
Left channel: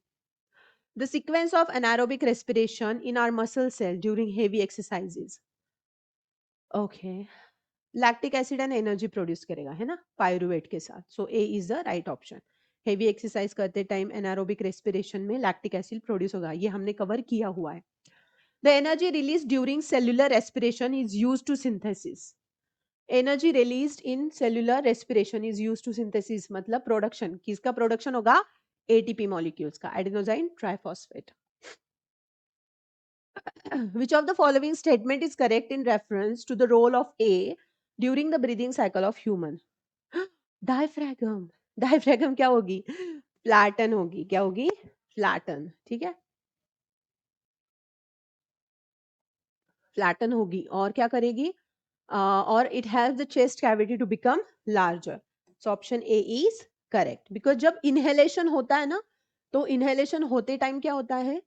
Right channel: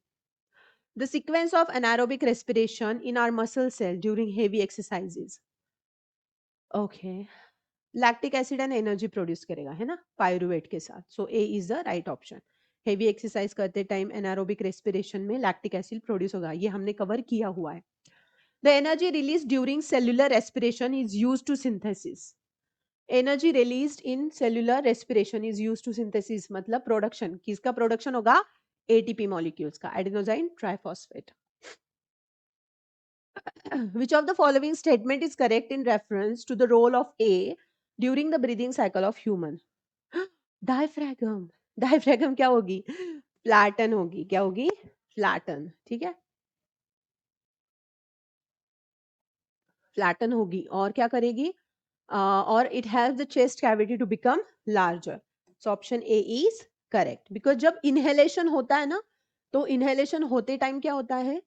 the sequence of anaerobic respiration in our muscle cell during heavy exercises okay lactic acid and energy produce करेगा, है ना, पायरुवेट के साथ. So A is the right option. Heavy exercise करते टाइम एनारोबिक रेस्पिरेशन में lactic acid produce होगा, ये हमने कवर किया हुआ है. The energy release during cellular respiration is use to synthesis. Energy release in cellular respiration is use to synthesis मतलब production. किसका प्रोडक्शन होगा? एटीपी मॉलिक्यूल्स का, adenosine triphosphate. Which of the following statement is correct in reference to the role of air during the breathing cycle of human? Flatten होगी और क्या करेगी? और it has the chest cavity to become larger. So option A is correct. Because जब inhalation होता है ना, तो इनहेलेशन होते टाइम क्या होता है?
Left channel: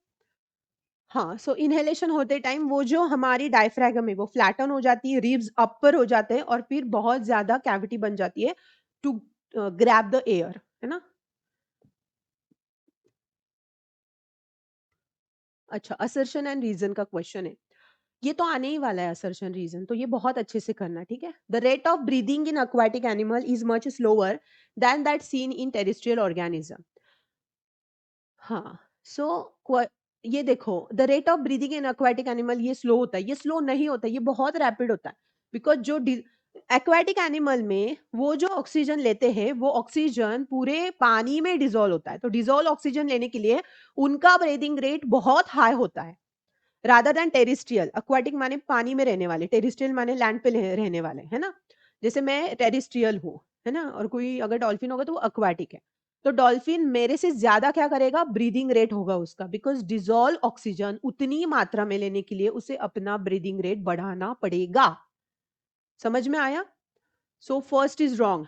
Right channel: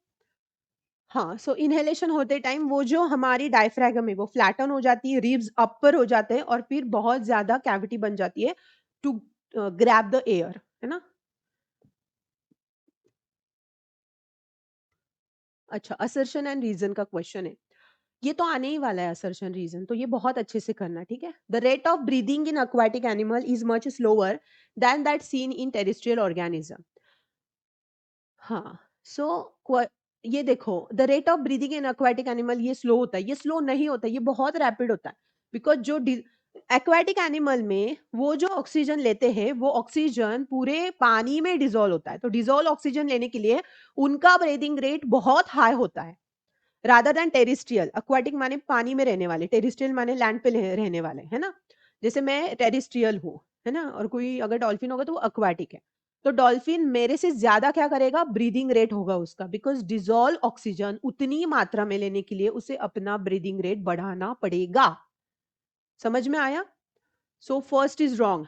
हाँ, सो इनहेलेशन होते टाइम वो जो हमारी डायफ्रागम है वो फ्लैटन हो जाती है, रिब्स अपर हो जाते हैं और फिर बहुत ज्यादा कैविटी बन जाती है. तो अच्छा, असर्शन एंड रीजन का क्वेश्चन है. ये तो आने ही वाला है असर्शन रीजन, तो ये बहुत अच्छे से करना, ठीक है. The rate of breathing in aquatic animal is much slower then that seen in terrestrial organism. हाँ, सो ये देखो, the rate of breathing in aquatic animal ये स्लो होता है, ये स्लो नहीं होता, ये बहुत रैपिड होता है. बिकॉज जो एक्वाटिक एनिमल में वो जो ऑक्सीजन लेते हैं वो ऑक्सीजन पूरे पानी में डिजोल्व होता है, तो डिजोल्व ऑक्सीजन लेने के लिए उनका ब्रीदिंग रेट बहुत हाई होता है रादर देन टेरिस्ट्रियल. aquatic माने पानी में रहने वाले, टेरिस्ट्रियल माने लैंड पे रहने वाले, है ना. जैसे मैं टेरिस्ट्रियल हूँ, है ना, और कोई अगर डॉल्फिन होगा तो वो aquatic है. तो डॉल्फिन मेरे से ज्यादा क्या करेगा? ब्रीदिंग रेट होगा उसका, बिकॉज डिजोल्व ऑक्सीजन उतनी मात्रा में लेने के लिए उसे अपना ब्रीदिंग रेट बढ़ाना पड़ेगा. समझ में आया? So first is wrong.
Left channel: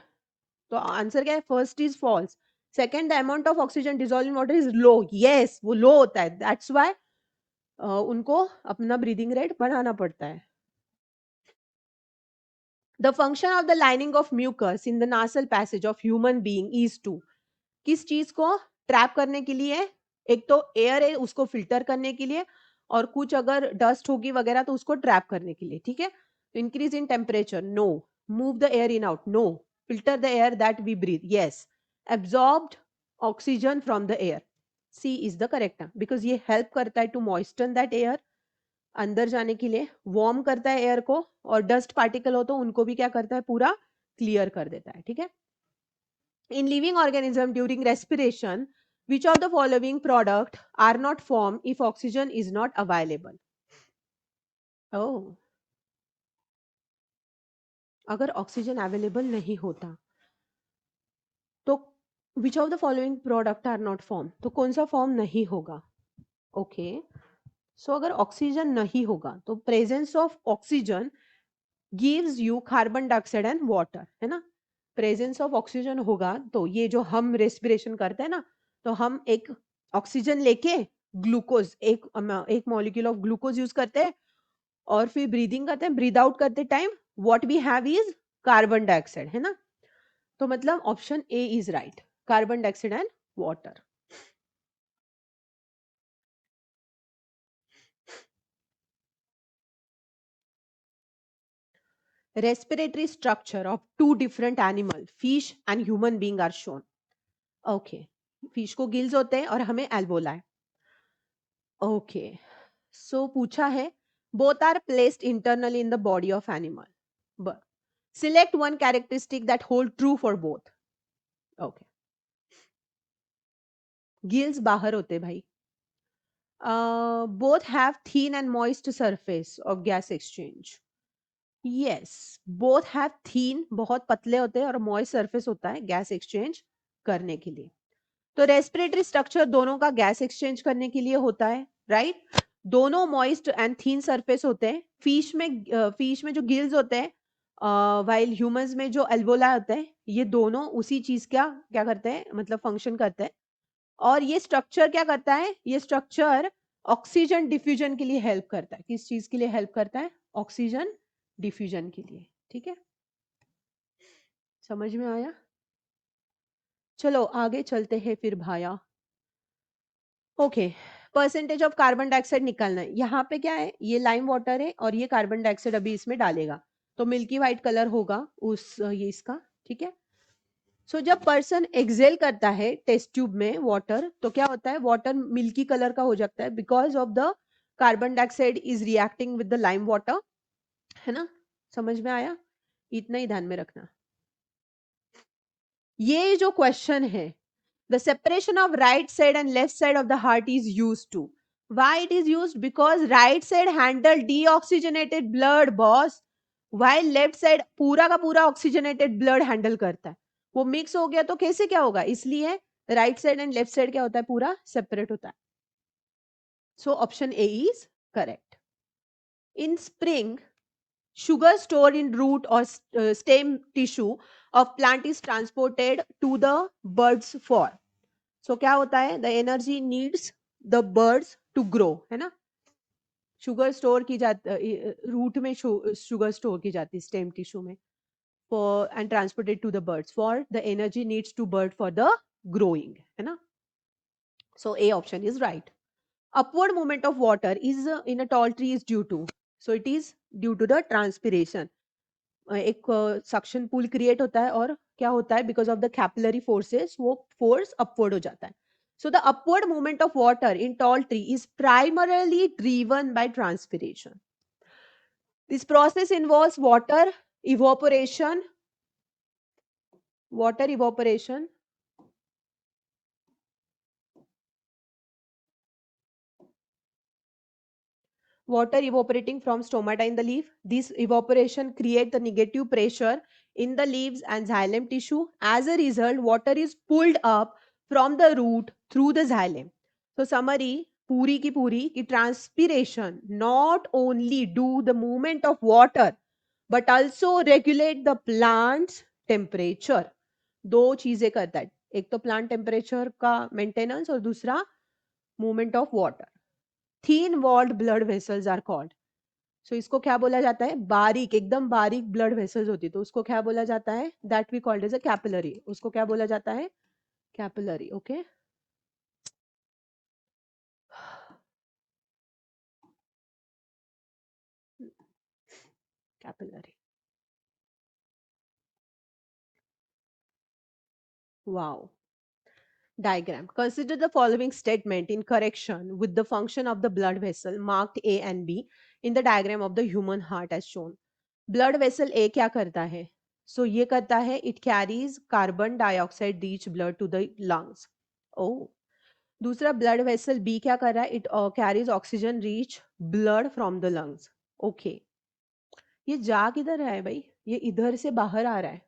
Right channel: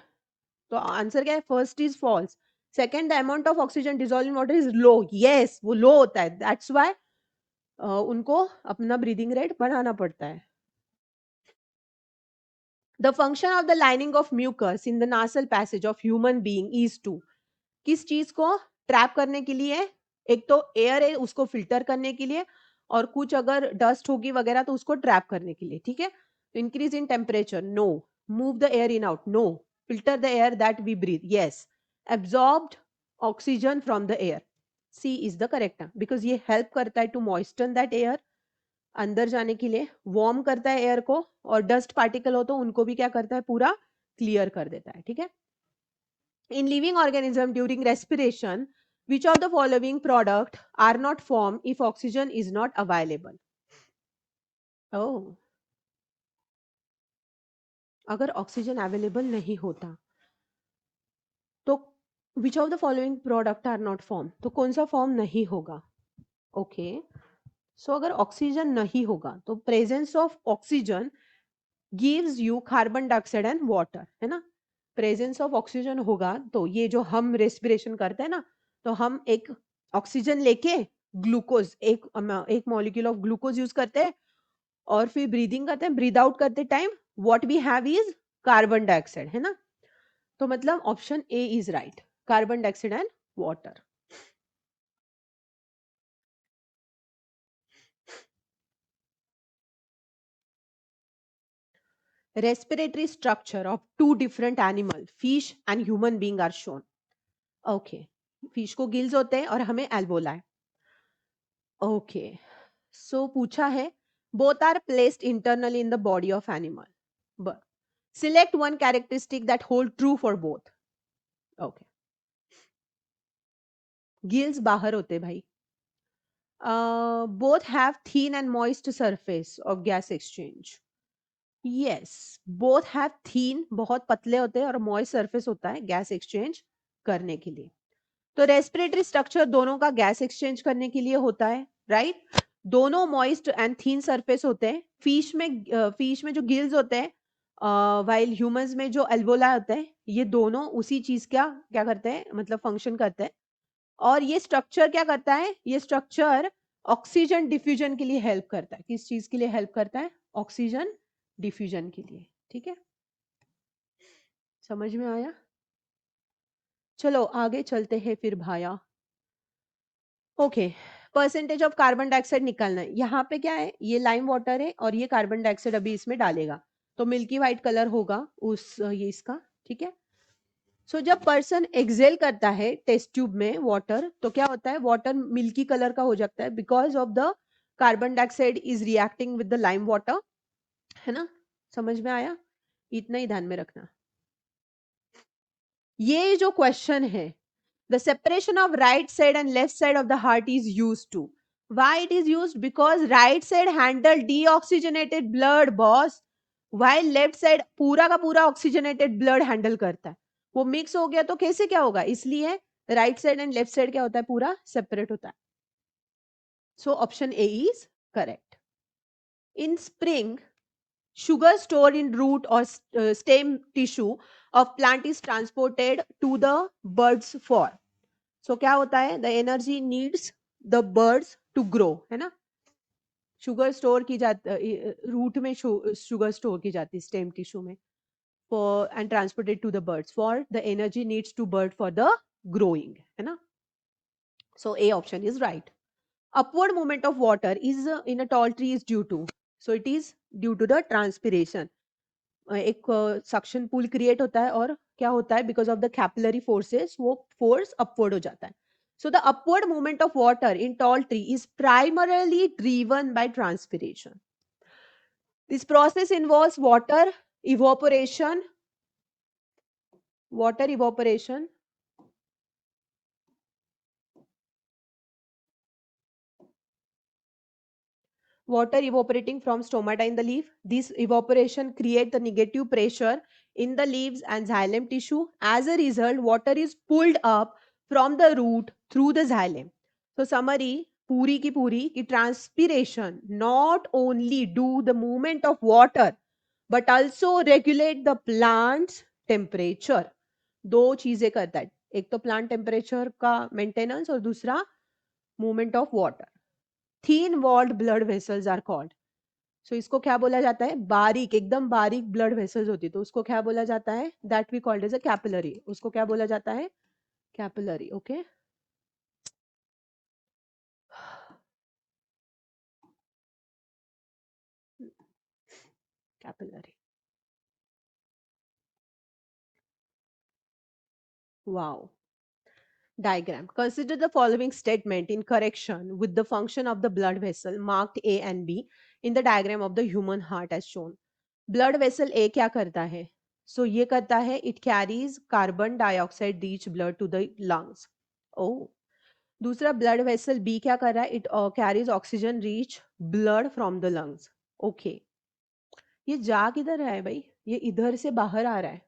तो आंसर क्या है? First is false. Second, the amount of oxygen dissolve in water is low. Yes, वो लो होता है, दैट्स वाई उनको अपना ब्रीदिंग रेट बढ़ाना पड़ता है. The function of the lining of mucus in the nasal passage of human being is to. किस चीज को ट्रैप करने के लिए? एक तो एयर है उसको फिल्टर करने के लिए, और कुछ अगर डस्ट होगी वगैरह तो उसको ट्रैप करने के लिए, ठीक है. Increase in temperature, no. Move the air in out, no. Filter the air that we breathe, yes. Absorbed oxygen from the air, C is the correct, because ये हेल्प करता है टू मॉइस्टन दैट एयर, अंदर जाने के लिए warm करता है air को, और डस्ट पार्टिकल हो तो उनको भी क्या करता है? पूरा क्लियर कर देता है, ठीक है. In living organism during respiration, which of the following product are not formed if oxygen is not available? Oh, अगर ऑक्सीजन अवेलेबल नहीं होता तो which of the following product are not formed? तो कौन सा फॉर्म नहीं होगा? ओके, सो अगर ऑक्सीजन नहीं होगा तो presence of oxygen gives you carbon dioxide and water, है ना. प्रेजेंस ऑफ ऑक्सीजन होगा तो ये जो हम रेस्पिरेशन करते हैं ना, तो हम एक ऑक्सीजन लेके ग्लूकोज, एक मॉलिक्यूल ऑफ ग्लूकोज यूज करते हैं और फिर ब्रीदिंग करते हैं. ब्रीद आउट करते time what we have is carbon dioxide, है ना. तो मतलब option A is right, carbon dioxide and water. Respiratory structure of two different animal, fish and human being are shown. Okay, fish को gills होते हैं और हमें एल्वोला है. ओके, सो पूछा है both are placed internally in the body of animal, but select one characteristic that hold true for both. Okay, gills बाहर होते हैं भाई. Both have thin and moist surface of gas exchange. Yes, both have thin, बहुत पतले होते हैं, और moist surface होता है गैस एक्सचेंज करने के लिए. तो रेस्पिरेटरी स्ट्रक्चर दोनों का गैस एक्सचेंज करने के लिए होता है, राइट. दोनों मॉइस्ट एंड थीन सरफेस होते हैं. फिश में जो गिल्स होते हैं, वाइल ह्यूमंस में जो एल्वोला होता है, ये दोनों उसी चीज का क्या करते हैं, मतलब फंक्शन करते हैं. और ये स्ट्रक्चर क्या करता है? ये स्ट्रक्चर ऑक्सीजन डिफ्यूजन के लिए हेल्प करता है. किस चीज के लिए हेल्प करता है? ऑक्सीजन डिफ्यूजन के लिए, ठीक है. समझ में आया? चलो आगे चलते हैं फिर भाया. Okay, percentage of carbon dioxide निकालना है. यहाँ पे क्या है? ये लाइम वाटर है और ये कार्बन डाइऑक्साइड अभी इसमें डालेगा, तो मिल्की व्हाइट कलर होगा उस ये इसका, ठीक है। सो जब पर्सन एक्सेल करता है टेस्ट ट्यूब में वाटर, तो क्या होता है, वाटर मिल्की कलर का हो जाता है because of the carbon dioxide is reacting with the lime water, है ना। समझ में आया, इतना ही ध्यान में रखना। ये जो क्वेश्चन है, the separation of right side and left side of the heart is used to. Why it is used? Because right side handle deoxygenated blood boss, while left side पूरा का पूरा oxygenated blood handle करता है। वो mix हो गया तो कैसे क्या होगा, इसलिए right side and left side क्या होता है, पूरा सेपरेट होता है। So option A is correct. In spring, sugar stored in root or stem tissue of plant is transported to the buds for. So क्या होता है, the energy needs the birds to grow, है ना। Sugar store की जाती, root में sugar store की जाती है स्टेम टिश्यू में, for and transported to the birds for the energy needs to bird for the growing, है ना। So A option is right. upward movement of water is in a tall tree is due to, so it is due to the transpiration. एक suction pool create होता है और क्या होता है, because of the capillary forces वो force upward हो जाता है। So the upward movement of water in tall tree is primarily driven by transpiration. This process involves water evaporation water evaporating from stomata in the leaf. This evaporation creates the negative pressure in the leaves and xylem tissue. As a result, water is pulled up from the root through the xylem. So summary पूरी की पूरी कि transpiration not only do the movement of water but also regulate the plant's temperature. दो चीजें करता है, एक तो प्लांट टेम्परेचर का मेंटेनेंस और दूसरा movement of water. Thin walled blood vessels are called. So इसको क्या बोला जाता है, बारीक, एकदम बारीक ब्लड वेसल्स होती है तो उसको क्या बोला जाता है, that we called as a capillary. उसको क्या बोला जाता है, capillary. Okay, wow. Diagram. Consider the following statement in correction with the function of the blood vessel marked A and B in the diagram of the human heart as shown. Blood vessel A क्या करता है, so ये करता है, it carries carbon dioxide rich blood to the lungs. Oh, दूसरा blood vessel B क्या कर रहा है, it carries oxygen rich blood from the lungs. Okay, ये जा किधर रहा है भाई, ये इधर से बाहर आ रहा है,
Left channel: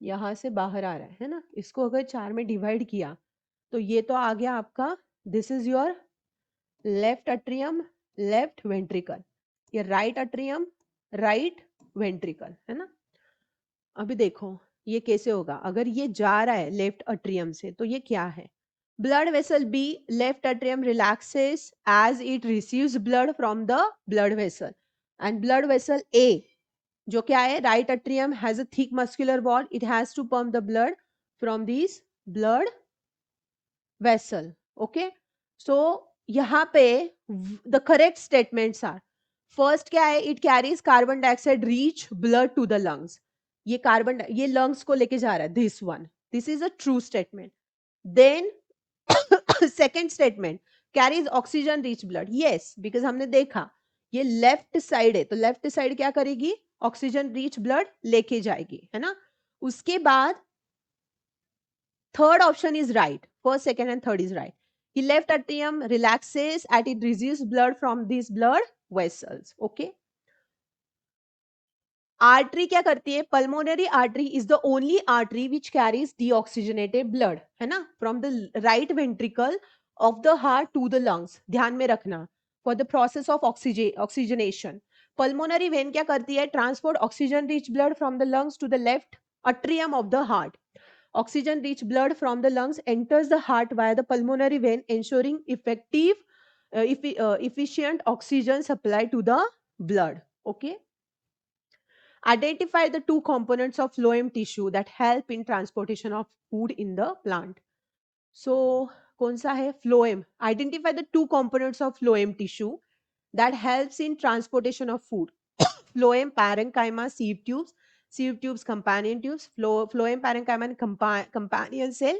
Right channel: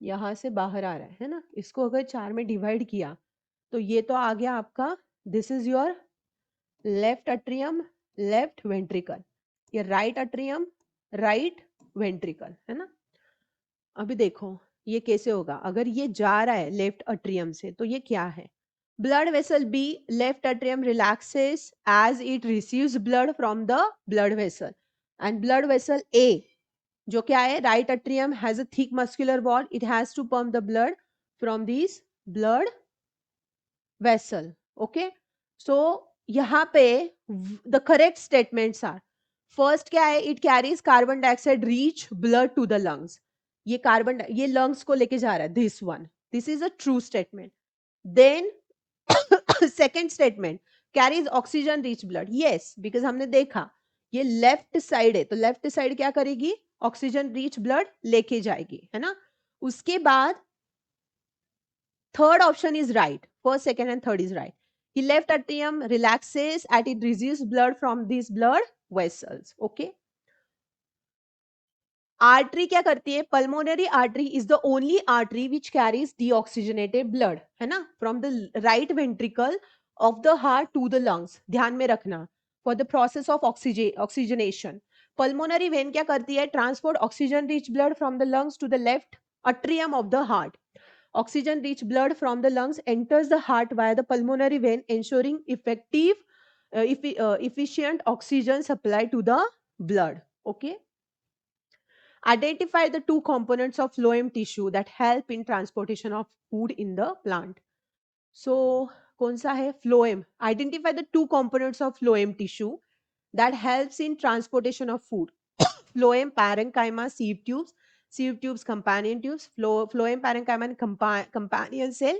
यहां से बाहर आ रहा है ना। इसको अगर चार में डिवाइड किया तो ये तो आ गया आपका, this is your left atrium, left ventricle, ये राइट अट्रियम, राइट वेंट्रिकल, है ना। अभी देखो ये कैसे होगा, अगर ये जा रहा है लेफ्ट अट्रियम से तो ये क्या है, blood vessel B left atrium relaxes as it receives blood from the blood vessel, and blood vessel A जो क्या है, right atrium has a thick muscular wall, it has to pump the blood from these blood vessel. Okay, so यहाँ पे the correct statements are, first क्या है, it carries carbon dioxide rich blood to the lungs, ये carbon, ये lungs को लेके जा रहा है, this one, this is a true statement. Then second statement, carries oxygen rich blood, yes, because हमने देखा ये लेफ्ट साइड है तो लेफ्ट साइड क्या करेगी, ऑक्सीजन रिच ब्लड लेके जाएगी, है ना। उसके बाद third option is right, first second and third is right. The left atrium relaxes as it receives blood from these blood vessels. Okay. Artery क्या करती है, pulmonary artery is the only artery which carries deoxygenated blood, है ना, from the right ventricle of the heart to the lungs. ध्यान में रखना, for the process of oxygenation pulmonary vein क्या करती है, transport oxygen rich blood from the lungs to the left atrium of the heart. Oxygen rich blood from the lungs enters the heart via the pulmonary vein, ensuring effective efficient oxygen supply to the blood. Okay. Identify the two components of phloem tissue that help in transportation of food in the plant. So, कौन सा है phloem? Identify the two components of phloem tissue that helps in transportation of food. phloem parenchyma sieve tubes companion tubes, phloem parenchyma companion cell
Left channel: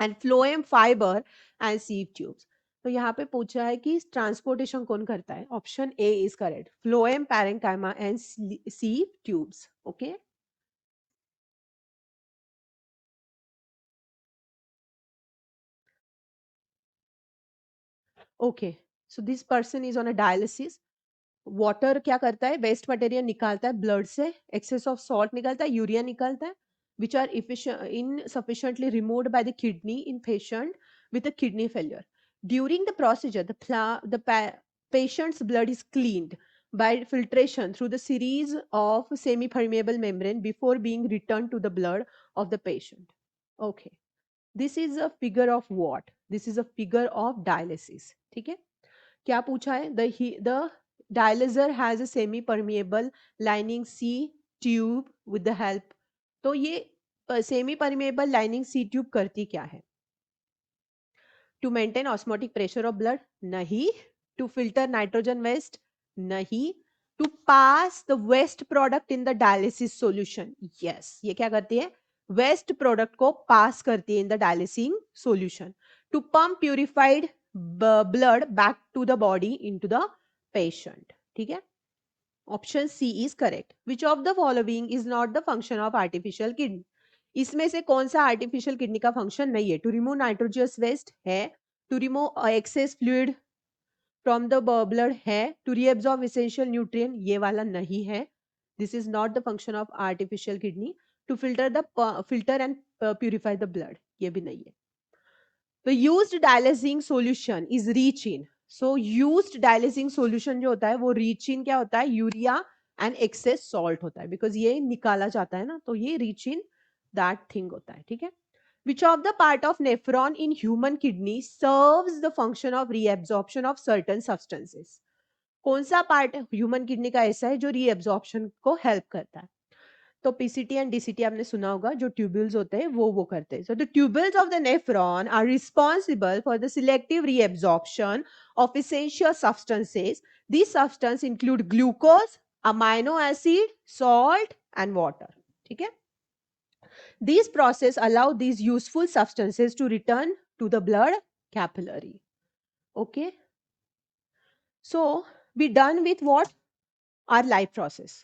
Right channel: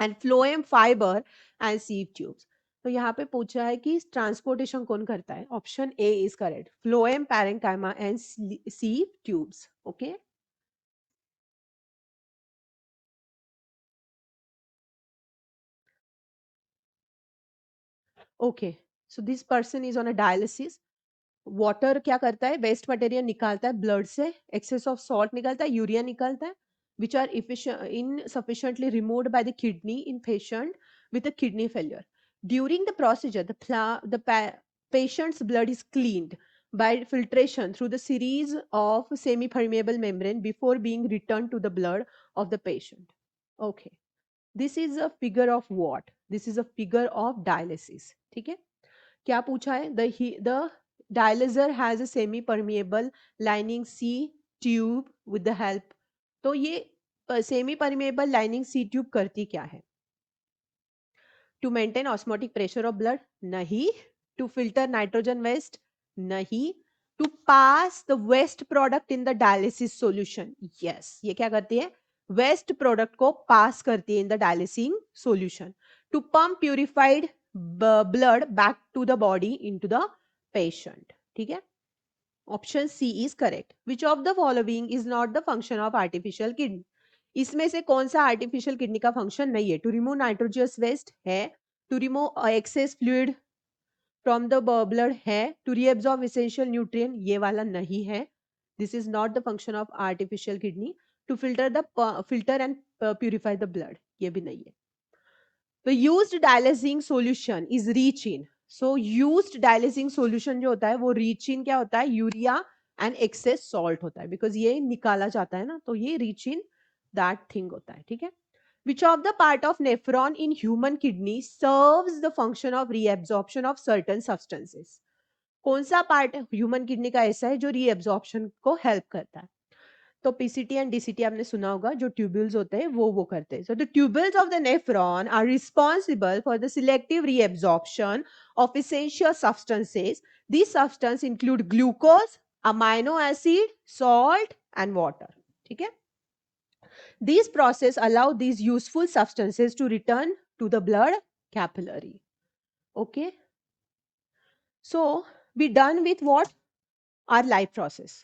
and phloem fiber and sieve tubes. तो यहाँ पे पूछा है कि transportation कौन करता है. Option A is correct, phloem parenchyma and sieve tubes. Okay. Okay, so this person is on a dialysis. Water क्या करता है, वेस्ट मटेरियल निकालता है ब्लड से, एक्सेस ऑफ सॉल्ट निकालता है, यूरिया निकालता है, which are insufficiently removed by the kidney in patient with a kidney failure. During the procedure, patient's blood is cleaned by filtration through the series of semi-permeable membrane before being returned to the blood of the patient. Okay, this is a figure of what? This is a figure of dialysis. ठीक है, क्या पूछा है, the dialyzer has a semi permeable lining C tube with the help. तो ये semi permeable lining सी tube करती क्या है? To maintain osmotic pressure of blood? नहीं. To filter nitrogen waste? नहीं. To pass the waste product in the dialysis solution? Yes. ये क्या करती है? वेस्ट प्रोडक्ट को पास करती है in the dialysing solution. To pump purified blood back to the body into the patient. ठीक है, option C is correct. Which of the following is not the function of artificial kidney? इसमें से कौन सा artificial kidney का function नहीं है? To remove nitrogenous waste है, to remove excess fluid from the blood है, टू रीअब्सॉर्ब एसेंशियल न्यूट्रिएंट, ये वाला नहीं है. This is not the function of artificial kidney. To filter and purify the blood, ये भी नहीं है. The used dialysing solution is rich in. So used dialysing solution जो होता है वो rich in क्या होता है? यूरिया and excess salt होता है, because ये निकाला जाता है ना, तो ये rich in that thing होता है. ठीक है. Which of the part of nephron in human kidney serves the function of reabsorption of certain substances? कौन सा पार्ट ह्यूमन किडनी का ऐसा है जो रीअब्जॉर्प्शन को हेल्प करता है? तो पीसीटी एंड डीसीटी आपने सुना होगा, जो ट्यूब्यूल्स होते हैं वो करते हैं. So the tubules of the nephron are responsible for the selective reabsorption of essential substances. This substance include glucose, amino acid, salt and water. ठीक है, these process allow these useful substances to return to the blood capillary. Okay, so we done with what? Our life process.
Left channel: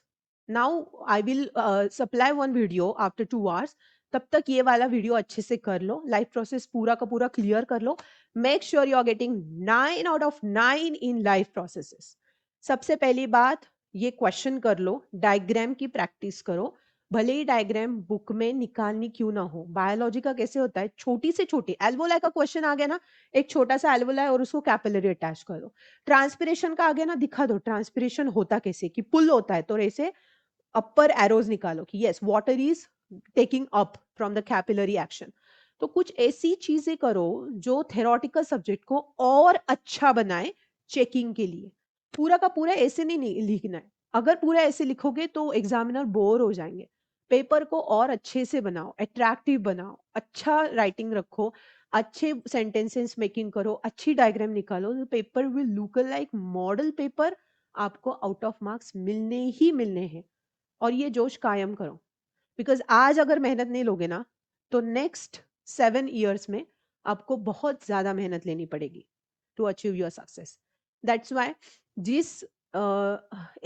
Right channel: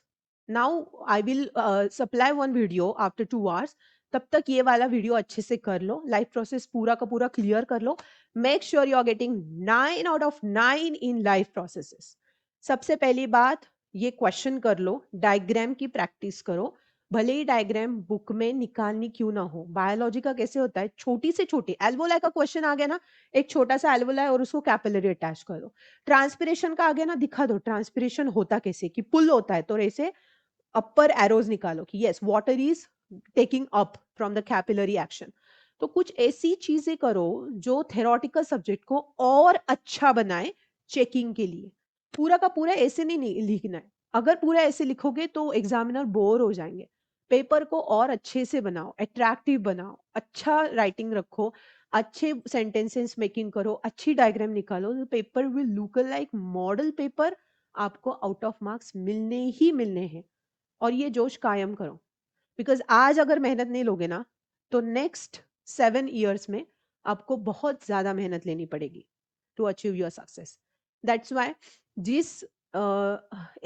Now I will supply one video after 2 hours. तब तक ये वाला video अच्छे से कर लो, life process पूरा का पूरा क्लियर कर लो. Make sure you are getting 9 out of 9 in life processes. सबसे पहली बात, ये क्वेश्चन कर लो, डायग्राम की प्रैक्टिस करो. भले ही डायग्राम बुक में निकालनी क्यों ना हो. बायोलॉजी का कैसे होता है, छोटी से छोटी एल्वोलाई का क्वेश्चन आ गया ना, एक छोटा सा एल्वोलाई और उसको कैपिलरी अटैच कर दो. ट्रांसपिरेशन का आ गया ना, दिखा दो ट्रांसपिरेशन होता कैसे, कि पुल होता है तो ऐसे अपर एरोज निकालो कि yes water is taking up from the capillary action. तो कुछ ऐसी चीजें करो जो थेरोटिकल सब्जेक्ट को और अच्छा बनाए चेकिंग के लिए. पूरा का पूरा ऐसे नहीं लिखना है. अगर पूरा ऐसे लिखोगे तो एग्जामिनर बोर हो जाएंगे. पेपर को और अच्छे से बनाओ, अट्रैक्टिव बनाओ, अच्छा राइटिंग रखो, अच्छे सेंटेंसेस मेकिंग करो, अच्छी डायग्राम निकालो. Paper will look like model paper. आपको आउट ऑफ मार्क्स मिलने ही मिलने हैं. और ये जोश कायम करो, बिकॉज आज अगर मेहनत नहीं लोगे ना, तो नेक्स्ट 7 years में आपको बहुत ज्यादा मेहनत लेनी पड़ेगी to achieve your success. That's why जिस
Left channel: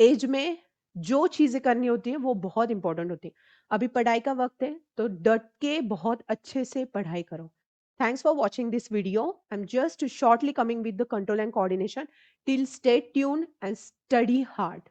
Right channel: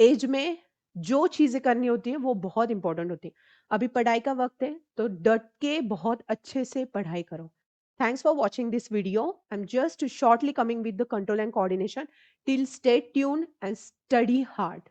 एज में जो चीजें करनी होती है वो बहुत इंपॉर्टेंट होती है. अभी पढ़ाई का वक्त है, तो डट के बहुत अच्छे से पढ़ाई करो. Thanks for watching this video. I'm just shortly coming with the control and coordination. Till stay tuned and study hard.